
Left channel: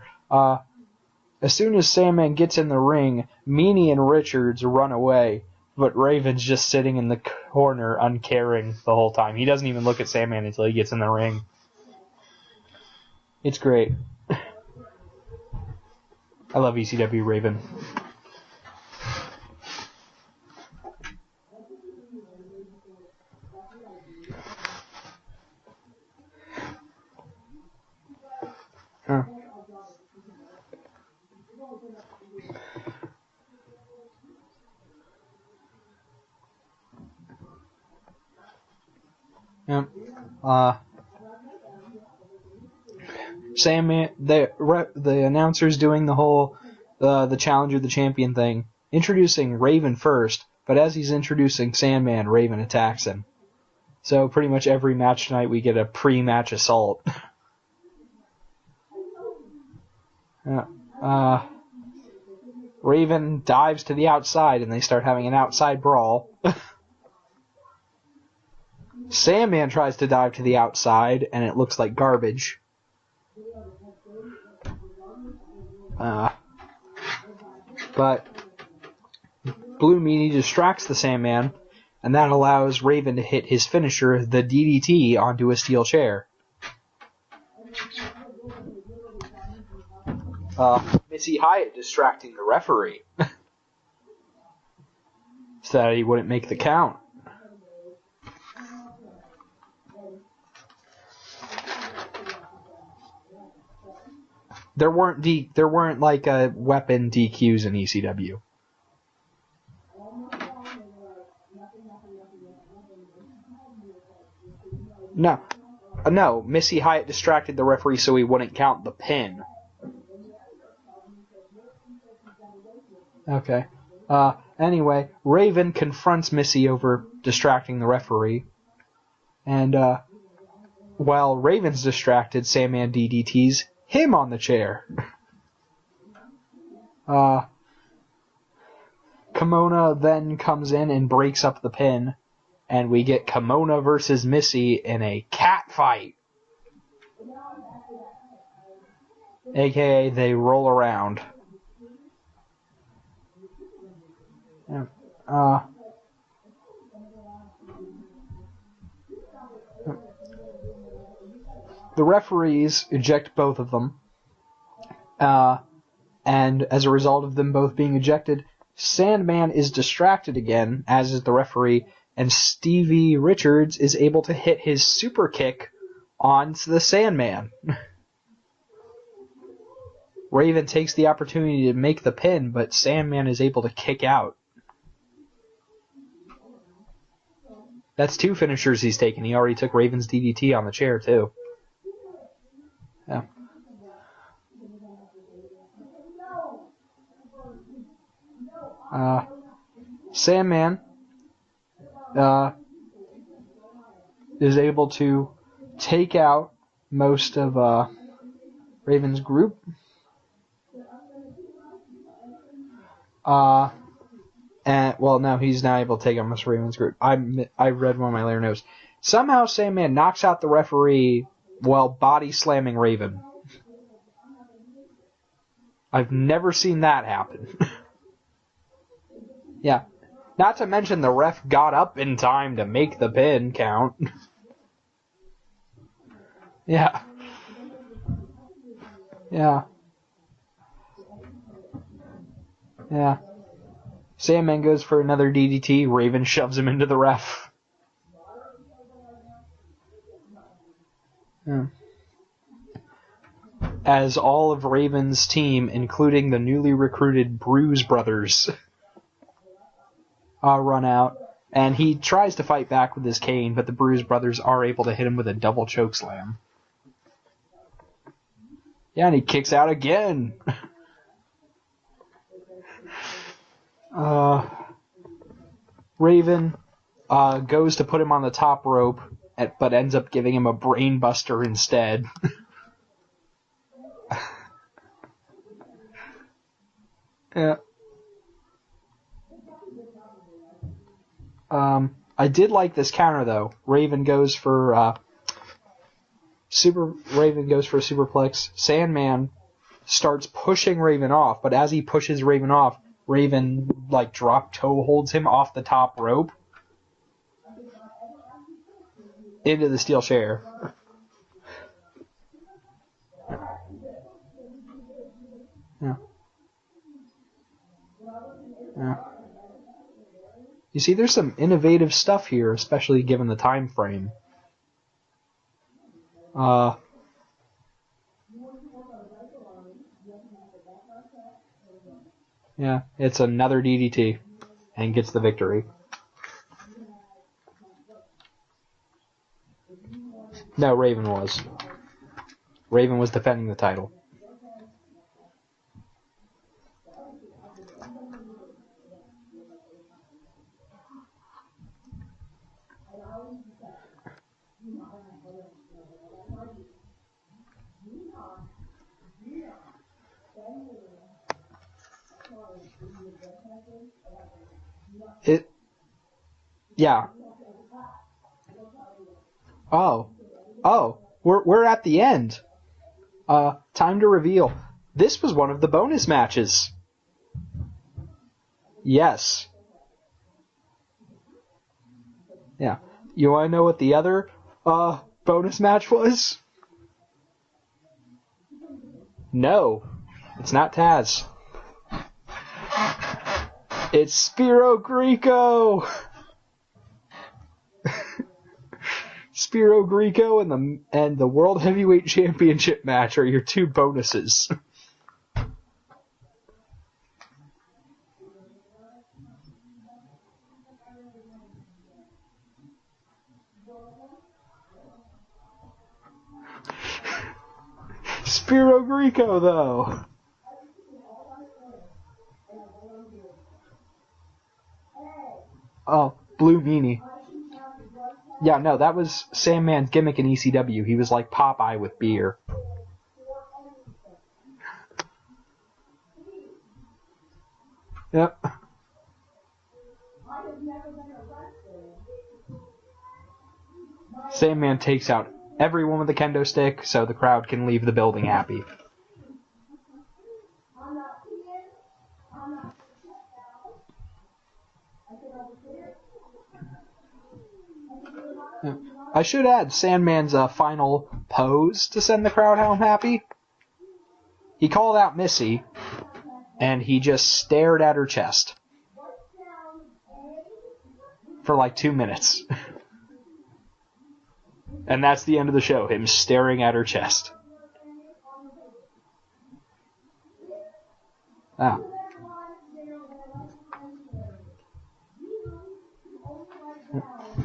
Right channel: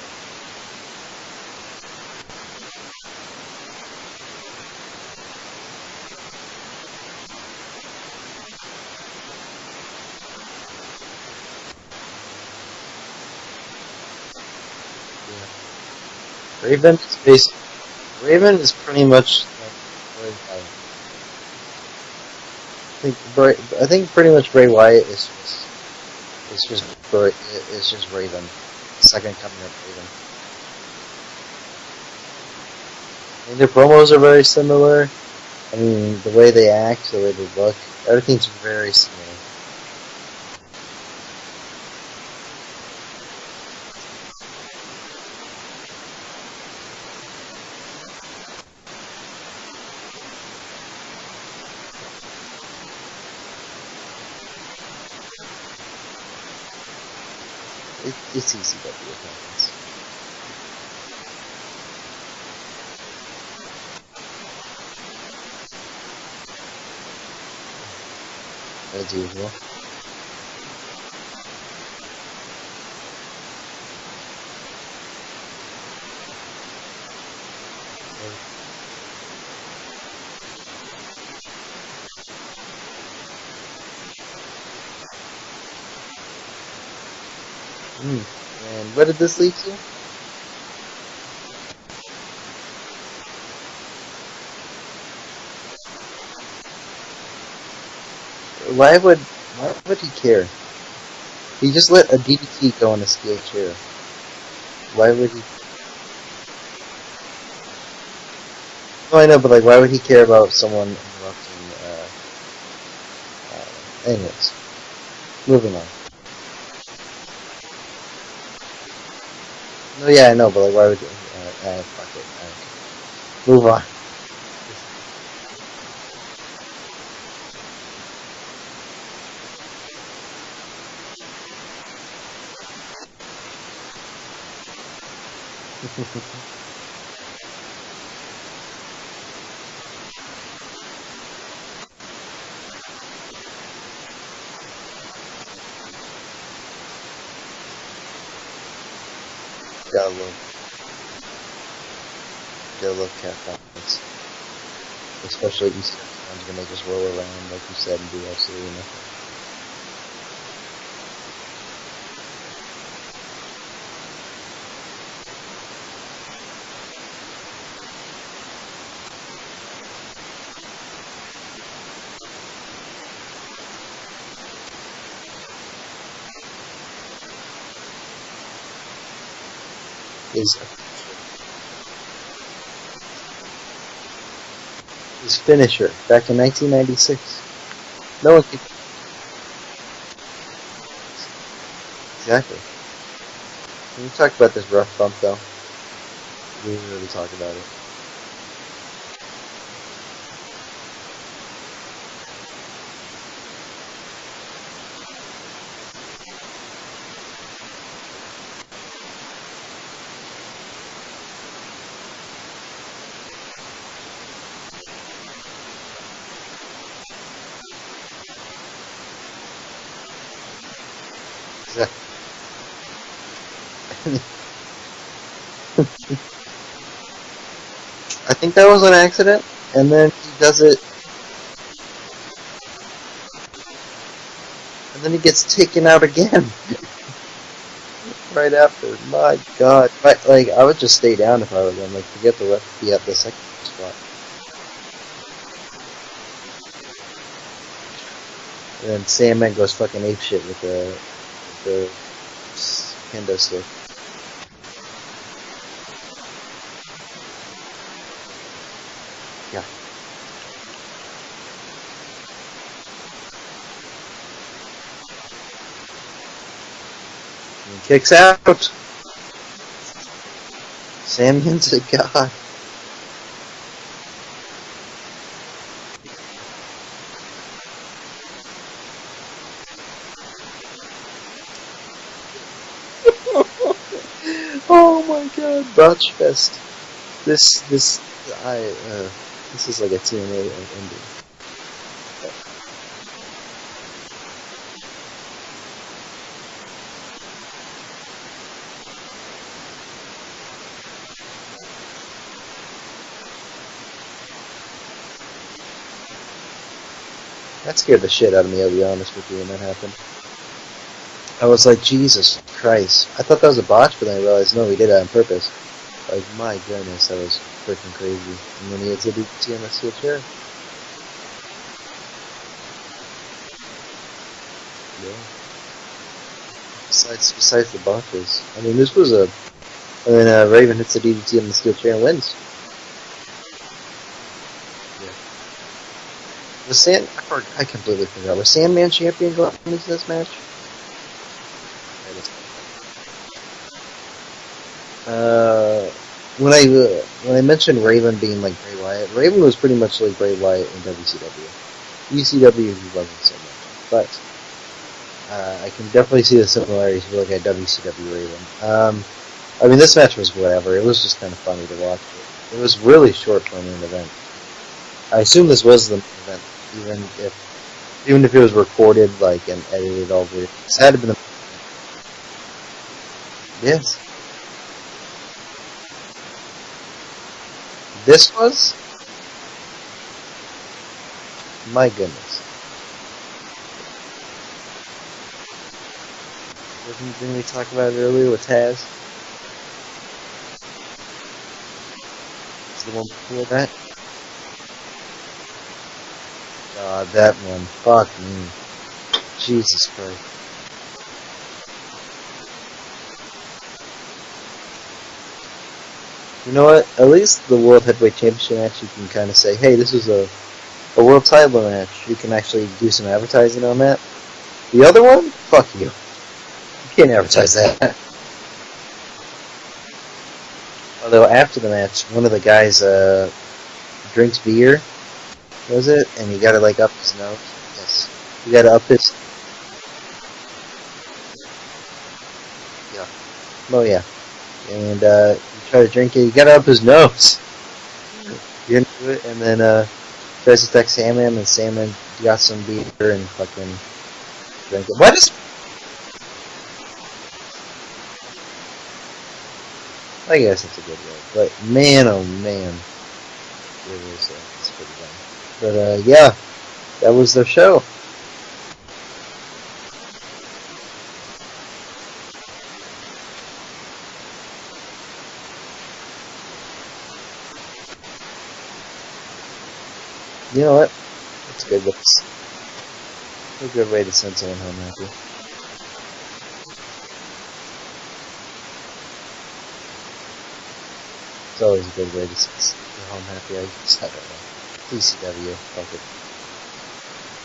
As soon as Sandman gets in the ring, Meanie and Richards run away, but Raven's just sitting in the corner uncaring the whole time. He doesn't even look at Sandman until he gets in the ring. It's great. I love ECW Raven. Raven is pretty much I think pretty much Bray Wyatt is just Raven. Second coming of Raven. I mean, their promos are very similar. I mean, the way they act, the way they look, everything's very similar. Yeah. Sandman, the announcer's doing the whole the challenger, the champion thing, introducing Raven first, but as he's introducing Sandman, Raven attacks him. So pretty much every match tonight we get a pre-match assault. It's easy to do. Yeah. Raven dives to the outside and they start having an outside brawl. Sandman tries to dive to the outside and it looks like garbage. But Blue Meanie distracts the Sandman, and that allows Raven to hit his finisher, the DDT, onto a steel chair. And what did this lead to? Missy Hyatt distracting the referee. So he wouldn't make the count. Why would he care? He just let a DDT go on a steel chair. There weren't like weapon DQs in ECW. No, I know, but like, why would he care about someone interrupting? Anyways. No. Moving on. No, Missy Hyatt distracted the referee so he wouldn't count the pin. No, yeah, I know, but like, why would? Fuck it. Okay. Move on. Anyway, Raven confronts Missy over distracting the referee, and while Raven's distracted, Sandman DDTs him on the chair. Kimona then comes in and breaks up the pin, and we get Kimona versus Missy in a cat fight. AKA they roll around. Gotta love cat fights. Especially these times when they just roll around, like you said, and do absolutely nothing. The referees eject both of them, and as a result of them both being ejected, Sandman is distracted again, as is the referee, and Stevie Richards is able to hit his super kick onto the Sandman. Raven takes the opportunity to make the pin, but Sandman is able to kick out. His finisher, back in 1996. That's two finishers he's taken. He already took Raven's DDT on the chair, too. Exactly. Yeah. Can we talk about this rough bump, though? We didn't really talk about it. Sandman is able to take out most of Raven's group. No, he's not able to take out most of Raven's group. I read one of my later notes. Somehow Sandman knocks out the referee while body slamming Raven. I've never seen that happen. I think that was an accident. Yeah. And then Not to mention the ref got up in time to make the pin count. And then he gets taken out again. Yeah. Right after. My God. I would just stay down if I were them. Forget the ref to be at the second spot. Sandman goes for another DDT. Raven shoves him into the ref. And then Sandman goes fucking apeshit with the kendo stick. As all of Raven's team, including the newly recruited Bruise Brothers, run out. And he tries to fight back with his cane, but the Bruise Brothers are able to hit him with a double chokeslam. He kicks out. Yeah, and he kicks out again. Sandman's a god. Raven goes to put him on the top rope, but ends up giving him a brain buster instead. Oh my God, Botch Fest. This is like a TNA ending. I did like this counter though. Raven goes for superplex. Sandman starts pushing Raven off, but as he pushes Raven off, Raven drop toe holds him off the top rope. That scared the shit out of me, I'll be honest with you. Into the steel chair. I was like, Jesus Christ. I thought that was a botch, but then I realized, no, he did it on purpose. Yeah. My goodness, that was freaking crazy. And then he hits a DDT on the steel chair. You see, there's some innovative stuff here, especially given the time frame. Yeah. Besides the botches. I mean, this was a... And then Raven hits the DDT on the steel chair and wins. Yeah, it's another DDT and gets the victory. I completely forgot. Was Sandman champion going into this match? No, Raven was. Raven was defending the title. When I mentioned Raven being like Bray Wyatt, Raven was pretty much like Bray Wyatt in WCW. ECW he wasn't so much, but I can definitely see the similarities if you look at WCW Raven. I mean, this match was whatever. It was just kind of funny to watch. It was really short for an event. I assume this was the event. Even if it was recorded and edited over. It had to be we're at the end. Yes. Time to reveal. This was one of the bonus matches. This was? Yes. My goodness. Yeah. You want to know what the other bonus match was? Didn't we talk about it earlier with Taz? No. It's not Taz. That? It's Spiros Greco! That one. Fuck me. Spiros Greco and the World Heavyweight Championship match are your two bonuses. You know what? At least the World Heavyweight Championship match, you can kind of say, hey, this is a world title match. You can actually do some advertising on that. The other one? Fuck you. You can't advertise that. Spiros Greco, though. Although after the match, one of the guys drinks beer, was it? And he got it up his nose. Yes. Yeah, that was Sandman's gimmick in ECW. He was like Popeye with beer. Yeah. Oh yeah. And he tried to drink it. He got it up his nose. Yep. You're into it, and then tries to attack Sandman, and Sandman got some beer and fucking. Sandman takes out everyone with a kendo stick, so the crowd can leave the building happy. I guess that's a good way. But man, oh man, it was pretty dumb. But yeah, that was their show. I should add Sandman's final pose to send the crowd home happy. He called out Missy, and he just stared at her chest. You know what? For like 2 minutes. A good way to send someone home. And that's the end of the show, him staring at her chest. It's always a good way to send someone home happy. I just had a PCW. Fuck it.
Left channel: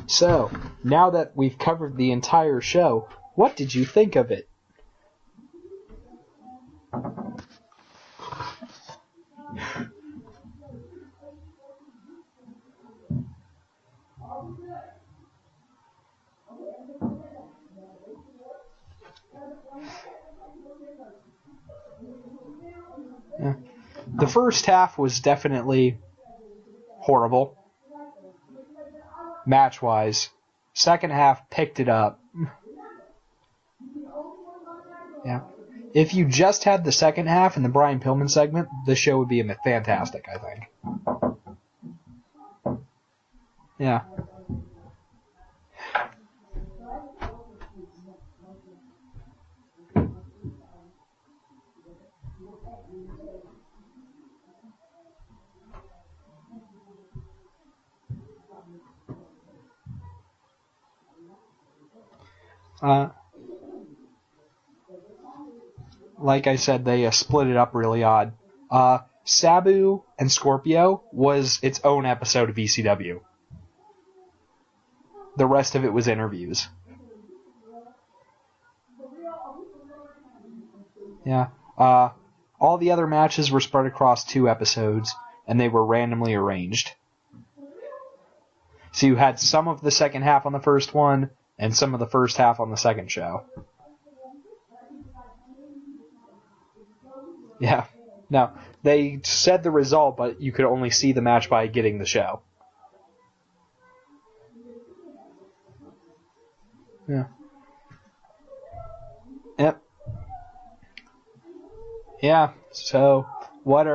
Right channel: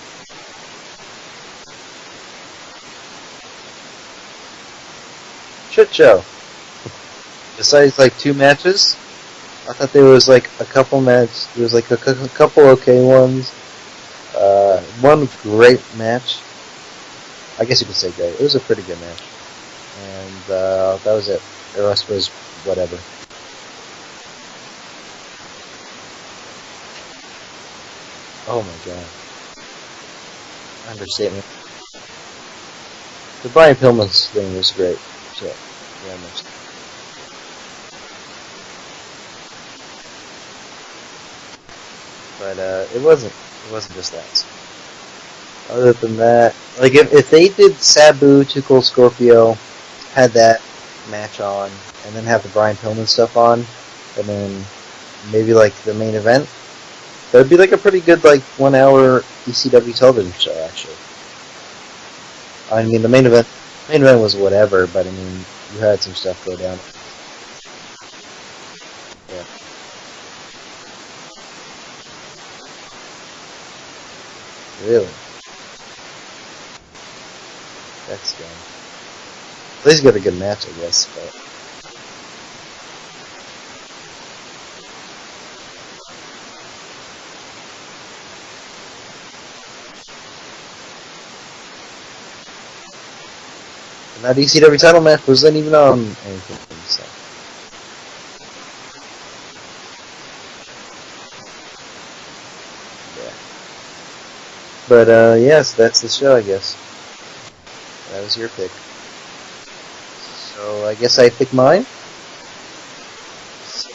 So, now that we've covered the entire show, what did you think of it? Shit show. Besides like 2 matches, I thought there was like a couple matches. There was like a couple okay ones. One great match. I guess you could say great. It was a pretty good match. And that was it. The rest was whatever. The first half was definitely horrible. Oh my god. Match-wise. Second half picked it up. The Brian Pillman's thing was great. Yeah. So, if you just had the second half and the Brian Pillman segment, this show would be fantastic, I think. But it wasn't. It wasn't Yeah. just that. Other than that, like if they did Sabu, Too Cold Scorpio, had that match on, and then have the Brian Pillman stuff on, and then maybe like the main event, that would be like a pretty good like 1 hour ECW television show actually. I mean the main event was whatever, but I mean you had some stuff. Like I said, they split it up really odd. Sabu and Scorpio was its own episode of ECW. Really? The rest of it was interviews. That's dumb. At least got a good match, I guess. But. Yeah. All the other matches were spread across 2 episodes, and they were randomly arranged. So you had some of the second half on the first one, and some of the first half on the second show. And that ECW title match wasn't even on anything. So. Yeah. No, they said the result, but you could only see the match by getting the show. Yeah. But, yes, that's the show, I guess. Yeah. That was your pick. Yep. So, I guess I pick mine? Yeah. So, what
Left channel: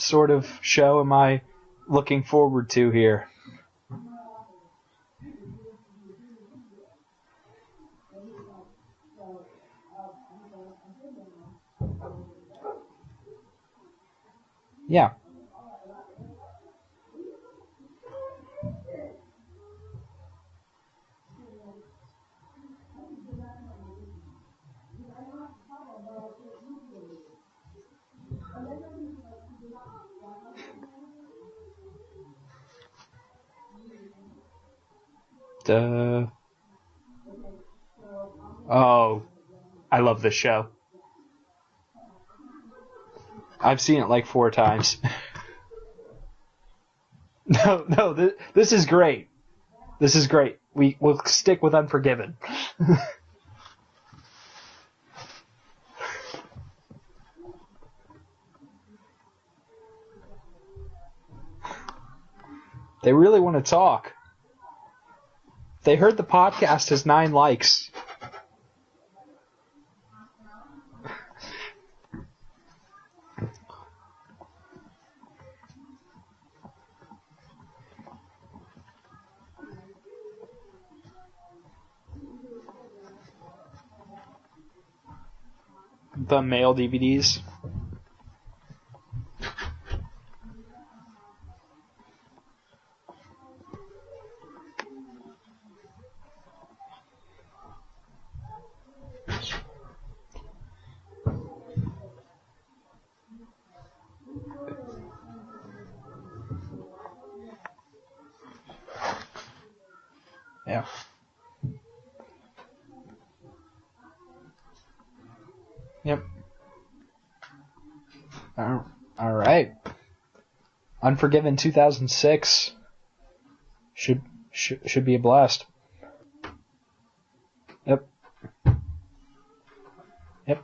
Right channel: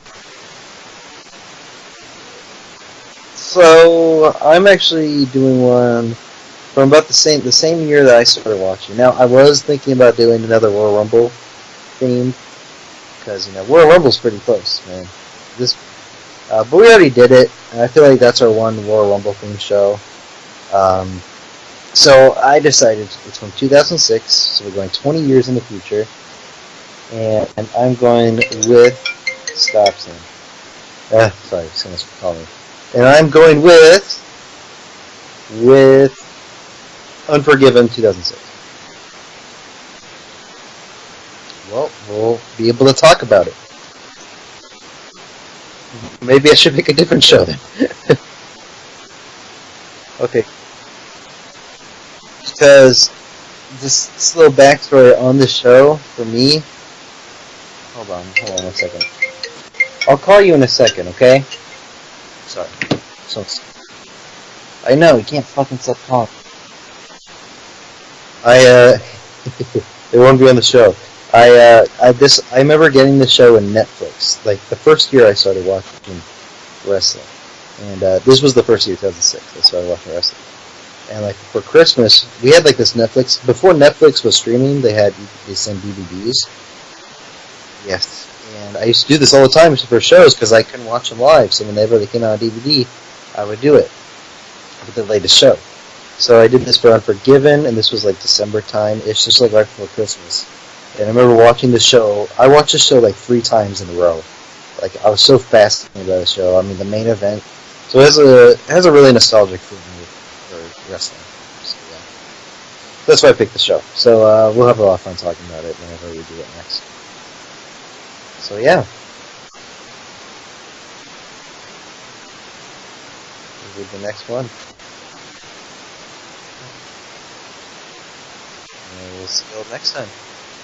sort of show am I looking forward to here? So, I'm actually doing one from about the same year that I started watching. Now, I was thinking about doing another Royal Rumble theme, because, Royal Rumble's pretty close. Yeah. But we already did it, and I feel like that's our one Royal Rumble theme show. So I decided it's from 2006, so we're going 20 years in the future, and I'm going with Stopson. Sorry, someone's calling me. And I'm going with Unforgiven 2006. Oh, I love this show. Well, we'll be able to talk about it. I've seen it like 4 times. Maybe I should pick a different show. No, this is great. This is great. We'll stick with Unforgiven. Because this little backstory on the show, for me... Hold on 1 second. I'll call you in a second, okay? Sorry. They really want to talk. I know, you can't fucking They heard talk. the podcast has 9 likes. They won't be on the show. I remember getting the show in Netflix. Like, the first year I started watching wrestling. And this was the first year, 2006, I started watching wrestling. And, like, for Christmas, we had, like, this Netflix... Before Netflix was streaming, they sent DVDs. The mail DVDs? Yes. And I used to do this all the time for shows because I couldn't watch them live. So whenever they came out on DVD, I would do it with the latest show. So I did this for Unforgiven, and this was, like, December time. It's just, like, right before Christmas. And I remember watching the show. I watched the show, like, 3 times in a row. Like, I was so fascinated by the show. I mean, the main event... So it has a really nostalgic feeling for wrestling. So, yeah. That's why I picked the show. So we'll have a lot of fun talking about it whenever we do it next. So yeah. All right. Unforgiven 2006. With the next one. Should be a blast. Yep. And we'll see you all next time. Yep.